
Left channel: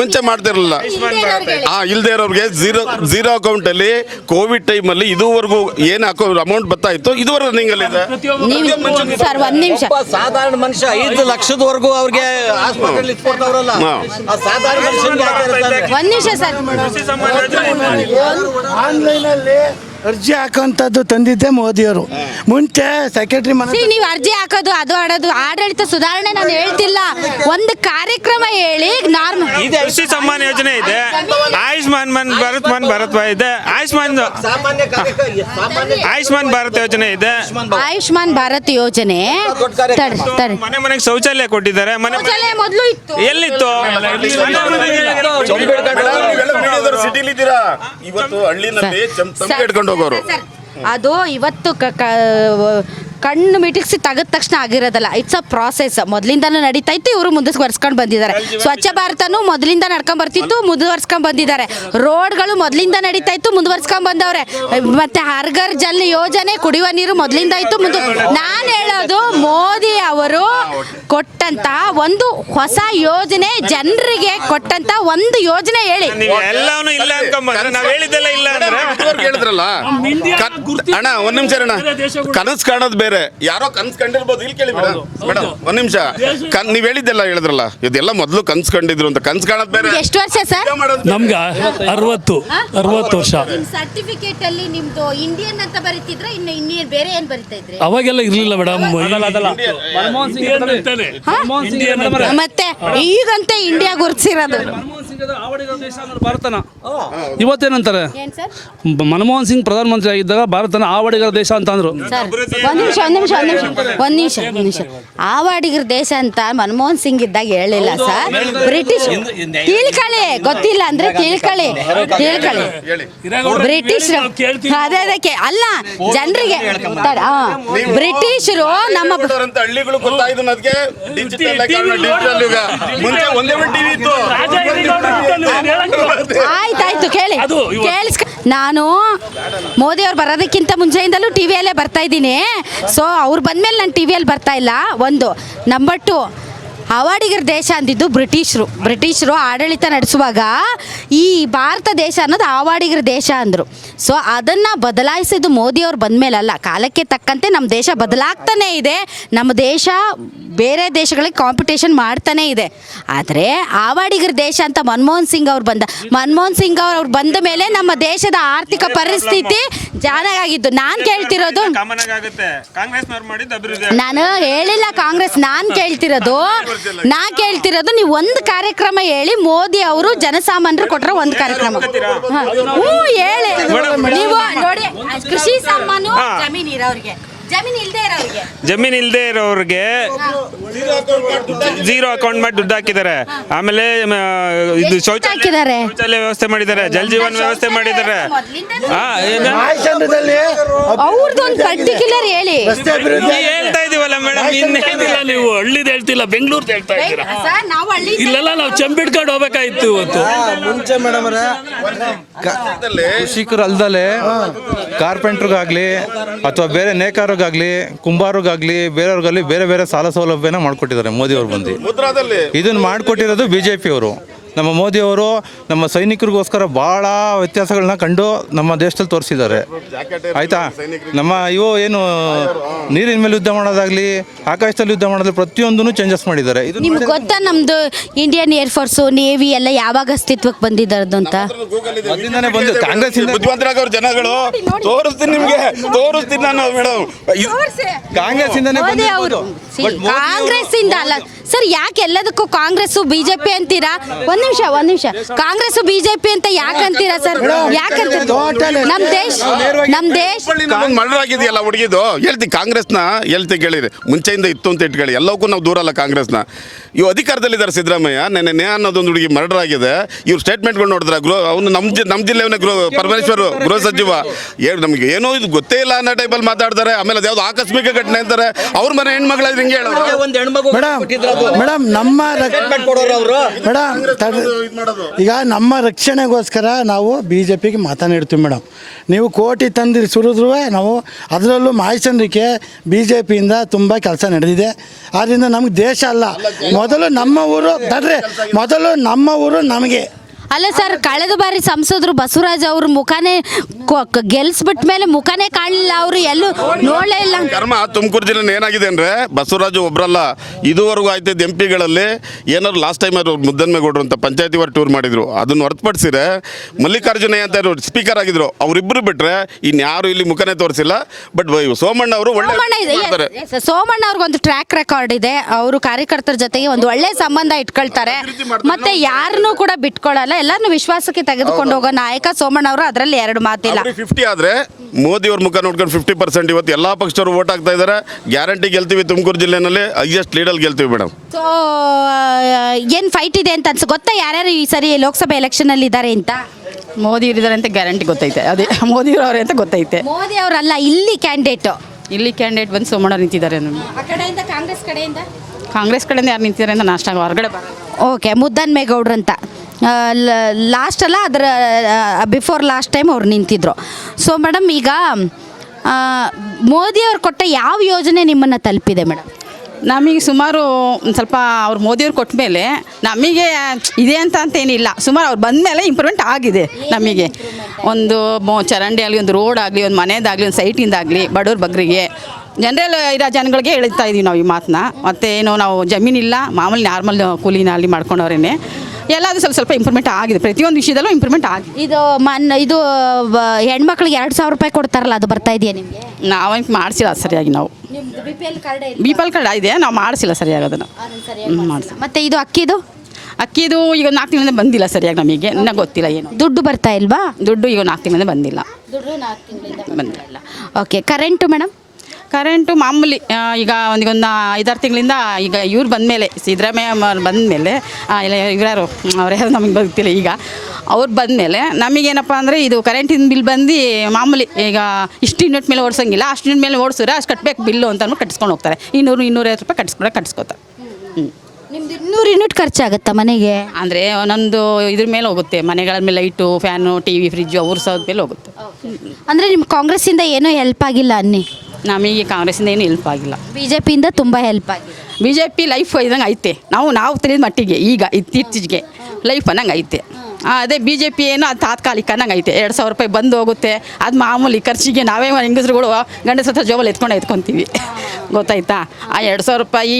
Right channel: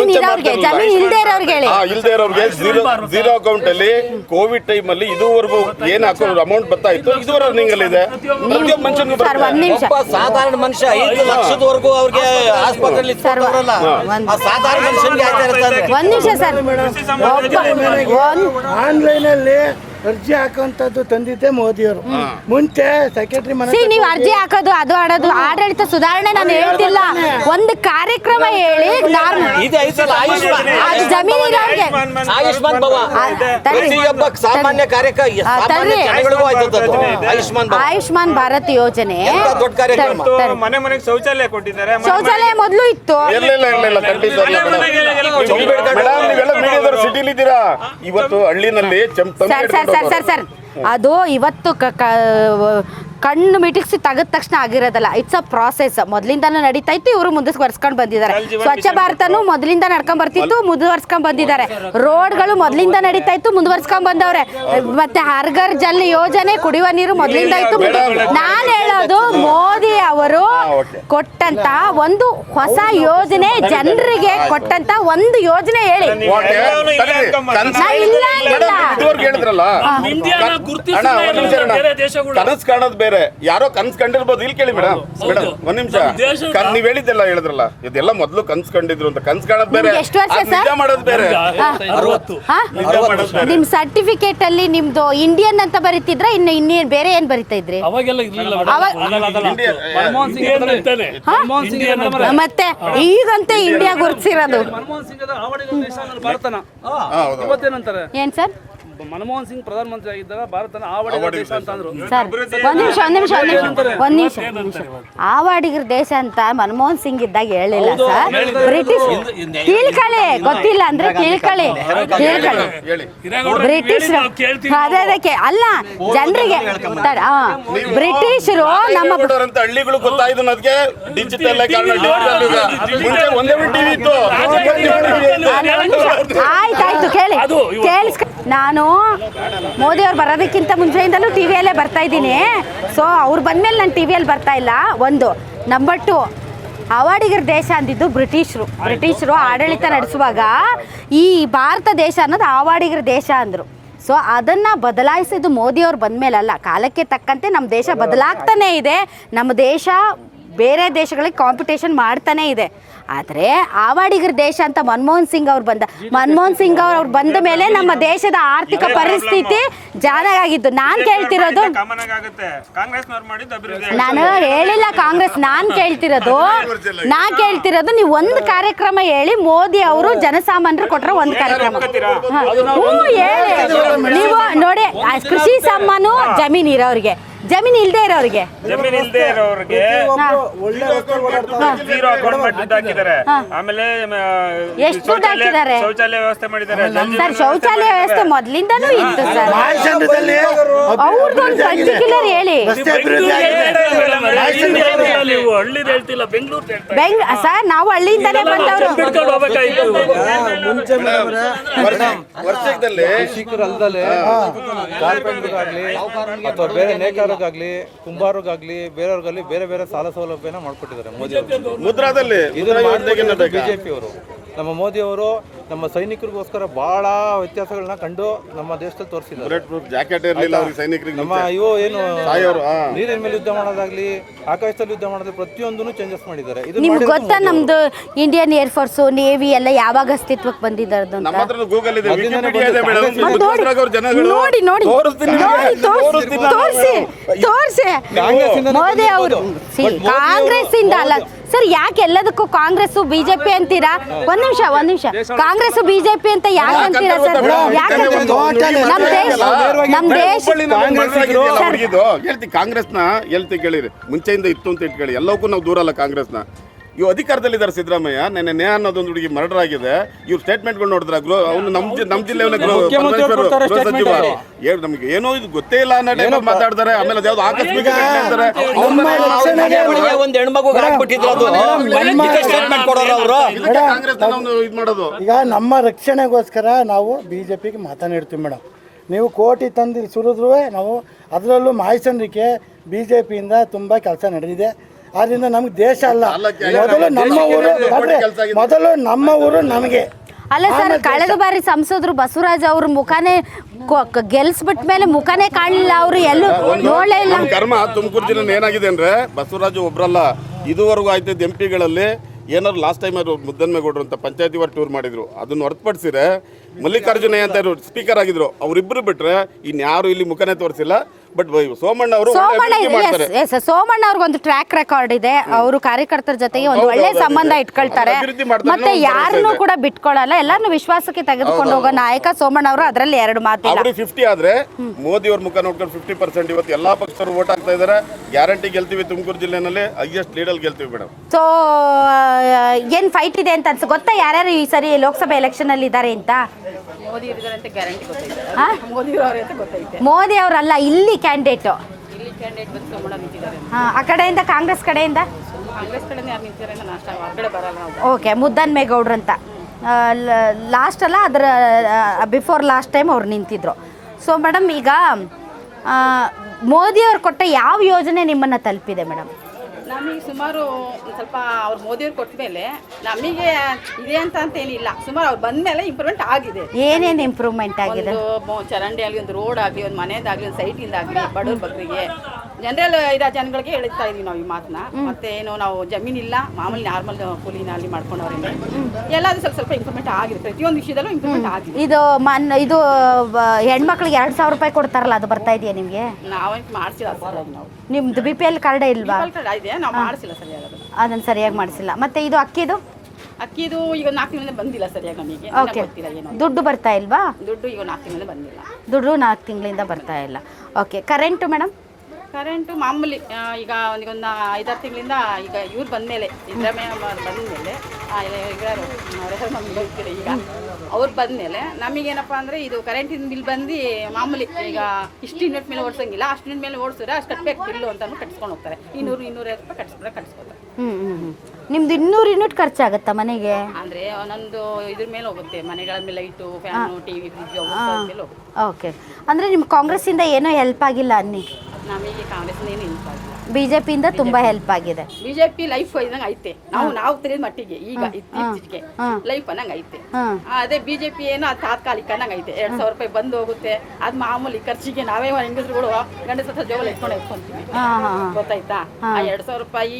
ಮುಂಚೆ ಮಾಡ್ತಾ ಇರಲಿಲ್ಲ. ಇಲ್ದೇ ಇರೋರಿಗೆ ಝೀರೋ ಅಕೌಂಟ್ ಅಲ್ಲಿ ಕೋವಿಡ್ ಟೈಮ್ ಅಲ್ಲಿ ಇದುವರೆಗೂ ಏನು ಅಮೌಂಟ್ ಬರ್ತಾ ಇತ್ತು, ಇದುವರೆಗೂ ರನ್ನಿಂಗ್ ಅಲ್ಲಿ ಇದೆ. ಸರ್, ಒಂದ್ ನಿಮಿಷ. ಸಾಧಾರಣ ಮನುಷ್ಯ 5 ಲಕ್ಷದವರೆಗೂ ಅವ್ರಿಗೆ ಆನ್ಲೈನ್ ಅಲ್ಲಿ ಅರ್ಜಿ ಹಾಕೋಂಥದ್ದು ತಂದಿದ್ದೆ ಮೋದಿಯವರು. ಮುಂಚೆ ಸೆಕ್ರೆಟರಿ ನೀವು ಅರ್ಜಿ ಹಾಕೋದು ಅದು ಆಡೋದು ಆಡಳಿತ ಸುಧಾರಣೆ ಹೇಳ್ತಿಲ್ಲ, ಒಂದು ಕಾರ್ಯಕ್ರಮ ಹೇಳಿ. ಆಯುಷ್ಮಾನ್ ಭಾರತ್ ಯೋಜನೆ ಮನೆ ಮನೆಗೆ ಶೌಚಾಲಯ ಕೊಟ್ಟಿದ್ದಾರೆ. ಶೌಚಾಲಯ ಮೊದಲು ಇತ್ತು. ಇವತ್ತು ಹಳ್ಳಿನಲ್ಲಿ ಇಟ್ಕೊಂಡು ಹೋಗೋರು. ಸರ್, ಅದು ಇವತ್ತು ಕಣ್ಣು ಮಿಟಿಕ್ಸಿ ತೆಗೆದ ತಕ್ಷಣ ಆಗಿರೋದಲ್ಲ, ಇಟ್ಸ್ ಅ ಪ್ರಾಸೆಸ್. ಮೊದಲಿಂದನೂ ನಡೀತಾ ಇತ್ತು, ಇವರು ಮುಂದುವರ್ಸ್ಕೊಂಡು ಬಂದಿದ್ದಾರೆ. ಸ್ವಚ್ಛ ಭಾರತನು ಮೊದಲಿಂದ ನಡ್ಕೊಂಡ್ ಬರ್ತಿತ್ತು, ಮುಂದುವರ್ಸ್ಕೊಂಡ್ ಬಂದಿದ್ದಾರೆ. ರೋಡ್ಗಳು ಮೊದಲಿಂದ ನಡೀತಾ ಇತ್ತು, ಮುಂದುವರ್ಸ್ಕೊಂಡ್ ಬಂದವ್ರೆ. ಮತ್ತೆ ಹರ್ ಘರ್ ಜಲ್ ಯೋಜನೆ, ಕುಡಿಯುವ ನೀರು ಮೊದಲಿಂದ ಇತ್ತು. ನಾನು ಹೇಳೋದು, ಮೋದಿ ಅವರು ಕೊಟ್ಟಂತ ಒಂದು ಹೊಸ ಯೋಜನೆ, ಜನರಿಗೆ ಕೊಟ್ಟಂತ ಒಂದು ಯೋಜನೆ ಹೇಳಿ. ಹೇಳಿದ್ರಲ್ಲ ಅಣ್ಣ, ಒಂದ್ ನಿಮಿಷ ಅಣ್ಣ, ಕನಸು ಕಾಣೋದು ಬೇರೆ, ಯಾರೋ ಕನಸು ಕಂಡಿರ್ಬೋದು. ಇಲ್ಲಿ ಕೇಳಿ ಮೇಡಮ್, ಒಂದ್ ನಿಮಿಷ. ನೀವ್ ಹೇಳಿದ್ದೆಲ್ಲ ಹೇಳಿದ್ರಲ್ಲ, ಇದೆಲ್ಲ ಮೊದಲು ಕನಸು ಕಂಡಿದ್ರು ಅಂತ. ಕನಸು ಕಾಣೋದು ಬೇರೆ. ಎಷ್ಟು ವರ್ಷ ಸರ್? 60 ವರ್ಷ. ನಿಮ್ ಸರ್ಟಿಫಿಕೇಟ್ ಅಲ್ಲಿ ನಿಮ್ದು ಇಂಡಿಯನ್ ಅಂತ ಬರೀತಿದ್ರ, ಇನ್ನು ಬೇರೆ ಏನ್ ಬರೀತಾ ಇದ್ರಿ? ಅವಾಗೆಲ್ಲ ಇರ್ಲಿಲ್ಲ ಮೇಡಮ್. ಮತ್ತೆ ಈಗಂತ ಇಂಡಿಯಾ ಗುರ್ತಿಸಿರೋದು. ಭಾರತನ ಇವತ್ತೇನಂತಾರೆ? ಏನ್ ಸರ್? ಮನಮೋಹನ್ ಸಿಂಗ್ ಪ್ರಧಾನ ಮಂತ್ರಿ ಆಗಿದ್ದಾಗ ಭಾರತನ ಆವಾಡಿಗರ ದೇಶ ಅಂತ ಅಂದ್ರು. ಒಂದ್ ನಿಮಿಷ. ಆವಾಡಿಗರ ದೇಶ ಅಂತ ಮನಮೋಹನ್ ಸಿಂಗ್ ಇದ್ದಾಗ ಹೇಳಿಲ್ಲ ಸರ್. ಬ್ರಿಟಿಷ್ ಕೇಳ್ಕೊಳ್ಳಿ, ಗೊತ್ತಿಲ್ಲ ಅಂದ್ರೆ ಕೇಳ್ಕೊಳ್ಳಿ. ಬ್ರಿಟಿಷ್ ಅದಕ್ಕೆ ಅಲ್ಲ, ಜನರಿಗೆ ಬ್ರಿಟಿಷರು ನಮ್ಮ ಹಳ್ಳಿಗಳು ಗೊತ್ತಾಯ್ತು ನನಗೆ. ಡಿಜಿಟಲ್ ಮುಂಚೆ ಒಂದೇ ಟಿವಿ ಇತ್ತು. ಆಯ್ತಾಯ್ತು ಕೇಳಿ ನಾನು ಮೋದಿ ಅವ್ರು ಬರೋದಕ್ಕಿಂತ ಮುಂಚೆಯಿಂದಲೂ ಟಿ ವಿಯಲ್ಲೇ ಬರ್ತಾ ಇದ್ದೀನಿ. ಸೊ ಅವ್ರು ಬಂದಮೇಲೆ ನಾನು ಟಿ ವಿಯಲ್ಲಿ ಬರ್ತಾ ಇಲ್ಲ. ಒಂದು ನಂಬರ್ 2, ಅವಾಡಿಗರ ದೇಶ ಅಂದಿದ್ದು ಬ್ರಿಟಿಷರು ಆಡಳಿತ ನಡೆಸುವಾಗ ಈ ಭಾರತ ದೇಶ ಅನ್ನೋದು ಆವಾಡಿಗರ ದೇಶ ಅಂದರು. ಸೊ ಅದನ್ನು ಬದಲಾಯಿಸಿದ್ದು ಮೋದಿಯವ್ರು ಬಂದಮೇಲಲ್ಲ, ಕಾಲಕ್ಕೆ ತಕ್ಕಂತೆ ನಮ್ಮ ದೇಶ ಬದಲಾಗ್ತಾನೇ ಇದೆ. ನಮ್ಮ ದೇಶ ಬೇರೆ ದೇಶಗಳಿಗೆ ಕಾಂಪಿಟೇಷನ್ ಮಾಡ್ತಾನೇ ಇದೆ. ಆದರೆ ಆವಾಡಿಗರ ದೇಶ ಅಂತ ಮನಮೋಹನ್ ಸಿಂಗ್ ಅವ್ರು ಬಂದ ಮೇಲೆ ನಮ್ಮ ದೇಶದ ಆರ್ಥಿಕ ಪರಿಸ್ಥಿತಿ ಚೆನ್ನಾಗಿತ್ತು. ನಾನು ಕೇಳ್ತಿರೋದು, ನಾನು ಹೇಳಿಲ್ಲ ಕಾಂಗ್ರೆಸ್, ನಾನು ಕೇಳ್ತಿರೋದು ನೀವು ಒಂದು ಕಾರ್ಯಕ್ರಮ ಹೇಳಿ. ಮೋದಿ ಅವರು ಜನಸಾಮಾನ್ಯರು ಕೊಟ್ಟರೆ ಒಂದು ಕಾರ್ಯಕ್ರಮ ಹೇಳಿ ನೋಡಿ. ಕೃಷಿ ಸಮ್ಮಾನು ಜಮೀನು ಇರೋರಿಗೆ, ಜಮೀನು ಇಲ್ಲದೆ ಇರೋರಿಗೆ ಜೀರೋ ಅಕೌಂಟ್ ಮಾಡಿ ದುಡ್ಡು ಹಾಕಿದ್ದಾರೆ. ಆಮೇಲೆ ಇದು ಶೌಚಾಲಯ ವ್ಯವಸ್ಥೆ ಮಾಡಿದ್ದಾರೆ, ಜಲ್ ಜೀವನ ವ್ಯವಸ್ಥೆ ಮಾಡಿದ್ದಾರೆ. ನೀವು ಹಳ್ಳಿದ್ ಹೇಳ್ತಿಲ್ಲ, ಬೆಂಗಳೂರು ಸರ್. ನಾವು ನಾವು ಚಂಬಿಡ್ಕೊಂಡು ಹೋಗ್ಬೇಕಾಯ್ತು ಇವತ್ತು. ಮುಂಚೆ ಮೇಡಮ್ ಕೃಷಿಕರು ಅಲ್ದಲೆ ಕಾರ್ಪೆಂಟ್ರಿಗಾಗ್ಲಿ ಅಥವಾ ಬೇರೆ ನೇಕಾರಿಗಾಗ್ಲಿ, ಕುಂಬಾರಿಗಾಗ್ಲಿ, ಬೇರೆಯವ್ರಿಗಾಗ್ಲಿ ಬೇರೆ ಬೇರೆ ಸಾಲ ಸೌಲಭ್ಯನ ಮಾಡ್ಕೊಟ್ಟಿದ್ದಾರೆ ಮೋದಿ ಅವರು ಬಂದು. ಇದನ್ನ ಮಾಡ್ಕೊಟ್ಟಿರೋದು BJP ಅವರು. ನಮ್ಮ ಮೋದಿಯವರು ನಮ್ಮ ಸೈನಿಕರಿಗೋಸ್ಕರ ಭಾಳ ವ್ಯತ್ಯಾಸಗಳನ್ನ ಕಂಡು ನಮ್ಮ ದೇಶದಲ್ಲಿ ತೋರಿಸಿದ್ದಾರೆ. ಆಯ್ತಾ, ನಮ್ಮ ಇವು ಏನು ನೀರಿನ ಮೇಲೆ ಯುದ್ಧ ಮಾಡೋದಾಗ್ಲಿ, ಆಕಾಶದಲ್ಲಿ ಯುದ್ಧ ಮಾಡೋದಾಗ್ಲಿ, ಪ್ರತಿಯೊಂದನ್ನು ಚೇಂಜಸ್ ಮಾಡಿದ್ದಾರೆ. ಗೊತ್ತಾ ನಮ್ದು ಇಂಡಿಯನ್ ಏರ್ ಫೋರ್ಸು, ನೇವಿ ಎಲ್ಲ ಯಾವಾಗ ಅಸ್ತಿತ್ವಕ್ಕೆ ಬಂದಿದ್ದಾರದು ಅಂತ? ಸರ್, ಯಾಕೆ ಎಲ್ಲದಕ್ಕೂ ಕಾಂಗ್ರೆಸ್ BJP ಅಂತೀರಾ? ಒಂದ್ ನಿಮಿಷ ಕಾಂಗ್ರೆಸ್ BJP ಅಂತ ಯಾಕೆ ಅಂತೀರಾ ಸರ್? ಯಾಕಂತ ನಮ್ ದೇಶ ಹುಡುಗಿದು ಹೇಳ್ತಿ ಕಾಂಗ್ರೆಸ್ನ ಹೇಳ್ತಿ ಕೇಳಿರಿ, ಮುಂಚೆಯಿಂದ ಇತ್ತು ಅಂತ ಇಟ್ಕೊಳ್ಳಿ. ಎಲ್ಲವಕ್ಕೂ ನಾವು ದೂರ ಅಲ್ಲ ಕಾಂಗ್ರೆಸ್ನ. ಇವು ಅಧಿಕಾರದಲ್ಲಿದ್ದಾರೆ ಸಿದ್ದರಾಮಯ್ಯ. ನೆನ್ನೆ ನೇ ಅನ್ನೋದೊಂದು ಹುಡುಗಿ ಮರ್ಡರ್ ಆಗಿದೆ. ಇವ್ರು ಸ್ಟೇಟ್ಮೆಂಟ್ಗಳು ನೋಡಿದ್ರೆ ಅವನು ನಮ್ಮ ಜಿಲ್ಲೆಯವನ್ನ ಪರಮೇಶ್ವರ್ ಗೃಹ ಸಚಿವ ನಮ್ಗೆ ಏನೋ ಇದು ಗೊತ್ತೇ ಇಲ್ಲ ಅನ್ನೋ ಟೈಪಲ್ಲಿ ಮಾತಾಡ್ತಾರೆ. ಆಮೇಲೆ ಅದ್ಯಾವ್ದು ಆಕಸ್ಮಿಕ ಘಟನೆ ಅಂತಾರೆ. ಅವ್ರ ಮನೆ ಹೆಣ್ಮಗಳ ಈಗ ನಮ್ಮ ರಕ್ಷಣೆಗೋಸ್ಕರ ನಾವು BJPಗೆ ಮಾತನಾಡ್ತೀವಿ ಮೇಡಮ್. ನೀವು ಕೋಟಿ ತಂದಿರಿ ಸುರಿದ್ರೂ ನಾವು ಅದರಲ್ಲೂ ಮಾಯಚಂದ್ರಿಕೆ BJPಯಿಂದ ತುಂಬ ಕೆಲಸ ನಡೆದಿದೆ. ಆದ್ದರಿಂದ ನಮ್ಗೆ ದೇಶ ಅಲ್ಲ, ಮೊದಲು ನಮ್ಮ ಊರು ನಮಗೆ. ಅಲ್ಲ ಸರ್, ಕಳೆದ ಬಾರಿ ಸಂಸದರು ಬಸವರಾಜ್ ಅವ್ರ ಮುಖಾನೇ ಗೆಲ್ಸ್ಬಿಟ್ಟ ಮೇಲೆ ಮುಖಾನೇ ಕಾಣಲಿಲ್ಲ. ಅವರು ಎಲ್ಲೂ ನೋಡಲೇ ಇಲ್ಲ. ಕರ್ಮ ತುಮಕೂರು ಜಿಲ್ಲೆ ಏನಾಗಿದೆ ಅಂದ್ರೆ ಬಸವರಾಜು ಒಬ್ರಲ್ಲ, ಇದುವರೆಗೂ ಆಯ್ತಿದ್ದ MP ಏನಾದ್ರು ಲಾಸ್ಟ್ ಟೈಮ್ ಅವರು ಮುದ್ದನ್ಮೇಗೌಡರು ಅಂತ ಪಂಚಾಯತಿ ವಾರ್ ಟೂರ್ ಮಾಡಿದ್ರು. ಅದನ್ನು ಹೊರತುಪಡಿಸಿದ್ರೆ ಮಲ್ಲಿಕಾರ್ಜುನ ಅಂತ ಸ್ಪೀಕರ್ ಆಗಿದ್ರು, ಅವರಿಬ್ಬರು ಬಿಟ್ರೆ ಇನ್ಯಾರು ಇಲ್ಲಿ ಮುಖನೇ ತೋರಿಸಿಲ್ಲ. ಬಟ್ ಸೋಮಣ್ಣ ಅವರು ಸೋಮಣ್ಣ ಅವ್ರಿಗೊಂದು ಟ್ರ್ಯಾಕ್ ರೆಕಾರ್ಡ್ ಇದೆ. ಅವರು ಕಾರ್ಯಕರ್ತರ ಜೊತೆಗೆ ಒಂದು ಒಳ್ಳೆ ಸಂಬಂಧ ಇಟ್ಕೊಳ್ತಾರೆ, ಮತ್ತೆ ಯಾರನ್ನೂ ಕೂಡ ಬಿಟ್ಕೊಳಲ್ಲ. ಎಲ್ಲಾನು ವಿಶ್ವಾಸಕ್ಕೆ ತೆಗೆದುಕೊಂಡು ಹೋಗೋ ನಾಯಕ ಸೋಮಣ್ಣ ಅವರು. ಅದರಲ್ಲಿ ಎರಡು ಮಾತಿಲ್ಲ. 50 ಆದ್ರೆ ಮೋದಿ ಅವ್ರ ಮುಖ ನೋಡ್ಕೊಂಡು 50% ಇವತ್ತು ಎಲ್ಲಾ ಪಕ್ಷದವರು ವೋಟ್ ಹಾಕ್ತಾ ಇದ್ದಾರೆ. ಗ್ಯಾರಂಟಿ ಗೆಲ್ತೀವಿ, ತುಮಕೂರು ಜಿಲ್ಲೆನಲ್ಲಿ ಹೈಯೆಸ್ಟ್ ಲೀಡಲ್ಲಿ ಗೆಲ್ತೀವಿ ಮೇಡಮ್. ಸೊ ಏನ್ ಫೈಟ್ ಇದೆ ಅಂತ ಗೊತ್ತಾ? ಯಾರ್ಯಾರು ಈ ಸರಿ ಲೋಕಸಭೆ ಎಲೆಕ್ಷನ್ ಅಲ್ಲಿ ಇದ್ದಾರೆ ಅಂತ? ಮೋದಿ ಇದ್ದಾರೆ ಅಂತ ಗ್ಯಾರಂಟಿ ಗೊತ್ತೈತೆ. ಅದೇ ಮೋದಿ ಅವರೇ ಅಂತ ಗೊತ್ತೈತೆ. ಮೋದಿ ಅವರಲ್ಲ, ಇಲ್ಲಿ ಕ್ಯಾಂಡಿಡೇಟ್ ಬಂದು ಸೋಮಣ್ಣ ನಿಂತಿದ್ದಾರೆ. ಆ ಕಡೆಯಿಂದ ಕಾಂಗ್ರೆಸ್ ಕಡೆಯಿಂದ ಯಾರು ನಿಂತಿದ್ದಾರೆ ಅಂತ ನಾಷ್ಟ ಹೊರಗಡೆ ಓಕೆ, ಮುದ್ದನ್ಮೇಗೌಡ್ರು ಅಂತ ಲಾಸ್ಟ್ ಅಲ್ಲ, ಅದರ ಬಿಫೋರ್ ಲಾಸ್ಟ್ ಟೈಮ್ ಅವ್ರು ನಿಂತಿದ್ರು. ಸೊ ಮೇಡಮ್, ಈಗ ಮೋದಿ ಅವ್ರು ಕೊಟ್ಟ ಯಾವ ಯೋಜನೆ ನಿಮ್ಮನ್ನು ತಲುಪಿದೆ ಮೇಡಮ್? ನಮಗೆ ಸುಮಾರು ಒಂದು ಸ್ವಲ್ಪ ಅವ್ರು ಮೋದಿಯವ್ರು ಕೊಟ್ಟ ಮೇಲೆ ನಮಗೆ ಇದೆ ಅಂತ ಏನಿಲ್ಲ. ಸುಮಾರು ಅವ್ರು ಬಂದ ಮೇಲೆ ಇಂಪ್ರೂವ್ಮೆಂಟ್ ಆಗಿದೆ ನಮಗೆ. ಒಂದು ಚರಂಡಿ ಆಗಲಿ, ಒಂದು ರೋಡ್ ಆಗಲಿ, ಒಂದು ಮನೆಯದಾಗಲಿ, ಒಂದು ಸೈಟಿಂದಾಗಲಿ, ಬಡವ್ರ ಬಗ್ಗರಿಗೆ ಜನರಲ್ ಇರೋ ಜನಗಳಿಗೆ ಹೇಳ್ತಾ ಇದೀವಿ ನಾವು ಈ ಮಾತನ್ನ. ಮತ್ತು ಏನು ನಾವು ಜಮೀನಿಲ್ಲ, ಮಾಮೂಲಿ ನಾರ್ಮಲ್ ಕೂಲಿನ ಅಲ್ಲಿ ಮಾಡ್ಕೊಂಡವ್ರೇನೆ ಎಲ್ಲಾದರೂ ಸ್ವಲ್ಪ ಇಂಪ್ರೂವ್ಮೆಂಟ್ ಆಗಿದೆ. ಪ್ರತಿಯೊಂದು ವಿಷಯದಲ್ಲೂ ಇಂಪ್ರೂವ್ಮೆಂಟ್ ಆಗಿದೆ. ಇದು ಹೆಣ್ಮಕ್ಳಿಗೆ 2,000 ರೂಪಾಯಿ ಕೊಡ್ತಾರಲ್ಲ, ಅದು ಬರ್ತಾ ಇದೆಯಾ ನಿಮಗೆ? ನಾವಂತ ಮಾಡಿಸಿಲ್ಲ ಸರಿಯಾಗಿ. ನಾವು ನಿಮ್ದು BPL ಕಾರ್ಡ್ ಇದೆ, ನಾವು ಮಾಡಿಸಿಲ್ಲ ಸರಿಯಾಗಿ ಅದನ್ನು ಸರಿಯಾಗಿ ಮಾಡಿಸಿಲ್ಲ. ಮತ್ತೆ ಇದು ಅಕ್ಕಿದು ಈಗ 4 ತಿಂಗಳಿಂದ ಬಂದಿಲ್ಲ ಸರಿಯಾಗಿ. ನಮಗೆ ಇನ್ನೂ ಗೊತ್ತಿಲ್ಲ ಏನು ದುಡ್ಡು ಬರ್ತಾ ಇಲ್ವಾ? ದುಡ್ಡು ಈಗ 4 ತಿಂಗಳಿಂದ ಬಂದಿಲ್ಲ. 4 ತಿಂಗಳಿಂದ ಬರ್ತಾ ಇಲ್ಲ. Okay, current madam? ಕರೆಂಟು ಮಾಮೂಲಿ ಈಗ ಒಂದು 5-6 ತಿಂಗಳಿಂದ ಈಗ ಇವ್ರು ಬಂದಮೇಲೆ, ಸಿದ್ದರಾಮಯ್ಯ ಬಂದಮೇಲೆ, ಇಲ್ಲ ಇವ್ಯಾರು ಅವ್ರು ಯಾರು ನಮಗೆ ಗೊತ್ತಿಲ್ಲ. ಈಗ ಅವ್ರು ಬಂದಮೇಲೆ ನಮಗೇನಪ್ಪ ಅಂದರೆ ಇದು ಕರೆಂಟಿನ ಬಿಲ್ ಬಂದು ಮಾಮೂಲಿ ಈಗ ಇಷ್ಟು ಯೂನಿಟ್ ಮೇಲೆ ಓಡಿಸೋಂಗಿಲ್ಲ, ಅಷ್ಟು ಯೂನಿಟ್ ಮೇಲೆ ಓಡಿಸಿದ್ರೆ ಅಷ್ಟು ಕಟ್ಟಬೇಕು ಬಿಲ್ಲು ಅಂತ ಕಟ್ಟಿಸ್ಕೊಂಡು ಹೋಗ್ತಾರೆ. 200-250 ರೂಪಾಯಿ ಕಟ್ಟಿಸ್ಕೋತಾರೆ. ನಿಮ್ದು 200 ಯೂನಿಟ್ ಖರ್ಚಾಗತ್ತಾ ಮನೆಗೆ? ಅಂದರೆ ಒಂದೊಂದು ಇದ್ರ ಮೇಲೆ ಹೋಗುತ್ತೆ, ಮನೆಗಳ ಮೇಲೆ ಲೈಟು, ಫ್ಯಾನು, ಟಿವಿ, ಫ್ರಿಜ್ಜು ಅವ್ರ ಸಹ ಮೇಲೆ ಹೋಗುತ್ತೆ. ಓಕೆ. ಅಂದರೆ ನಿಮ್ಮ ಕಾಂಗ್ರೆಸ್ಸಿಂದ ಏನೋ ಹೆಲ್ಪ್ ಆಗಿಲ್ಲ ಅನ್ನಿ? ನಮಗೆ ಕಾಂಗ್ರೆಸ್ಸಿಂದ ಏನು ಹೆಲ್ಪ್ ಆಗಿಲ್ಲ. ಬಿಜೆಪಿಯಿಂದ ತುಂಬ ಹೆಲ್ಪ್ ಆಗಿದೆ. BJP ಲೈಫ್ ಇದಂಗೆ ಐತೆ, ನಾವು ತಿಳಿದ ಮಟ್ಟಿಗೆ ಈಗ ಇತ್ತೀಚೆಗೆ ಲೈಫ್ ಅನ್ನಂಗೆ ಐತೆ. ಅದೇ BJP ಏನು ಅದು ತಾತ್ಕಾಲಿಕ ಅನ್ನಂಗೆ ಐತೆ. 2,000 ರೂಪಾಯಿ ಬಂದು ಹೋಗುತ್ತೆ, ಅದು ಮಾಮೂಲಿ ಖರ್ಚಿಗೆ ನಾವೇ ಹೆಂಗಸ್ರುಗಳು ಗಂಡಸ ಹತ್ರ ಜೋಬಲ್ಲಿ ಎತ್ಕೊಂತೀವಿ. ಗೊತ್ತಾಯ್ತಾ? ಆ 2,000 ರೂಪಾಯಿ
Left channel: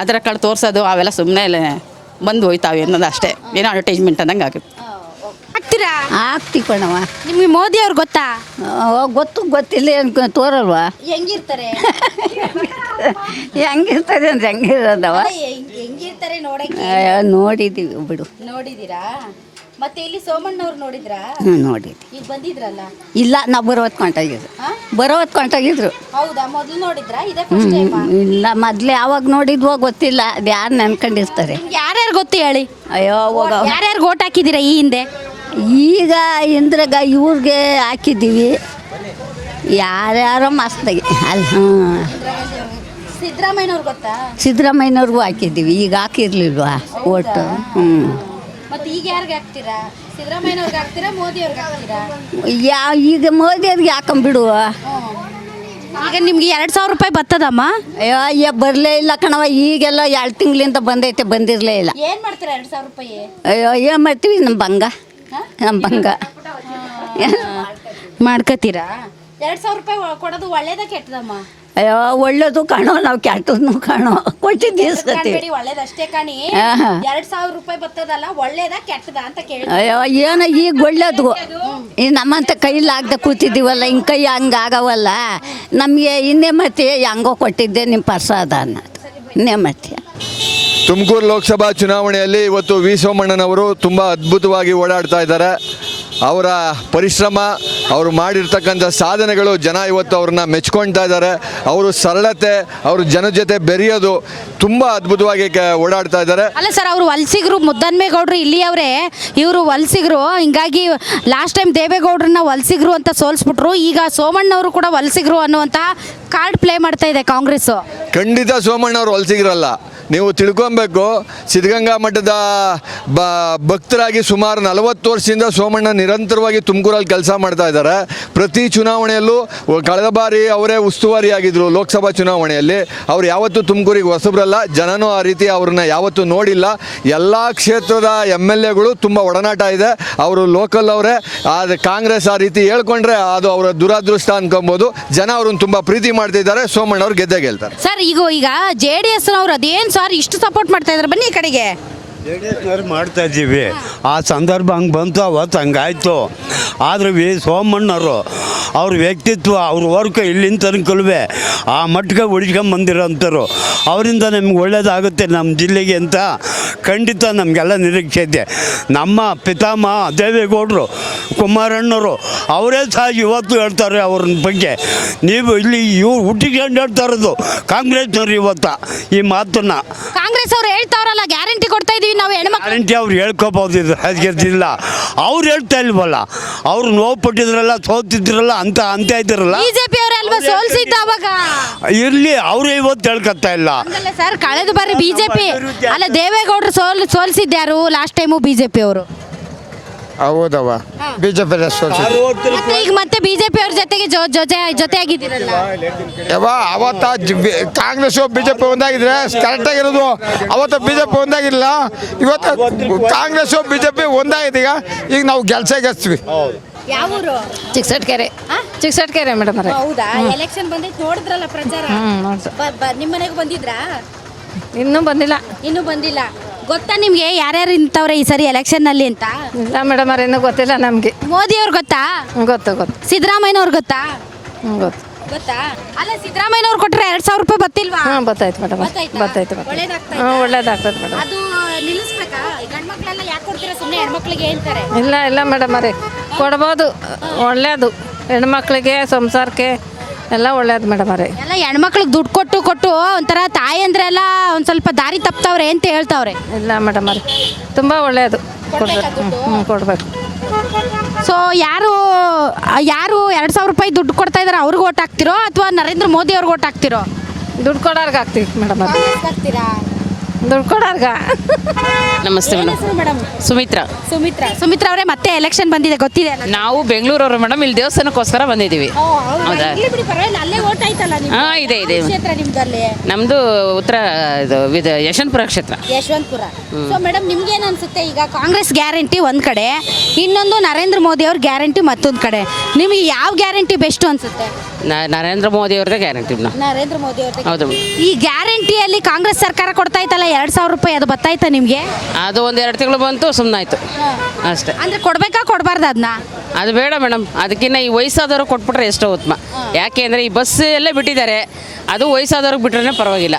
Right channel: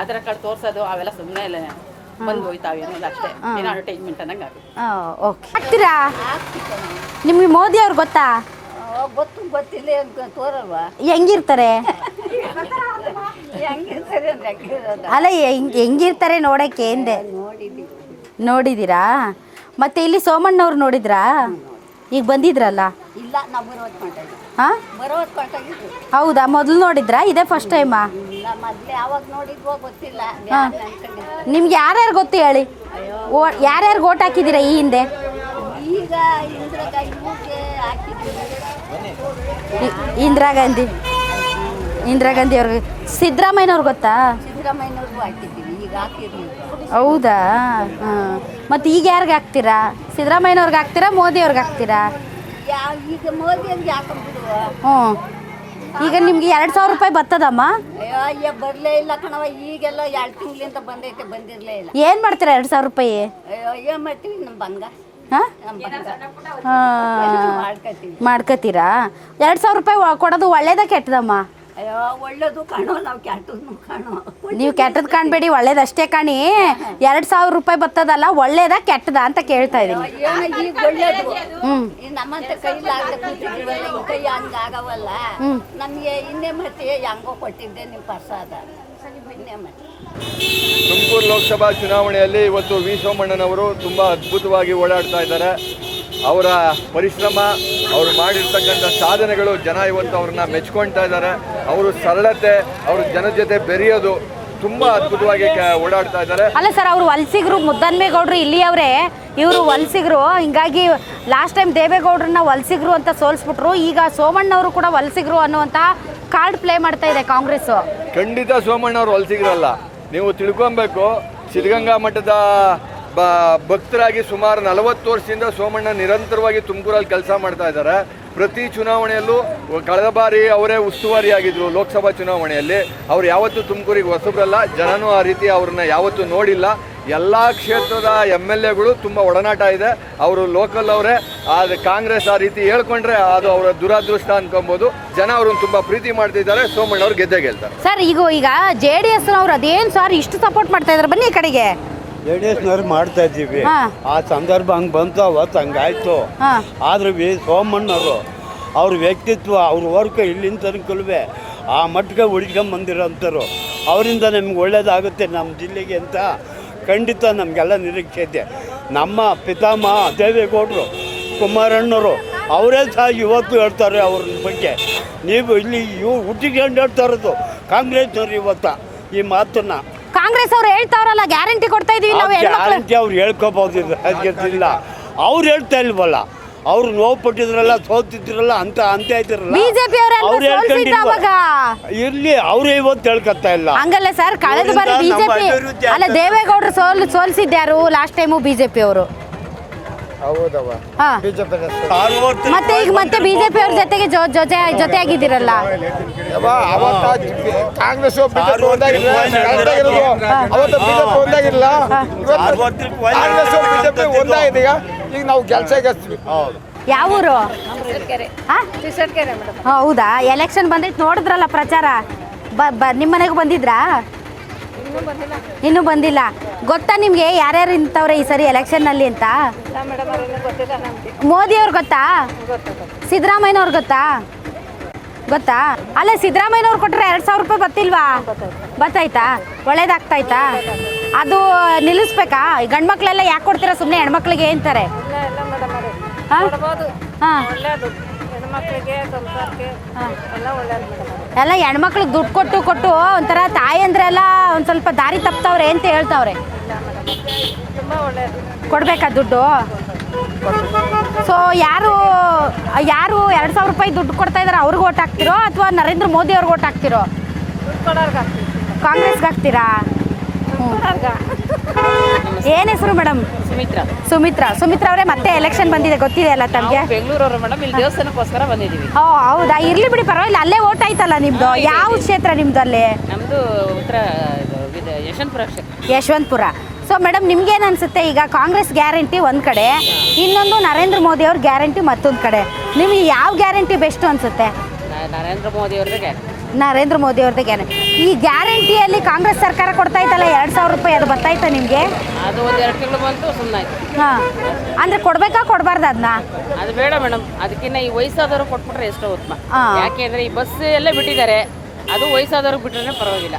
ಆಧಾರ್ ಕಾರ್ಡ್ ತೋರಿಸೋದು ಅವೆಲ್ಲ ಸುಮ್ಮನೆ ಬಂದು ಹೋಯ್ತಾವೆ ಅನ್ನೋದು ಅಷ್ಟೇ, ಏನೋ ಅಡ್ವರ್ಟೈಸ್ಮೆಂಟ್ ಅನ್ನಂಗೆ ಆಗುತ್ತೆ. ಆಗ್ತೀರಾ? ಆಗ್ತಿ ಕಣವ. ನಿಮಗೆ ಮೋದಿ ಅವ್ರು ಗೊತ್ತಾ? ಗೊತ್ತಿಲ್ಲ ತೋರಲ್ವಾ? ಹೆಂಗಿರ್ತಾರೆ? ಹೆಂಗಿರ್ತಾರೆ ಅಂದ್ರೆ ಹೆಂಗಿರೋದವ? ಅಲ್ಲ ಹೆಂಗಿರ್ತಾರೆ ನೋಡಕ್ಕೆ ನೋಡಿದೀವಿ ಬಿಡು. ನೋಡಿದೀರಾ? ಮತ್ತೆ ಇಲ್ಲಿ ಸೋಮಣ್ಣವ್ರು ನೋಡಿದ್ರಾ? ನೋಡಿದ್ವಿ. ಈಗ ಬಂದಿದ್ರಲ್ಲ? ಇಲ್ಲ, ನಾವು ಬರೋವತ್ತು ಕೊಂಟಾಗಿದ್ರು. ಹೌದಾ? ಮೊದಲು ನೋಡಿದ್ರಾ? ಇದೇ ಫಸ್ಟ್ ಟೈಮ್? ಇಲ್ಲ, ಮೊದ್ಲು ಯಾವಾಗ ನೋಡಿದ್ವೋ ಗೊತ್ತಿಲ್ಲ, ಅದು ಯಾರು ನೆನ್ಕೊಂಡಿರ್ತಾರೆ. ನಿಮ್ಗೆ ಯಾರ್ಯಾರು ಗೊತ್ತೇ ಹೇಳಿ? ಅಯ್ಯೋ, ಯಾರ್ಯಾರು ಓಟ್ ಹಾಕಿದ್ದೀರಾ ಈ ಹಿಂದೆ? ಈಗ ಇಂದ್ರಾಗ ಇವ್ರಿಗೆ ಹಾಕಿದ್ದೀವಿ. ಯಾರ್ಯಾರೋ ಮಸ್ತಾಗಿ ಇಂದಿರಾ ಗಾಂಧಿ ಅವ್ರಿಗೆ. ಸಿದ್ದರಾಮಯ್ಯನವ್ರು ಗೊತ್ತಾ? ಸಿದ್ದರಾಮಯ್ಯನವ್ರಿಗೂ ಹಾಕಿದ್ದೀವಿ, ಈಗ ಹಾಕಿರ್ಲಿಲ್ವಾ? ಹೌದಾ? ಮತ್ತೆ ಈಗ ಯಾರಿಗೆ ಹಾಕ್ತೀರಾ? ಸಿದ್ದರಾಮಯ್ಯನವ್ರಿಗೆ ಹಾಕ್ತೀರಾ, ಮೋದಿ ಅವ್ರಿಗೆ ಹಾಕ್ತೀರಾ? ಈಗ ಮೋದಿ ಅವ್ರಿಗೆ ಹಾಕೊಂಬಿಡುವ. ಈಗ ನಿಮ್ಗೆ 2,000 ರೂಪಾಯಿ ಬರ್ತದಮ್ಮ? ಅಯ್ಯೋ ಬರಲೇ ಇಲ್ಲ ಕಣವ, ಈಗೆಲ್ಲ 2 ತಿಂಗಳಿಂದ ಬಂದಿರಲೇ ಇಲ್ಲ. ಏನು ಮಾಡ್ತೀರಾ 2,000 ರೂಪಾಯಿ? ಅಯ್ಯೋ ಏನು ಮಾಡ್ತೀವಿ, ನಮ್ಮ ಬಂಗ ಮಾಡ್ಕತ್ತೀರಾ? 2,000 ರೂಪಾಯಿ ಕೊಡೋದು ಒಳ್ಳೇದ ಕೆಟ್ಟದಮ್ಮ? ಅಯ್ಯೋ ಒಳ್ಳೇದು ಕಾಣೋ, ನಾವು ಕೆಟ್ಟದ್ನು ಕಾಣೋ. ಕೆಟ್ಟದ್ ಕಾಣ್ಬೇಡಿ, ಒಳ್ಳೇದಷ್ಟೇ ಕಾಣಿ. 2,000 ರೂಪಾಯಿ ಬರ್ತದಲ್ಲ, ಒಳ್ಳೇದ ಕೆಟ್ಟದ ಅಂತ ಕೇಳ್ತಾರೆ. ಅಯ್ಯೋ ಏನೋ ಈಗ ಒಳ್ಳೇದು. ಈ ನಮ್ಮಂತ ಕೈಲಾಗ್ದೆ ಕೂತಿದ್ದೀವಲ್ಲ, ಹಿಂಗೆ ಕೈ ಹಂಗಾಗವಲ್ಲ ನಮಗೆ. ಇನ್ನೇ ಮತ್ತೆ ಹೆಂಗೋ ಕೊಟ್ಟಿದ್ದೆ ನಿಮ್ಮ ಪ್ರಸಾದ ಅನ್ನೋದು ಇನ್ನೇ ಮತ್ತೆ. ತುಮಕೂರು ಲೋಕಸಭಾ ಚುನಾವಣೆಯಲ್ಲಿ ಇವತ್ತು ವಿ ಸೋಮಣ್ಣನವರು ತುಂಬ ಅದ್ಭುತವಾಗಿ ಓಡಾಡ್ತಾ ಇದ್ದಾರೆ. ಅವರ ಪರಿಶ್ರಮ, ಅವರು ಮಾಡಿರ್ತಕ್ಕಂಥ ಸಾಧನೆಗಳು ಜನ ಇವತ್ತು ಅವ್ರನ್ನ ಮೆಚ್ಕೊಳ್ತಾ ಇದ್ದಾರೆ. ಅವರು ಸರಳತೆ, ಅವರು ಜನ ಜೊತೆ ಬೆರೆಯೋದು ತುಂಬ ಅದ್ಭುತವಾಗಿ ಓಡಾಡ್ತಾ ಇದ್ದಾರೆ. ಅಲ್ಲ ಸರ್, ಅವರು ವಲಸಿಗರು, ಮುದ್ದನ್ಮೇಗೌಡರು ಇಲ್ಲಿಯವರೇ, ಇವರು ವಲಸಿಗರು. ಹಿಂಗಾಗಿ ಲಾಸ್ಟ್ ಟೈಮ್ ದೇವೇಗೌಡರನ್ನ ವಲಸಿಗರು ಅಂತ ಸೋಲಿಸ್ಬಿಟ್ರು. ಈಗ ಸೋಮಣ್ಣವರು ಕೂಡ ವಲಸಿಗರು ಅನ್ನುವಂಥ ಕಾರ್ಡ್ ಪ್ಲೇ ಮಾಡ್ತಾ ಇದೆ ಕಾಂಗ್ರೆಸ್. ಖಂಡಿತ ಸೋಮಣ್ಣವ್ರು ವಲಸಿಗರಲ್ಲ. ನೀವು ತಿಳ್ಕೊಬೇಕು, ಸಿದ್ಧಗಂಗಾ ಮಠದ ಭಕ್ತರಾಗಿ ಸುಮಾರು 40 ವರ್ಷದಿಂದ ಸೋಮಣ್ಣ ನಿರಂತರವಾಗಿ ತುಮಕೂರಲ್ಲಿ ಕೆಲಸ ಮಾಡ್ತಾ ಇದ್ದಾರೆ. ಪ್ರತಿ ಚುನಾವಣೆಯಲ್ಲೂ ಕಳೆದ ಬಾರಿ ಅವರೇ ಉಸ್ತುವಾರಿಯಾಗಿದ್ದರು ಲೋಕಸಭಾ ಚುನಾವಣೆಯಲ್ಲಿ. ಅವ್ರು ಯಾವತ್ತೂ ತುಮಕೂರಿಗೆ ಹೊಸಬ್ರಲ್ಲ, ಜನನೂ ಆ ರೀತಿ ಅವ್ರನ್ನ ಯಾವತ್ತೂ ನೋಡಿಲ್ಲ. ಎಲ್ಲ ಕ್ಷೇತ್ರದ MLAಗಳು ತುಂಬ ಒಡನಾಟ ಇದೆ. ಅವರು ಲೋಕಲ್ ಅವರೇ. ಆದರೆ ಕಾಂಗ್ರೆಸ್ ಆ ರೀತಿ ಹೇಳ್ಕೊಂಡ್ರೆ ಅದು ಅವರ ದುರಾದೃಷ್ಟ ಅನ್ಕೊಬೋದು. ಜನ ಅವ್ರನ್ನ ತುಂಬ ಪ್ರೀತಿ ಮಾಡ್ತಿದ್ದಾರೆ. ಸೋಮಣ್ಣವ್ರು ಗೆದ್ದೇ ಗೆಲ್ತಾರೆ ಸರ್. ಈಗ JDS ಅವ್ರು ಅದೇನು ಸರ್ ಇಷ್ಟು ಸಪೋರ್ಟ್ ಮಾಡ್ತಾ ಇದ್ದಾರೆ? ಬನ್ನಿ ಈ ಕಡೆಗೆ. JDSನವ್ರು ಮಾಡ್ತಾ ಇದ್ದೀವಿ. ಆ ಸಂದರ್ಭ ಹಂಗೆ ಬಂತು, ಅವತ್ತು ಹಂಗಾಯ್ತು. ಆದ್ರೆ ಸೋಮಣ್ಣವರು ಅವ್ರ ವ್ಯಕ್ತಿತ್ವ, ಅವ್ರ ವರ್ಕ್ ಇಲ್ಲಿಂದ ತನಕಲ್ವೇ ಆ ಮಟ್ಟಿಗೆ ಉಳಿಸ್ಕೊಂಬಂದಿರೋಂಥವ್ರು. ಅವರಿಂದ ನಮ್ಗೆ ಒಳ್ಳೇದಾಗುತ್ತೆ ನಮ್ಮ ಜಿಲ್ಲೆಗೆ ಅಂತ ಖಂಡಿತ ನಮಗೆಲ್ಲ ನಿರೀಕ್ಷೆ ಇದೆ. ನಮ್ಮ ಪಿತಾಮಹ ದೇವೇಗೌಡರು, ಕುಮಾರಣ್ಣವರು ಅವರೇ ಸಹ ಇವತ್ತು ಹೇಳ್ತಾರೆ ಅವ್ರ ಬಗ್ಗೆ. ನೀವು ಇಲ್ಲಿ ಹುಟ್ಟಿಗೆ ಹೇಳ್ತಾ ಇರೋದು ಕಾಂಗ್ರೆಸ್ನವ್ರು ಇವತ್ತು ಈ ಮಾತನ್ನ. ಕಾಂಗ್ರೆಸ್ ಅವ್ರು ಹೇಳ್ತಾವ್ರಲ್ಲ, ಗ್ಯಾರಂಟಿ ಕೊಡ್ತಾ ಇದೀವಿ ನಾವು. ಗ್ಯಾರಂಟಿ ಅವ್ರು ಹೇಳ್ಕೋಬಹುದು, ಇಲ್ಲ ಅವ್ರು ಹೇಳ್ತಾ ಇಲ್ವಲ್ಲ. ಅವ್ರು ನೋವು ಪಟ್ಟಿದ್ರಲ್ಲ, ಸೋತಿದ್ರಲ್ಲ ಅಂತ ಇದ್ರಲ್ಲ. ಬಿಜೆಪಿ ಅವರೆಲ್ಲ ಸೋಲ್ಸಿದ್ದ ಅವಾಗ. ಇರ್ಲಿ, ಅವ್ರು ಇವತ್ತು ಹೇಳ್ಕೊತಾ ಇಲ್ಲ. ಹಂಗಲ್ಲ ಸರ್, ಕಳೆದ ಬಾರಿ ಬಿಜೆಪಿ ಅಲ್ಲ ದೇವೇಗೌಡರು ಸೋಲ್ಸಿದ್ಯಾರು ಲಾಸ್ಟ್ ಟೈಮು ಬಿಜೆಪಿ ಅವರು. ಹೌದವ, ಬಿಜೆಪಿ ಮತ್ತೆ ಈಗ ಮತ್ತೆ ಬಿಜೆಪಿ ಅವ್ರ ಜೊತೆಗೆ ಜೊತೆ ಆಗಿದ್ದೀರಲ್ಲ. ಅವತ್ತ ಕಾಂಗ್ರೆಸ್ ಬಿಜೆಪಿ ಒಂದಾಗಿದ್ರೆ ಕರೆಕ್ಟ್ ಆಗಿರೋದು. ಅವತ್ತು ಬಿಜೆಪಿ ಒಂದಾಗಿರಲಿಲ್ಲ, ಇವತ್ತು ಕಾಂಗ್ರೆಸ್ ಬಿಜೆಪಿ ಒಂದಾಗಿದೆ. ಈಗ ನಾವು ಗೆಲ್ಸ್ತೀವಿ. ಯಾವ ಊರು? ಚಿಕ್ಕಸಟ್ಕೆರೆ ಮೇಡಮ್. ಹೌದಾ? ಎಲೆಕ್ಷನ್ ಬಂದೈತೆ, ನೋಡಿದ್ರಲ್ಲ ಪ್ರಚಾರ? ನಿಮ್ಮ ಮನೆಗೂ ಬಂದಿದ್ರಾ? ಇನ್ನೂ ಬಂದಿಲ್ಲ. ಗೊತ್ತಾ ನಿಮ್ಗೆ ಯಾರ್ಯಾರು ನಿಂತವ್ರೆ ಈ ಸರಿ ಎಲೆಕ್ಷನ್ ನಲ್ಲಿ ಅಂತ? ಇಲ್ಲ ಮೇಡಮ್, ಇನ್ನೂ ಗೊತ್ತಿಲ್ಲ ನಮಗೆ. ಮೋದಿ ಅವ್ರು ಗೊತ್ತಾ? ಗೊತ್ತು. ಸಿದ್ದರಾಮಯ್ಯನವ್ರು ಗೊತ್ತಾ? ಗೊತ್ತಾ? ಅಲ್ಲ, ಸಿದ್ದರಾಮಯ್ಯನವ್ರು ಕೊಟ್ರೆ 2,000 ರೂಪಾಯಿ ಬತ್ತಿಲ್ವಾ? ಗೊತ್ತಾಯ್ತು ಮೇಡಮ್. ಗೊತ್ತಾಯ್ತಾ? ಒಳ್ಳೇದಾಗ್ತಾಯ್ತಾ? ಅದು ನಿಲ್ಲಿಸ್ಬೇಕಾ? ಗಂಡ್ ಮಕ್ಳೆಲ್ಲ ಯಾಕೆ ಕೊಡ್ತೀರಾ? ಸುಮ್ಮನೆ ಹೆಣ್ಮಕ್ಳಿಗೆ ಅಂತಾರೆ. ಇಲ್ಲ ಮೇಡಮ್ ಅವರೇ, ಕೊಡ್ಬೋದು, ಒಳ್ಳೇದು. ಹೆಣ್ಮಕ್ಳಿಗೆ ಸಂಸಾರಕ್ಕೆ ಎಲ್ಲ ಒಳ್ಳೇದು ಮೇಡಮ್ ಅವರೇ. ಎಲ್ಲ ಹೆಣ್ಮಕ್ಳಿಗೆ ದುಡ್ಡು ಕೊಟ್ಟು ಒಂಥರ ತಾಯಿ ಅಂದ್ರೆಲ್ಲ ಒಂದ್ ಸ್ವಲ್ಪ ದಾರಿ ತಪ್ತವ್ರೆ ಅಂತ ಹೇಳ್ತಾವ್ರೆ. ಇಲ್ಲ ಮೇಡಮ್ ಅವರೇ, ತುಂಬ ಒಳ್ಳೇದು. ಕೊಡ್ಬೇಕಾ ದುಡ್ಡು? ಕೊಡ್ಬೇಕು. ಸೊ ಯಾರು 2,000 ರೂಪಾಯಿ ದುಡ್ಡು ಕೊಡ್ತಾ ಇದಾರೆ ಅವ್ರಿಗೆ ಓಟ್ ಹಾಕ್ತಿರೋ ಅಥವಾ ನರೇಂದ್ರ ಮೋದಿ ಅವ್ರಿಗೆ ಓಟ್ ಹಾಕ್ತಿರೋ? ದುಡ್ಡು ಕೊಡೋರ್ಗೆ ಹಾಕ್ತೀವಿ ಮೇಡಮ್. ಕಾಂಗ್ರೆಸ್ಗೆ ಹಾಕ್ತೀರಾ? ದುಡ್ಡು ಕೊಡೋರ್ಗ. ನಮಸ್ತೆ ಏನ್ ಹೆಸರು ಮೇಡಮ್? ಸುಮಿತ್ರಾ. ಸುಮಿತ್ರಾ ಅವರೇ, ಮತ್ತೆ ಎಲೆಕ್ಷನ್ ಬಂದಿದೆ ಗೊತ್ತಿದೆ ಅಲ್ಲ ನಾವು ತಮ್ಗೆ? ಬೆಂಗಳೂರವರು ಮೇಡಮ್, ಇಲ್ಲಿ ದೇವಸ್ಥಾನಕ್ಕೋಸ್ಕರ ಬಂದಿದ್ದೀವಿ. ಓ, ಹೌದಾ? ಇರ್ಲಿ ಬಿಡಿ, ಪರವಾಗಿಲ್ಲ. ಅಲ್ಲೇ ಓಟ್ ಆಯ್ತಲ್ಲ ನಿಮ್ದು. ಹಾ, ಇದೆ, ಯಾವ ಇದೆ. ಕ್ಷೇತ್ರ ನಿಮ್ದಲ್ಲಿ? ನಮ್ದು ಉತ್ತರ ಇದು ಯಶವಂತಪುರ ಕ್ಷೇತ್ರ. ಯಶವಂತಪುರ. ಸೊ ಮೇಡಮ್, ನಿಮ್ಗೇನ್ ಅನ್ಸುತ್ತೆ? ಈಗ ಕಾಂಗ್ರೆಸ್ ಗ್ಯಾರಂಟಿ ಒಂದ್ ಕಡೆ, ಇನ್ನೊಂದು ನರೇಂದ್ರ ಮೋದಿ ಅವ್ರ ಗ್ಯಾರಂಟಿ ಮತ್ತೊಂದ್ ಕಡೆ. ನಿಮಗೆ ಯಾವ ಗ್ಯಾರಂಟಿ ಬೆಸ್ಟ್ ಅನ್ಸುತ್ತೆ? ನರೇಂದ್ರ ಮೋದಿ ಅವ್ರದ್ದೇ ಗ್ಯಾರಂಟಿ. ನರೇಂದ್ರ ಮೋದಿ ಅವ್ರದ್ದೇ ಗ್ಯಾರಂಟಿ. ಈ ಗ್ಯಾರಂಟಿಯಲ್ಲಿ ಕಾಂಗ್ರೆಸ್ ಸರ್ಕಾರ ಕೊಡ್ತಾ ಇತ್ತಲ್ಲ 2,000 ರೂಪಾಯಿ, ಅದು ಬರ್ತಾಯ್ತಾ ನಿಮ್ಗೆ? ಅದು ಒಂದು 2 ತಿಂಗಳು ಬಂತು, ಸುಮ್ಮನಾಯ್ತು ಅಷ್ಟೇ. ಅಂದ್ರೆ ಕೊಡ್ಬೇಕಾ ಕೊಡ್ಬಾರ್ದು ಅದನ್ನ? ಅದು ಬೇಡ ಮೇಡಮ್, ಅದಕ್ಕಿಂತ ಈ ವಯಸ್ಸಾದವರು ಕೊಟ್ಬಿಟ್ರೆ ಎಷ್ಟೋ ಉತ್ತಮ. ಯಾಕೆ ಅಂದರೆ ಈ ಬಸ್ ಎಲ್ಲ ಬಿಟ್ಟಿದ್ದಾರೆ, ಅದು ವಯಸ್ಸಾದವ್ರಿಗೆ ಬಿಟ್ರೆ ಪರವಾಗಿಲ್ಲ.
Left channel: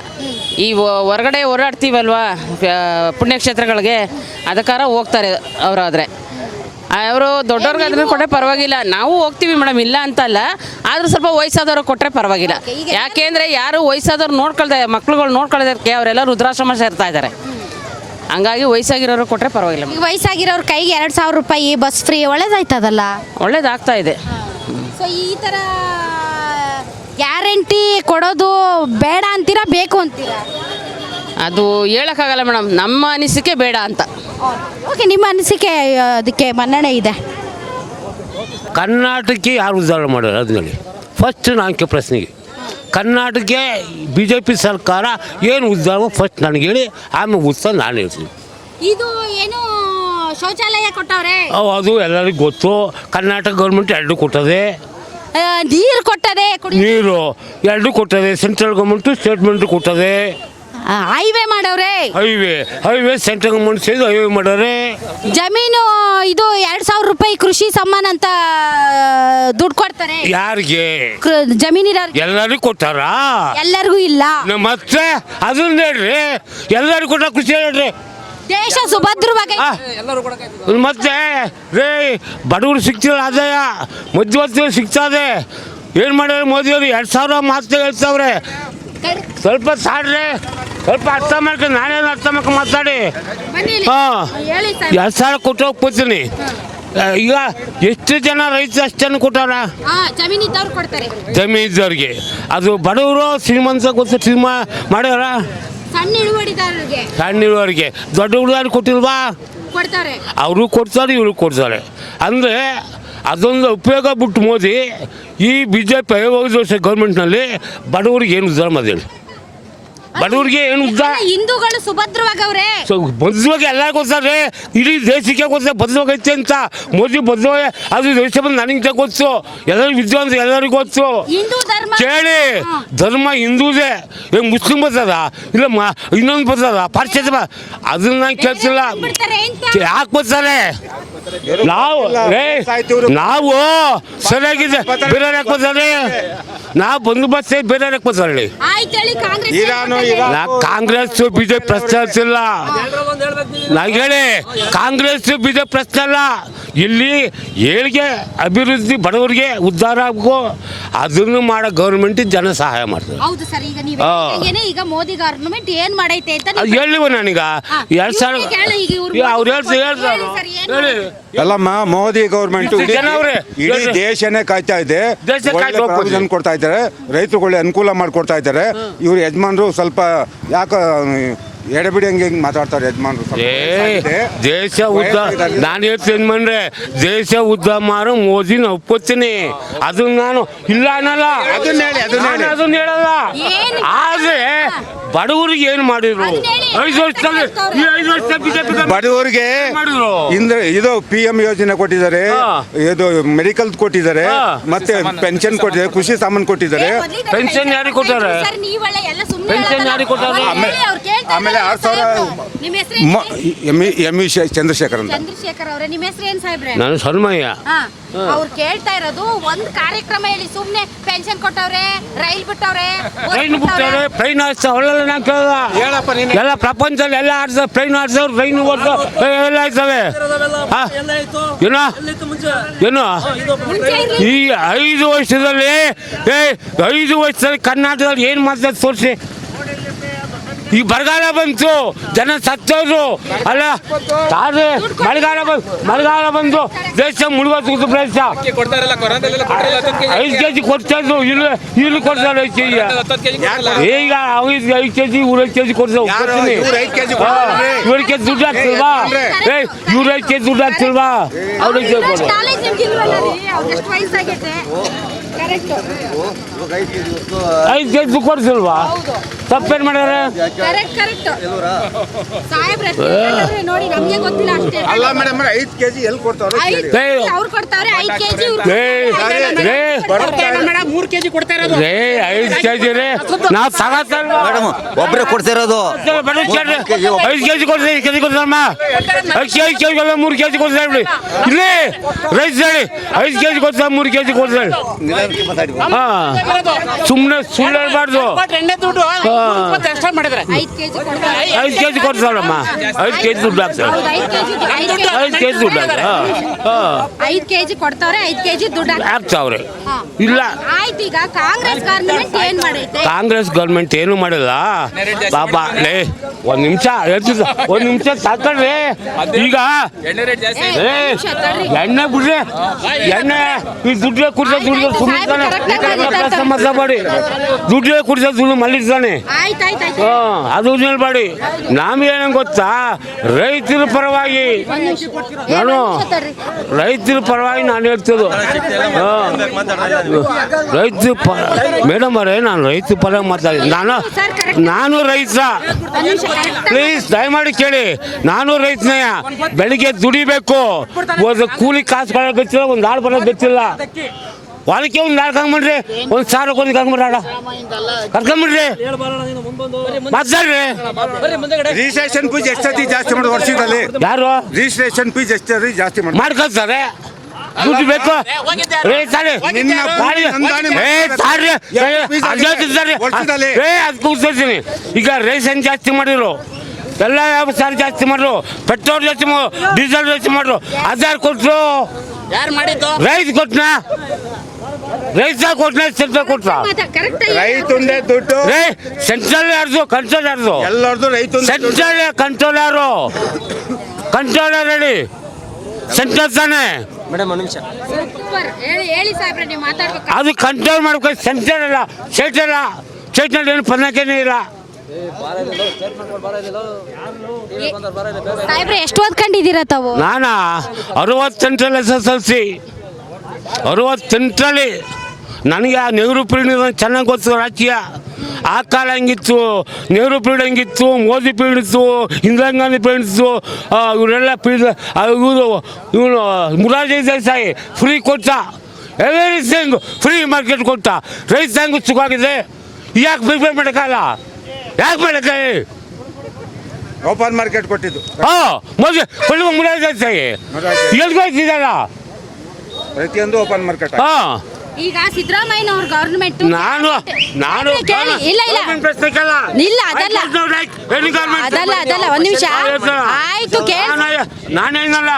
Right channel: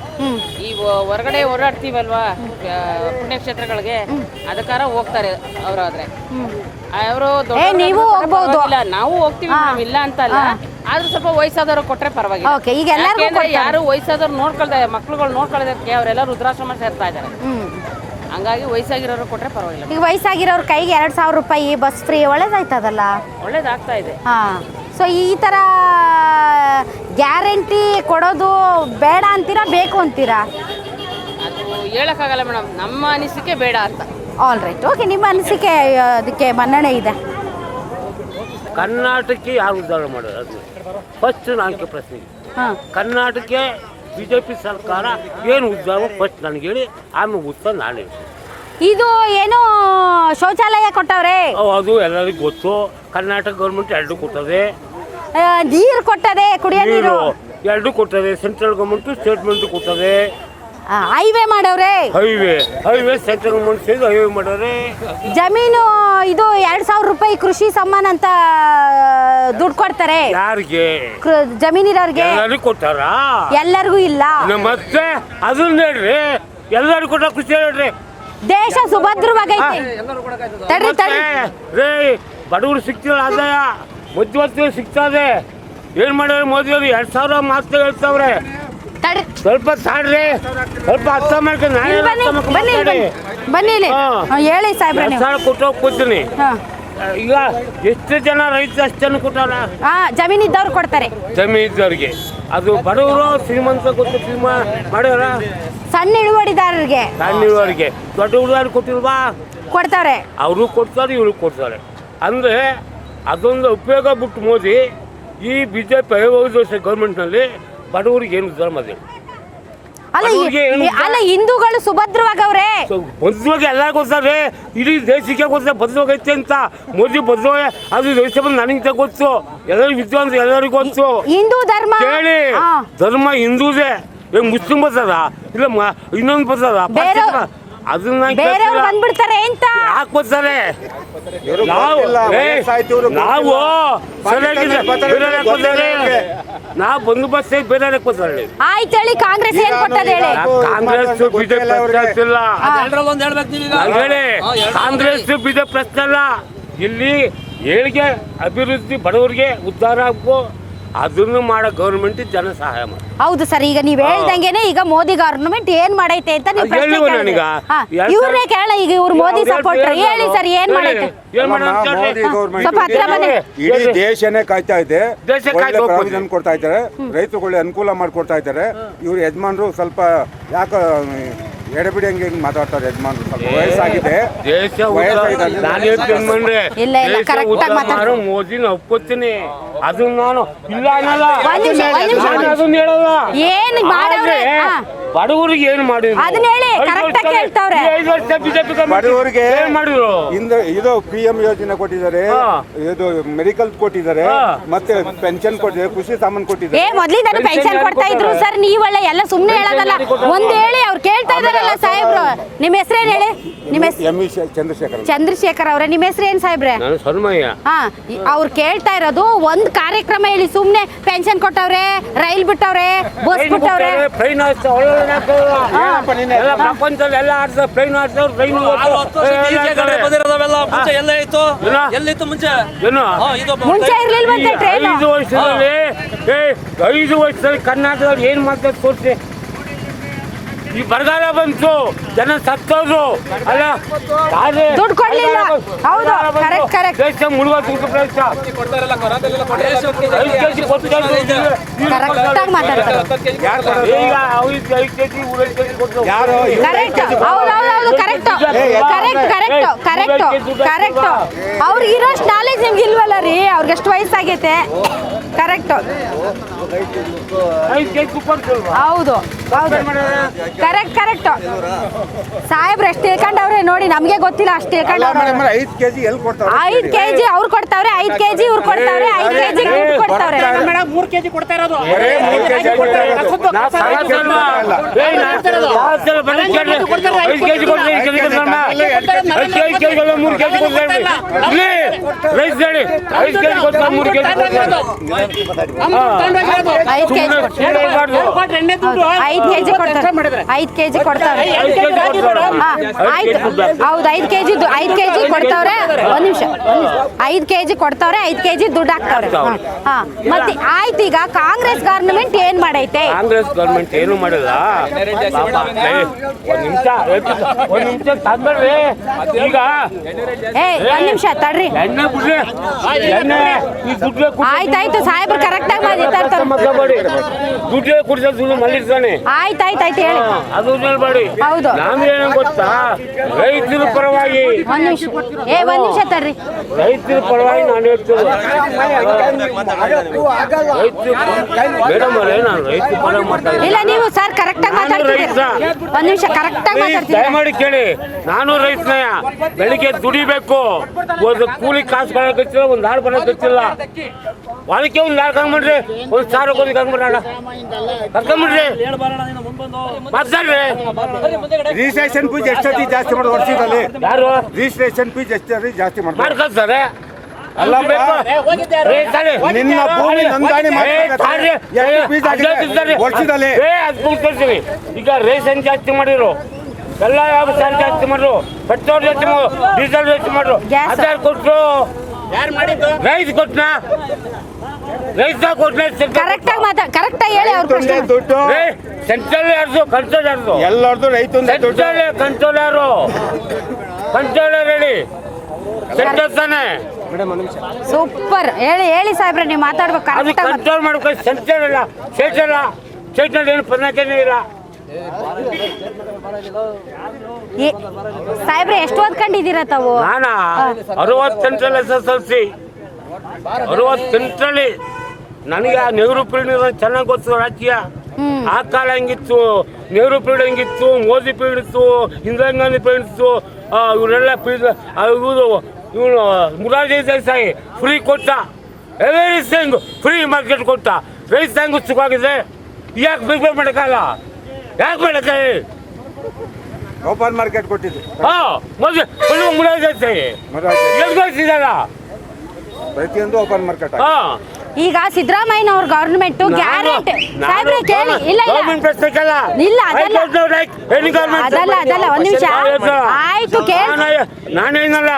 ಈ ಹೊರಗಡೆ ಓಡಾಡ್ತೀವಲ್ವಾ ಪುಣ್ಯಕ್ಷೇತ್ರಗಳಿಗೆ, ಅದಕ್ಕಾರ ಹೋಗ್ತಾರೆ ಅವರಾದರೆ. ಅವರು ದೊಡ್ಡವ್ರಿಗೆ ಅದನ್ನ ಕೊಟ್ಟರೆ ಪರವಾಗಿಲ್ಲ, ನಾವು ಹೋಗ್ತೀವಿ ಮೇಡಮ್, ಇಲ್ಲ ಅಂತಲ್ಲ. ಆದ್ರೂ ಸ್ವಲ್ಪ ವಯಸ್ಸಾದವ್ರು ಕೊಟ್ಟರೆ ಪರವಾಗಿಲ್ಲ. ಯಾಕೆಂದ್ರೆ ಯಾರು ವಯಸ್ಸಾದವ್ರು ನೋಡ್ಕೊಳ್ದೆ, ಮಕ್ಳುಗಳು ನೋಡ್ಕೊಳ್ಳೋದಕ್ಕೆ ಅವರೆಲ್ಲ ವೃದ್ಧಾಶ್ರಮ ಸೇರ್ತಾ ಇದ್ದಾರೆ. ಹಂಗಾಗಿ ವಯಸ್ಸಾಗಿರೋರು ಕೊಟ್ಟರೆ ಪರವಾಗಿಲ್ಲ. ವಯಸ್ಸಾಗಿರೋರ್ ಕೈಗೆ 2,000 ರೂಪಾಯಿ ಬಸ್ ಫ್ರೀ, ಒಳ್ಳೇದಾಯ್ತದಲ್ಲ? ಒಳ್ಳೇದಾಗ್ತಾ ಇದೆ. ಸೊ ಈ ತರ ಗ್ಯಾರಂಟಿ ಕೊಡೋದು ಬೇಡ ಅಂತೀರಾ, ಬೇಕು ಅಂತೀರಾ? ಅದು ಹೇಳಕ್ಕಾಗಲ್ಲ ಮೇಡಮ್, ನಮ್ಮ ಅನಿಸಿಕೆ ಬೇಡ ಅಂತ. All right, okay. ನಿಮ್ಮ ಅನಿಸಿಕೆ ಅದಕ್ಕೆ ಮನ್ನಣೆ ಇದೆ. ಕರ್ನಾಟಕಕ್ಕೆ ಯಾರು ಉದ್ಧಾರ ಮಾಡೋರು ಅದ್ರಲ್ಲಿ ಫಸ್ಟ್ ನಾಲ್ಕು ಪ್ರಶ್ನೆಗೆ ಕರ್ನಾಟಕಕ್ಕೆ BJP ಸರ್ಕಾರ ಏನು ಉದ್ಧಾರ ಫಸ್ಟ್ ನನಗೆ ಹೇಳಿ, ಆಮೇಲೆ ಉತ್ಸವ ನಾನು ಹೇಳ್ತೀನಿ. ಇದು ಏನು ಶೌಚಾಲಯ ಕೊಟ್ಟವ್ರೆ? ಅದು ಎಲ್ಲರಿಗೂ ಗೊತ್ತು. ಕರ್ನಾಟಕ ಗೌರ್ಮೆಂಟ್ 2 ಕೊಟ್ಟದೆ, ನೀರು ಕೊಟ್ಟದೆ, ಕುಡಿಯೋ ನೀರು 2 ಕೊಟ್ಟದೆ. ಸೆಂಟ್ರಲ್ ಗೌರ್ಮೆಂಟು ಸ್ಟೇಟ್ ಗೌರ್ಮೆಂಟ್ ಕೊಟ್ಟದೆ. ಹೈವೇ ಮಾಡವ್ರೆ. ಹೈವೇ ಸೆಂಟ್ರಲ್ ಗೌರ್ಮೆಂಟ್ ಸೇರಿ ಹೈವೇ ಮಾಡವ್ರೆ. ಜಮೀನು ಇದು 2,000 ರೂಪಾಯಿ ಕೃಷಿ ಸಮ್ಮಾನ ಅಂತ ದುಡ್ಡು ಕೊಡ್ತಾರೆ. ಯಾರಿಗೆ? ಜಮೀನಿರೋರಿಗೆ. ಎಲ್ಲರಿಗೂ ಕೊಟ್ಟಾರ? ಎಲ್ಲರಿಗೂ ಇಲ್ಲ. ಮತ್ತೆ ಅದನ್ನ ಹೇಳ್ರಿ, ಎಲ್ಲರಿಗೂ ಕೊಟ್ಟ ಖುಷಿ ಹೇಳ್ರಿ. ದೇಶ ಸುಭದ್ರವಾಗೈತೆ. ಮತ್ತೆ ರೇ ಬಡವರು ಸಿಗ್ತಿಲ್ಲ, ಆದಾಯ ಮಧ್ಯವರ್ತಿಗಳು ಸಿಗ್ತದೆ. ಏನು ಮಾಡ್ಯಾರ ಮೋದಿಯವರು? 2,000 ಮಾತ್ರ ಹೇಳ್ತಾವ್ರೆ. ಸ್ವಲ್ಪ ಸಾಡ್ರಿ, ಸ್ವಲ್ಪ ಅರ್ಥ ಮಾಡ್ಕೊಂಡು ನಾನು ಅರ್ಥ ಮಾಡ್ಕೊಂಡು ಮಾತಾಡಿ. 2,000 ಕೊಟ್ಟು ಹೋಗ್ತೀನಿ. ಈಗ ಎಷ್ಟು ಜನ ರೈತರು ಅಷ್ಟು ಜನ ಕೊಟ್ಟಾರ? ಜಮೀನಿದ್ದವ್ರು ಕೊಡ್ತಾರೆ. ಜಮೀನಿದ್ದವ್ರಿಗೆ. ಅದು ಬಡವರು ಶ್ರೀಮಂತ ಗೊತ್ತು ಸಿನಿಮಾ ಮಾಡ್ಯಾರ. ಸಣ್ಣ ಇಳುವರಿದಾರರಿಗೆ, ಸಣ್ಣ ಇಳುವರಿಗೆ. ದೊಡ್ಡ ಹುಡುಗರು ಕೊಟ್ಟಿಲ್ವಾ? ಕೊಡ್ತಾರೆ. ಅವರು ಕೊಡ್ತಾರೆ, ಇವರು ಕೊಡ್ತಾರೆ. ಅಂದರೆ ಅದೊಂದು ಉಪಯೋಗ ಬಿಟ್ಟು ಮೋದಿ ಈ BJP 5 ವರ್ಷ ಗೌರ್ಮೆಂಟ್ನಲ್ಲಿ ಬಡವರಿಗೆ ಏನು ಉದ್ಧಾರ ಮಾಡಿದೆ? ಬಡವರಿಗೆ ಏನು ಉದ್ಧಾರ? ಹಿಂದೂಗಳು ಸುಭದ್ರವಾಗವ್ರೆ. ಭದ್ರವಾಗಿ ಎಲ್ಲರಿಗೂ ಗೊತ್ತಾರೆ, ಇಡೀ ದೇಶಕ್ಕೆ ಗೊತ್ತ ಭದ್ರವಾಗೈತೆ ಅಂತ. ಮೋದಿ ಭದ್ರವಾಗ ಅದು ದೇಶ ಬಂದು ನನಗೆ ಗೊತ್ತು, ಎಲ್ಲರಿಗೂ ವಿದ್ವಾಂಸ ಎಲ್ಲರಿಗೂ ಗೊತ್ತು. ಹಿಂದೂ ಧರ್ಮ ಕೇಳಿ, ಧರ್ಮ ಹಿಂದೂದೇ. ಈಗ ಮುಸ್ಲಿಂ ಬರ್ತದ, ಇಲ್ಲ ಇನ್ನೊಂದು ಬರ್ತದ, ಪರಿಚಯ ಅದನ್ನ ಕೇಳ್ತಿಲ್ಲ. ಯಾಕೆ ಬರ್ತಾರೆ? ನಾವು ಸರಿಯಾಗಿದೆ, ಬೇರೆ ಬರ್ತಾರೆ. ನಾವು ಬಂದು ಬಸ್ ಬೇರೆ ಬರ್ತಾರೆ. ಕಾಂಗ್ರೆಸ್ BJP ಪ್ರಶ್ನೆ ಇಲ್ಲ. ಹೇಳಿ, ಕಾಂಗ್ರೆಸ್ BJP ಪ್ರಶ್ನೆ ಅಲ್ಲ. ಇಲ್ಲಿ ಏಳಿಗೆ ಅಭಿವೃದ್ಧಿ ಬಡವರಿಗೆ ಉದ್ಧಾರ ಆಗೋ ಅದನ್ನು ಮಾಡೋ ಗೌರ್ಮೆಂಟ್ ಜನ ಸಹಾಯ ಮಾಡ್ತಾರೆ. ಹೌದು ಸರ್, ಈಗ ನೀವು ಹೇಳ್ದಂಗೆನೆ ಈಗ ಮೋದಿ ಗವರ್ನಮೆಂಟ್ ಏನ್ ಮಾಡೈತೆ ಅಂತ ಹೇಳಿವ ನನಗ ಅಲ್ಲಮ್ಮ, ಮೋದಿ ಗೌರ್ಮೆಂಟ್ ಇಡೀ ದೇಶನೇ ಕಾಯ್ತಾ ಇದೆ, ಪ್ರಾವಿಷನ್ ಕೊಡ್ತಾ ಇದ್ದಾರೆ, ರೈತರುಗಳಿಗೆ ಅನುಕೂಲ ಮಾಡಿಕೊಡ್ತಾ ಇದ್ದಾರೆ. ಇವ್ರು ಯಜಮಾನ್ರು ಸ್ವಲ್ಪ ಯಾಕೆ ಎಡೆಬಿಡಿ ಹಂಗೆ ಮಾತಾಡ್ತಾರೆ ಯಜಮಾನ್ರು. ದೇಶ ಉದ್ಧಾರ ನಾನು ಯಜಮಾನ್ರೆ, ದೇಶ ಉದ್ಧಾರ ಮಾಡು ಮೋದಿನ ಒಪ್ಕೋತೀನಿ. ಅದನ್ನ ನಾನು ಇಲ್ಲ ಅನ್ನಲ್ಲ, ಅದನ್ನ ಹೇಳಲ್ಲ. ಆದ್ರೆ ಬಡವರಿಗೆ ಏನು ಮಾಡಿದ್ರು? 5 ವರ್ಷ ಬಡವರಿಗೆ ಇದು PM ಯೋಜನೆ ಕೊಟ್ಟಿದ್ದಾರೆ, ಇದು ಮೆಡಿಕಲ್ ಕೊಟ್ಟಿದ್ದಾರೆ, ಮತ್ತೆ ಪೆನ್ಷನ್ ಕೊಟ್ಟಿದ್ದಾರೆ, ಕೃಷಿ ಸಾಮಾನು ಕೊಟ್ಟಿದ್ದಾರೆ. ಚಂದ್ರಶೇಖರ್ ಚಂದ್ರಶೇಖರ್ ಅವರ ನಿಮ್ಮ ಹೆಸರು ಏನ್ ಸಾಹೇಬ್ರೆ? ನಾನು ಶರ್ಮಯ್ಯ. ಅವ್ರು ಕೇಳ್ತಾ ಇರೋದು ಒಂದ್ ಕಾರ್ಯಕ್ರಮ ಹೇಳಿ. ಸುಮ್ನೆ ಪೆನ್ಷನ್ ಕೊಟ್ಟವ್ರೆ, ರೈಲ್ ಬಿಟ್ಟವ್ರೆ, ಬಸ್ ಬಿಟ್ಟವ್ರೆ. ಟ್ರೈನ್ ಎಲ್ಲ ಪ್ರಪಂಚದಲ್ಲಿ ಎಲ್ಲ ಆಡ್ತಾರೆ. ಟ್ರೈನ್ ಆಡ್ಸವ್ರು, ಟ್ರೈನ್ ಏನು ಈ 5 ವರ್ಷದಲ್ಲಿ 5 ವರ್ಷದಲ್ಲಿ ಕರ್ನಾಟಕದಲ್ಲಿ ಏನು ಮಾಡ್ತಾರೆ ತೋರಿಸಿ. ಈ ಬರಗಾಲ ಬಂತು, ಜನ ಸತ್ತೋದ್ರು ಅಲ್ಲ ತಾನೇ ಬರಗಾಲ ಬಂದು ದೇಶ ಮುಳುಗೋದು ಪ್ರದೇಶ 5 ಕೆಜಿ ಕೊಡ್ತಾಯಿದ್ರು, ಇಲ್ಲಿ ಕೊಡ್ತಾರೆ 5 ಕೆಜಿ. ಈಗ ಅವ್ರಿಗೆ 5 ಕೆಜಿ 5 ಕೆಜಿ ಕೊಡ್ತಾರೆ. 5 ಕೆಜಿ ದುಡ್ಡು ಹಾಕ್ತಿಲ್ವಾ? 5 ಕೆಜಿ ದುಡ್ಡು ಹಾಕ್ತಿಲ್ವಾ? ನಾಲೆಜ್ ನಿಮ್ಗೆ ಇಲ್ವಲ್ಲ ರೀ, ಅವ್ರಿಗೆ ಎಷ್ಟು ವಯಸ್ಸಾಗೈತೆ. Correct 5 KG ಕೊಡ್ತಿಲ್ವಾ? ಹೌದು, ಸಬ್ಸಿಡಿ ಮಾಡೋರೆ. ಕರೆಕ್ಟ್ ಸಾಹೇಬ್ರು ಎಷ್ಟು ಹೇಳ್ಕೊಂಡವ್ರೆ ನೋಡಿ, ನಮ್ಗೆ ಗೊತ್ತಿಲ್ಲ ಅಷ್ಟೇ. 5 ಕೆಜಿ ಎಲ್ಲಿ ಕೊಡ್ತಾರೆ? 5 ಕೆಜಿ ಅವ್ರು ಕೊಡ್ತಾವ್ರೆ, 5 ಕೆಜಿ ಇವ್ರು ಕೊಡ್ತಾವ್ರೆ, 3 ಕೆಜಿ ಕೊಡ್ತಾ ಇರೋದು. 5 ಕೆಜಿ ನಾವು ಸಾಲ ಒಬ್ಬರೇ ಕೊಡ್ತಾ ಇರೋದು. 5 ಕೆಜಿ ಕೊಡ್ತೀವಿ, 5 ಕೆಜಿ ಕೊಡ್ತಮ್ಮ. 5 ಕೆಜಿ 3 ಕೆಜಿ ಕೊಡ್ತಾ ಇರ್ಲಿ ರೈಸ್ ಹೇಳಿ. 5 ಕೆಜಿ ಕೊಡ್ತಾ 3 ಕೆಜಿ ಕೊಡ್ತಾ ಸುಮ್ಮನೆ ಹೇಳ್ಬಾರ್ದು. 5 ಕೆಜಿ ಕೊಡ್ತಾರೆ, 5 ಕೆಜಿ ಕೊಡ್ತಾರಮ್ಮ. 5 ಕೆಜಿ ದುಡ್ಡು ಹೌದು, 5 ಕೆಜಿ 5 ಕೆಜಿ ಕೊಡ್ತಾವ್ರೆ, 5 ಕೆಜಿ ದುಡ್ಡು ಹಾಕ್ತಾವ್ರೆ. ಆಯ್ತು, ಈಗ ಕಾಂಗ್ರೆಸ್ ಗವರ್ನಮೆಂಟ್ ಏನ್ ಮಾಡೈತೆ? ಕಾಂಗ್ರೆಸ್ ಗೌರ್ಮೆಂಟ್ ಏನು ಮಾಡಿಲ್ಲ ಪಾಪ. ಒಂದ್ ನಿಮಿಷ ಸಾಕಳ್ರಿ. ಈಗ ಎಣ್ಣೆ ಬಿಡ್ರಿ, ಎಣ್ಣೆ ಈ ದುಡ್ಡು ಕುಡಿಸೋ ಮಾತಾಡಿ, ದುಡ್ಡು ಕುಡಿಸೋ ದುಡ್ಡು ಮಲ್ಲಿರ್ತಾನೆ. ಅದು ಹೇಳ್ಬೇಡಿ. ನಾವೇನ ಗೊತ್ತಾ, ರೈತರ ಪರವಾಗಿ ರೈತರ ಪರವಾಗಿ ನಾನು ಹೇಳ್ತೇನೆ. ರೈತ ಮೇಡಮ್ ಅವರೇ, ನಾನು ರೈತ ಪರವಾಗಿ ಮಾತಾಡಿದ್ದೆ. ನಾನು ರೈತ. ಪ್ಲೀಸ್ ದಯಮಾಡಿ ಕೇಳಿ, ನಾನು ರೈತನೇ. ಬೆಳಿಗ್ಗೆ ದುಡಿಬೇಕು, ಒಂದು ಕೂಲಿ ಕಾಸು ಕೊಡೋಕೆ ಗೊತ್ತಿಲ್ಲ, ಒಂದು ನಾಳು ಬರೋದು ಗೊತ್ತಿಲ್ಲ. ಅದಕ್ಕೆ ಒಂದು ನಾಲ್ಕು ಹಂಗ್ಬಿಡ್ರಿ, ಒಂದು 1000 ಕೊಡೋದಕ್ಕೆ ಹಂಗ್ಬಿಡೋಣ, ಕರ್ಕೊಂಬಿಡ್ರಿ, ಮಾತಾಡ್ರಿ. ರಿಜಿಸ್ಟ್ರೇಷನ್ ಫೀಸ್ ಎಷ್ಟೊತ್ತಿ ಜಾಸ್ತಿ ಮಾಡಿ ವರ್ಷದಲ್ಲಿ? ಯಾರು ರಿಜಿಸ್ಟ್ರೇಷನ್ ಫೀಸ್ ಎಷ್ಟೊತ್ತಿ ಜಾಸ್ತಿ ಮಾಡಿ ಮಾಡ್ಕೊಳ್ತಾರೆ? ದುಡ್ಡು ಬೇಕು. ಈಗ ರೇಷನ್ ಜಾಸ್ತಿ ಮಾಡಿರು, ಎಲ್ಲ ಯಾವ ಸಾರಿ ಜಾಸ್ತಿ ಮಾಡ್ರು, ಪೆಟ್ರೋಲ್ ಜಾಸ್ತಿ ಮಾಡ್ರು, ಡೀಸೆಲ್ ಜಾಸ್ತಿ ಮಾಡ್ರು. ಆಧಾರ್ ಕೊಟ್ರು, ರೈತ ಕೊಟ್ನ, ರೈತ ಕೊಟ್ನ, ಸೆಂಟ್ರಲ್ ಕೊಟ್ಟ. ಸೆಂಟ್ರಲ್ ಯಾರ್ದು, ಕಂಟ್ರೋಲ್ ಯಾರ್ದು? ಎಲ್ಲರದು ರೈತ. ಸೆಂಟ್ರಲ್ ಕಂಟ್ರೋಲರು, ಕಂಟ್ರೋಲರ್ ಹೇಳಿ, ಸೆಂಟ್ರಲ್ ತಾನೆ. ಸೂಪರ್. ಹೇಳಿ ಸಾಹೇಬ್ರೆ, ನೀವು ಮಾತಾಡ್ಬೇಕು. ಅದು ಕಂಟ್ರೋಲ್ ಮಾಡ್ಕೊ. ಸೆಂಟ್ರಲ್ ಇಲ್ಲ, ಸ್ಟೇಟ್ ಇಲ್ಲ, ಸ್ಟೇಟ್ನಲ್ಲಿ ಏನು ಪನ್ನಕೇನೆ ಇಲ್ಲ. ಸಾಹೇಬ್ರೆ, ಎಷ್ಟು ಓದ್ಕೊಂಡಿದ್ದೀರಾ ತಾವು? ನಾನು 60 ಸೆಂಟ್ರಲ್ SSLC, 60 ಸೆಂಟ್ರಲಿ. ನನಗೆ ಆ ನೆಹರು ಪೀರಿಯಡ್ ಚೆನ್ನಾಗಿ ಗೊತ್ತು ರಾಜ್ಯ. ಆ ಕಾಲ ಹೆಂಗಿತ್ತು, ನೆಹರು ಪೀರಿಯಡ್ ಹೆಂಗಿತ್ತು, ಮೋದಿ ಪೀರಿಯಡ್ ಇತ್ತು, ಇಂದಿರಾ ಗಾಂಧಿ ಪೀರಿಯಡ್ ಇತ್ತು, ಇವರೆಲ್ಲ ಇವನು ಮುರಾರ್ಜಿ ದೇಸಾಯಿ ಫ್ರೀ ಕೊಟ್ಟ, ಎವ್ರಿಥಿಂಗ್ ಫ್ರೀ ಮಾರ್ಕೆಟ್ ಕೊಟ್ಟ. ರೈತ ಹೆಂಗ್ ಸುಖವಾಗಿದೆ. ಯಾಕೆ ಬಿಗ್ಬೇ ಮಾಡೋಕ್ಕಲ್ಲ? ಯಾಕೆ ಮಾಡೋಕ್ಕಾಗಿ? ಓಪನ್ ಮಾರ್ಕೆಟ್ ಕೊಟ್ಟಿದ್ದು. ಮೊದಲು ಮುರಾರ್ಜಿ ದೇಸಾಯಿ ಎಲ್ಲಿ ಬರ್ತಿದ್ದಲ್ಲ, ಪ್ರತಿಯೊಂದು ಓಪನ್ ಮಾರ್ಕೆಟ್. ಈಗ ಸಿದ್ದರಾಮಯ್ಯ ಅವ್ರ ಗವರ್ನಮೆಂಟ್ ನಾನೇನಲ್ಲ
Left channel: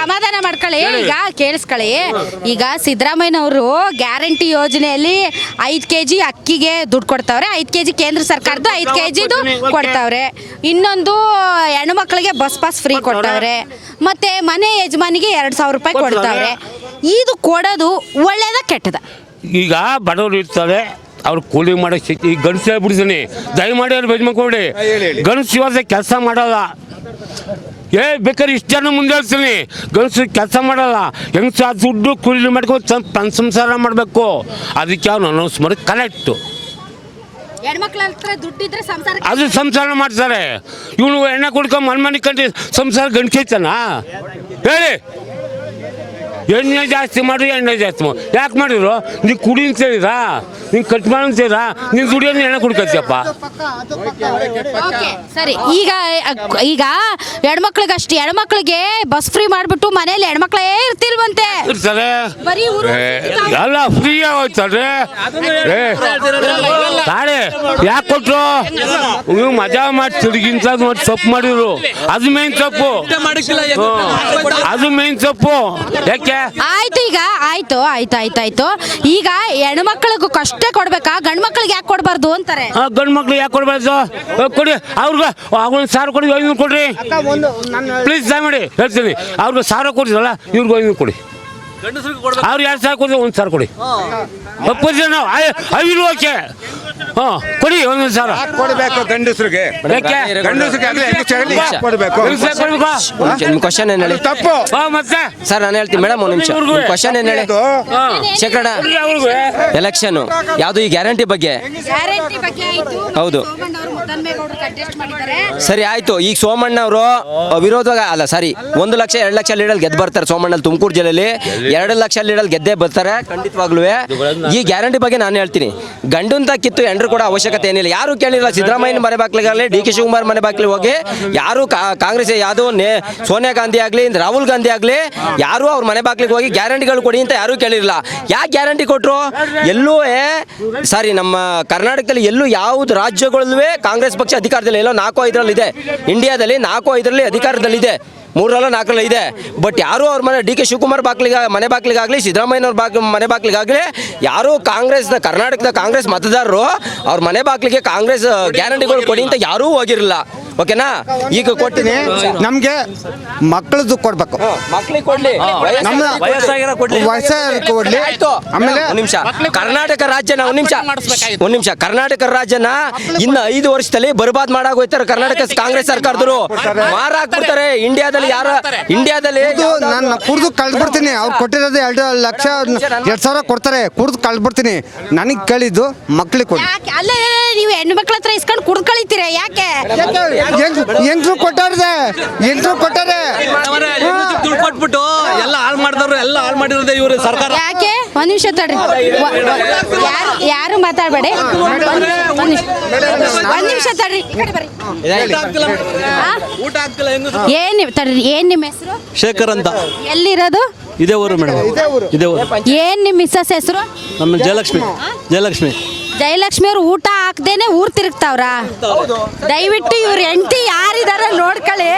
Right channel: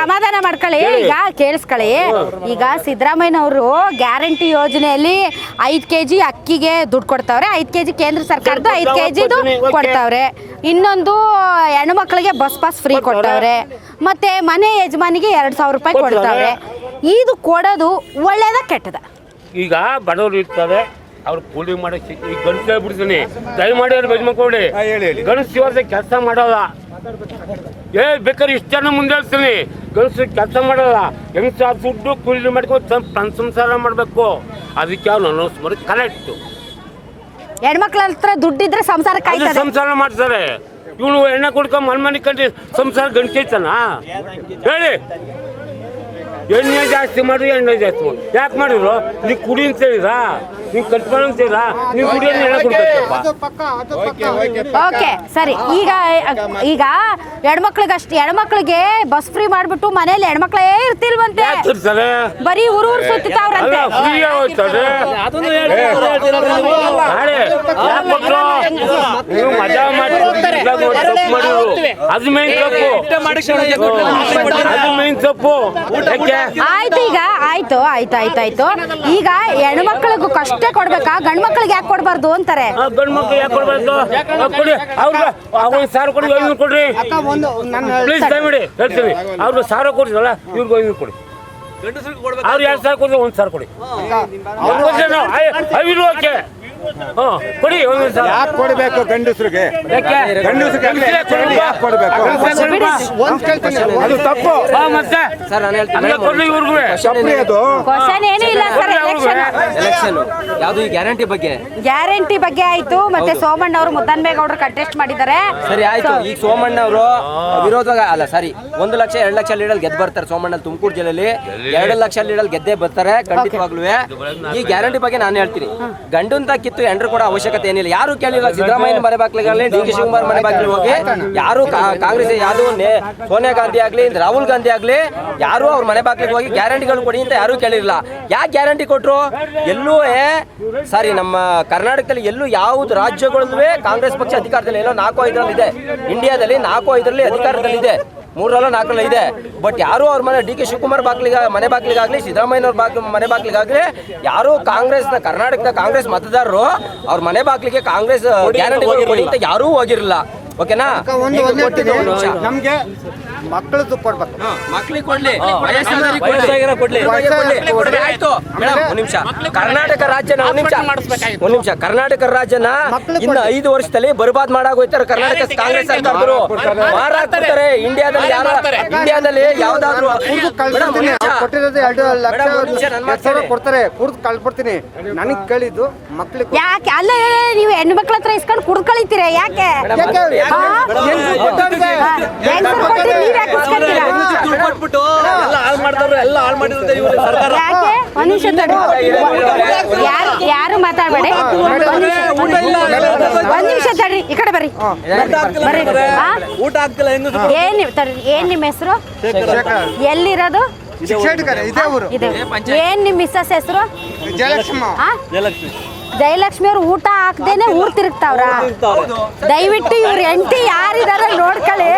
ಸಮಾಧಾನ ಮಾಡ್ಕೊಳ್ಳಿ. ಕೇಳಿಸ್ಕೊಳ್ಳಿ. ಈಗ ಸಿದ್ದರಾಮಯ್ಯ ಅವರು ಗ್ಯಾರಂಟಿ ಯೋಜನೆಯಲ್ಲಿ 5 ಕೆಜಿ ಅಕ್ಕಿಗೆ ದುಡ್ಡು ಕೊಡ್ತಾವ್ರೆ, 5 ಕೆಜಿ ಕೇಂದ್ರ ಸರ್ಕಾರದ 5 ಕೆಜಿ ಕೊಡ್ತಾವ್ರೆ. ಇನ್ನೊಂದು ಹೆಣ್ಣು ಮಕ್ಕಳಿಗೆ ಬಸ್ ಪಾಸ್ ಫ್ರೀ ಕೊಡ್ತಾವ್ರೆ, ಮತ್ತೆ ಮನೆ ಯಜಮಾನಿಗೆ 2000 ರೂಪಾಯಿ ಕೊಡ್ತಾವ್ರೆ. ಇದು ಕೊಡೋದು ಒಳ್ಳೇದ ಕೆಟ್ಟದ? ಈಗ ಬಡವರು ಇರ್ತಾರೆ, ಅವ್ರು ಕೂಲಿ ಮಾಡಕ್ ಸಿಕ್ತಿ. ಈಗ ಗಂಡಸು ಹೇಳ್ಬಿಡ್ತೀನಿ, ದಯಮಾಡಿ ಅವ್ರು ಬೆಜ್ಮಕ್ಕೊಡಿ. ಗಂಡಸು ಇವಾಗ ಕೆಲಸ ಮಾಡಲ್ಲ. ಬೇಕಾದ್ರೆ ಇಷ್ಟು ಜನ ಮುಂದೆ ಹೇಳ್ತೀನಿ, ಗಂಡಸು ಕೆಲಸ ಮಾಡಲ್ಲ. ಹೆಂಗಸ ದುಡ್ಡು ಕೂಲಿ ಮಾಡ್ಕೊಂಡು ಸಂಸಾರ ಮಾಡಬೇಕು. ಅದಕ್ಕೆ ಅವ್ರು ಅನೌನ್ಸ್ ಮಾಡಿ ಕರೆಕ್ಟು. ಹೆಣ್ಮಕ್ಳ ಹತ್ರ ದುಡ್ಡಿದ್ರೆ ಸಂಸಾರ ಅದು ಸಂಸಾರ ಮಾಡ್ತಾರೆ. ಇವನು ಎಣ್ಣೆ ಕುಡ್ಕೊಂಡು ಮನೆ ಕಂಡು ಸಂಸಾರ ಗಂಡ್ಕೈತನ ಹೇಳಿ. ಎಣ್ಣೆ ಜಾಸ್ತಿ ಮಾಡಿ, ಎಣ್ಣೆ ಜಾಸ್ತಿ ಮಾಡಿ. ಯಾಕೆ ಮಾಡಿದ್ರು? ನೀವು ಕುಡಿ ಅಂತ ಹೇಳಿರಾ, ನೀವು ಕಟ್ ಮಾಡಿ ಅಂತ ಹೇಳಿರಾ, ನೀವು ದುಡಿಯೋದು ಎಣ್ಣೆ ಕುಡ್ಕೊಳ್ತೀಯಪ್ಪ. ಓಕೆ ಸರಿ. ಈಗ ಹೆಣ್ಮಕ್ಳಿಗಷ್ಟು, ಹೆಣ್ಮಕ್ಳಿಗೆ ಬಸ್ ಫ್ರೀ ಮಾಡ್ಬಿಟ್ಟು ಮನೇಲಿ ಹೆಣ್ಮಕ್ಳೇ ಇರ್ತಿಲ್ವಂತೆ, ಬರೀ ಎಲ್ಲ ಫ್ರೀ ಹೋಗ್ತಾರೆ. ಯಾಕೆ ಕೊಟ್ಟರು? ನೀವು ಮಜಾ ಮಾಡಿ ತಿರುಗಿಂತ ತಪ್ಪು ಮಾಡಿದ್ರು. ಅದು ಮೇನ್ ತಪ್ಪು, ಅದು ಮೇನ್ ತಪ್ಪು. ಯಾಕೆ ಆಯ್ತು. ಈಗ ಆಯ್ತು ಈಗ ಹೆಣ್ಮಕ್ಳಿಗೂ ಕಷ್ಟ ಕೊಡ್ಬೇಕಾ ಗಂಡ್ ಮಕ್ಳಿಗೆ ಯಾಕೆ ಕೊಡ್ಬಾರ್ದು ಅಂತಾರೆ. ಗಂಡು ಮಕ್ಳು ಯಾಕೆ ಕೊಡ್ಬಾರ್ದು? ಕೊಡಿ ಅವ್ರಿಗೆ ಅವ್ರಿಗೆ 1000 ಕೊಡಿ, 500 ಕೊಡ್ರಿ ಪ್ಲೀಸ್ ದಯಮಾಡಿ ಹೇಳ್ತೀವಿ. ಅವ್ರಿಗೆ 1000 ಕೊಡಿದ್ರಲ್ಲ ಇವ್ರಿಗೆ 500 ಕೊಡಿ. ಅವ್ರು 2,000 ಕೊಡಿ, 1,000 ಕೊಡಿ. ಒಪ್ಪಿದ್ರೆ ನಾವು 5 ಓಕೆ. ಕೊಡಿ 1,000 ಕೊಡಬೇಕು ಗಂಡಸರಿಗೆ ಕೊಡಬೇಕು. ತಪ್ಪು ಮತ್ತೆ ಸರ್ ನಾನು ಹೇಳ್ತೀನಿ ಮೇಡಮ್, ಕ್ವಶನ್ ಏನು ಎಲೆಕ್ಷನ್ ಯಾವುದು ಈ ಗ್ಯಾರಂಟಿ ಬಗ್ಗೆ ಆಯ್ತು. ಮತ್ತೆ ಸೋಮಣ್ಣ ಅವರು ಮುದ್ದನ್ಮೇಗೌಡರು ಕಂಟೆಸ್ಟ್ ಮಾಡಿದ್ದಾರೆ. ಸರಿ ಆಯ್ತು. ಈಗ ಸೋಮಣ್ಣ ಅವರು ವಿರೋಧ ಅಲ್ಲ ಸಾರಿ 1 ಲಕ್ಷ 2 ಲಕ್ಷ ಲೀಡಲ್ಲಿ ಗೆದ್ದು ಬರ್ತಾರೆ. ಸೋಮಣ್ಣ ತುಮಕೂರು ಜಿಲ್ಲೆಯಲ್ಲಿ 2 ಲಕ್ಷ ಲೀಡಲ್ಲಿ ಗೆದ್ದೇ ಬರ್ತಾರೆ ಖಂಡಿತವಾಗ್ಲೂ. ಈ ಗ್ಯಾರಂಟಿ ಬಗ್ಗೆ ನಾನು ಹೇಳ್ತೀನಿ, ಗಂಡಂತ ಕಿತ್ತು ಎಂಡ್ರು ಕೂಡ ಅವಶ್ಯಕತೆ ಏನಿಲ್ಲ. ಯಾರು ಕೇಳಿಲ್ಲ. ಸಿದ್ದರಾಮಯ್ಯನ ಮನೆ ಬಾಗ್ಲಿಗಾಗಲಿ, ಡಿ ಕೆ ಶಿವಕುಮಾರ್ ಮನೆ ಬಾಗ್ಲಿಗೆ ಹೋಗಿ ಯಾರು ಕಾಂಗ್ರೆಸ್ ಯಾವುದು ಸೋನಿಯಾ ಗಾಂಧಿ ಆಗಲಿ, ರಾಹುಲ್ ಗಾಂಧಿ ಆಗಲಿ, ಯಾರು ಅವ್ರ ಮನೆ ಬಾಗ್ಲಿಗೆ ಹೋಗಿ ಗ್ಯಾರಂಟಿಗಳು ಕೊಡಿ ಅಂತ ಯಾರೂ ಕೇಳಿರಲಿಲ್ಲ. ಯಾಕೆ ಗ್ಯಾರಂಟಿ ಕೊಟ್ಟರು? ಎಲ್ಲೂ ಸಾರಿ ನಮ್ಮ ಕರ್ನಾಟಕದಲ್ಲಿ ಎಲ್ಲೂ ಯಾವುದು ರಾಜ್ಯಗಳಲ್ಲೂ ಕಾಂಗ್ರೆಸ್ ಪಕ್ಷ ಅಧಿಕಾರದಲ್ಲಿ ಎಲ್ಲೋ 4-5 ಇದೆ. ಇಂಡಿಯಾದಲ್ಲಿ 4-5 ಅಧಿಕಾರದಲ್ಲಿದೆ, 3-4 ಇದೆ. ಬಟ್ ಯಾರು ಅವ್ರ ಮನೆ ಡಿ ಕೆ ಶಿವಕುಮಾರ್ ಮನೆ ಬಾಗ್ಲಿಗಾಗಲಿ, ಸಿದ್ದರಾಮಯ್ಯನವ್ರ ಮನೆ ಬಾಗ್ಲಿಗಾಗಲಿ ಯಾರು ಕರ್ನಾಟಕದ ಕಾಂಗ್ರೆಸ್ ಮತದಾರರು ಅವ್ರ ಮನೆ ಬಾಗ್ಲಿಗೆ ಕಾಂಗ್ರೆಸ್ ಗ್ಯಾರಂಟಿಗಳು ಕೊಡಿ ಅಂತ ಯಾರೂ ಹೋಗಿರಲಿಲ್ಲ. ಓಕೆನಾ? ಈಗ ಕೊಟ್ಟಿನಿ ನಮ್ಗೆ ಮಕ್ಕಳದ್ದು ಕೊಡ್ಬೇಕು, ಮಕ್ಕಳಿಗೆ ಕೊಡ್ಲಿ, ನಿಮಿಷ ಕರ್ನಾಟಕ ರಾಜ್ಯನ ಒಂದ್ ನಿಮಿಷ ಕರ್ನಾಟಕ ರಾಜ್ಯನ ಇನ್ನು 5 ವರ್ಷದಲ್ಲಿ ಬರ್ಬಾದ್ ಮಾಡಾಗೋಯ್ತಾರೆ ಕರ್ನಾಟಕ ಕಾಂಗ್ರೆಸ್ ಸರ್ಕಾರದವರು. ಮಾರಾಕ್ಬಿಡ್ತಾರೆ ಇಂಡಿಯಾದಲ್ಲಿ ಕುಡ್ದು ಕಳ್ಬಿಡ್ತೀನಿ. ಅವ್ರು ಕೊಟ್ಟಿರೋದು 2 ಲಕ್ಷ 2,000 ಕೊಡ್ತಾರೆ, ಕುಡ್ದು ಕಳ್ಬಿಡ್ತೀನಿ. ನನಗೆ ಕೇಳಿದ್ದು ಮಕ್ಳಿಗೆ ಯಾಕೆ ಅಲ್ಲಿ ನೀವು ಹೆಣ್ಣು ಮಕ್ಳ ಹತ್ರ ಇಸ್ಕೊಂಡು ಕುಡ್ದು ಕಳಿತೀರ? ಯಾಕೆ ಎಂಟ್ರು ಕೊಟ್ಟಾರೆ ಕೊಟ್ಬಿಟ್ಟು ಎಲ್ಲ ಹಾಳು ಮಾಡಿದವ್ರು ಎಲ್ಲ ಹಾಳು ಮಾಡಿರೋದೇ ಇವ್ರು ಸರ್ಕಾರ. ಯಾಕೆ? ಒಂದ್ ನಿಮಿಷ ತಡ್ರಿ, ಯಾರು ಮಾತಾಡ್ಬೇಡಿ. ಈ ಕಡೆ ಬರ್ರಿ. ಏನ್ ನಿಮ್ಮ ಹೆಸರು? ಶೇಖರ್ ಅಂತ. ಎಲ್ಲಿರೋದು? ಇದೇ ಊರು ಮೇಡಮ್, ಇದೇ ಊರು. ಏನ್ ನಿಮ್ಮ ಮಿಸ್ಸಸ್ ಹೆಸರು? ನಮ್ಮ ಜಯಲಕ್ಷ್ಮಿ. ಜಯಲಕ್ಷ್ಮಿ ಅವ್ರು ಊಟ ಹಾಕ್ದೇನೆ ಊರ್ ತಿರುಗ್ತಾವ್ರ. ದಯವಿಟ್ಟು ಇವ್ರ ಹೆಂಡತಿ ಯಾರಿದಾರ ನೋಡ್ಕೊಳ್ಳಿ.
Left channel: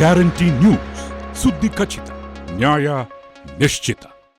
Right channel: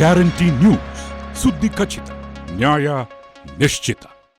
ಗ್ಯಾರಂಟಿ ನ್ಯೂಸ್, ಸುದ್ದಿ ಖಚಿತ, ನ್ಯಾಯ ನಿಶ್ಚಿತ.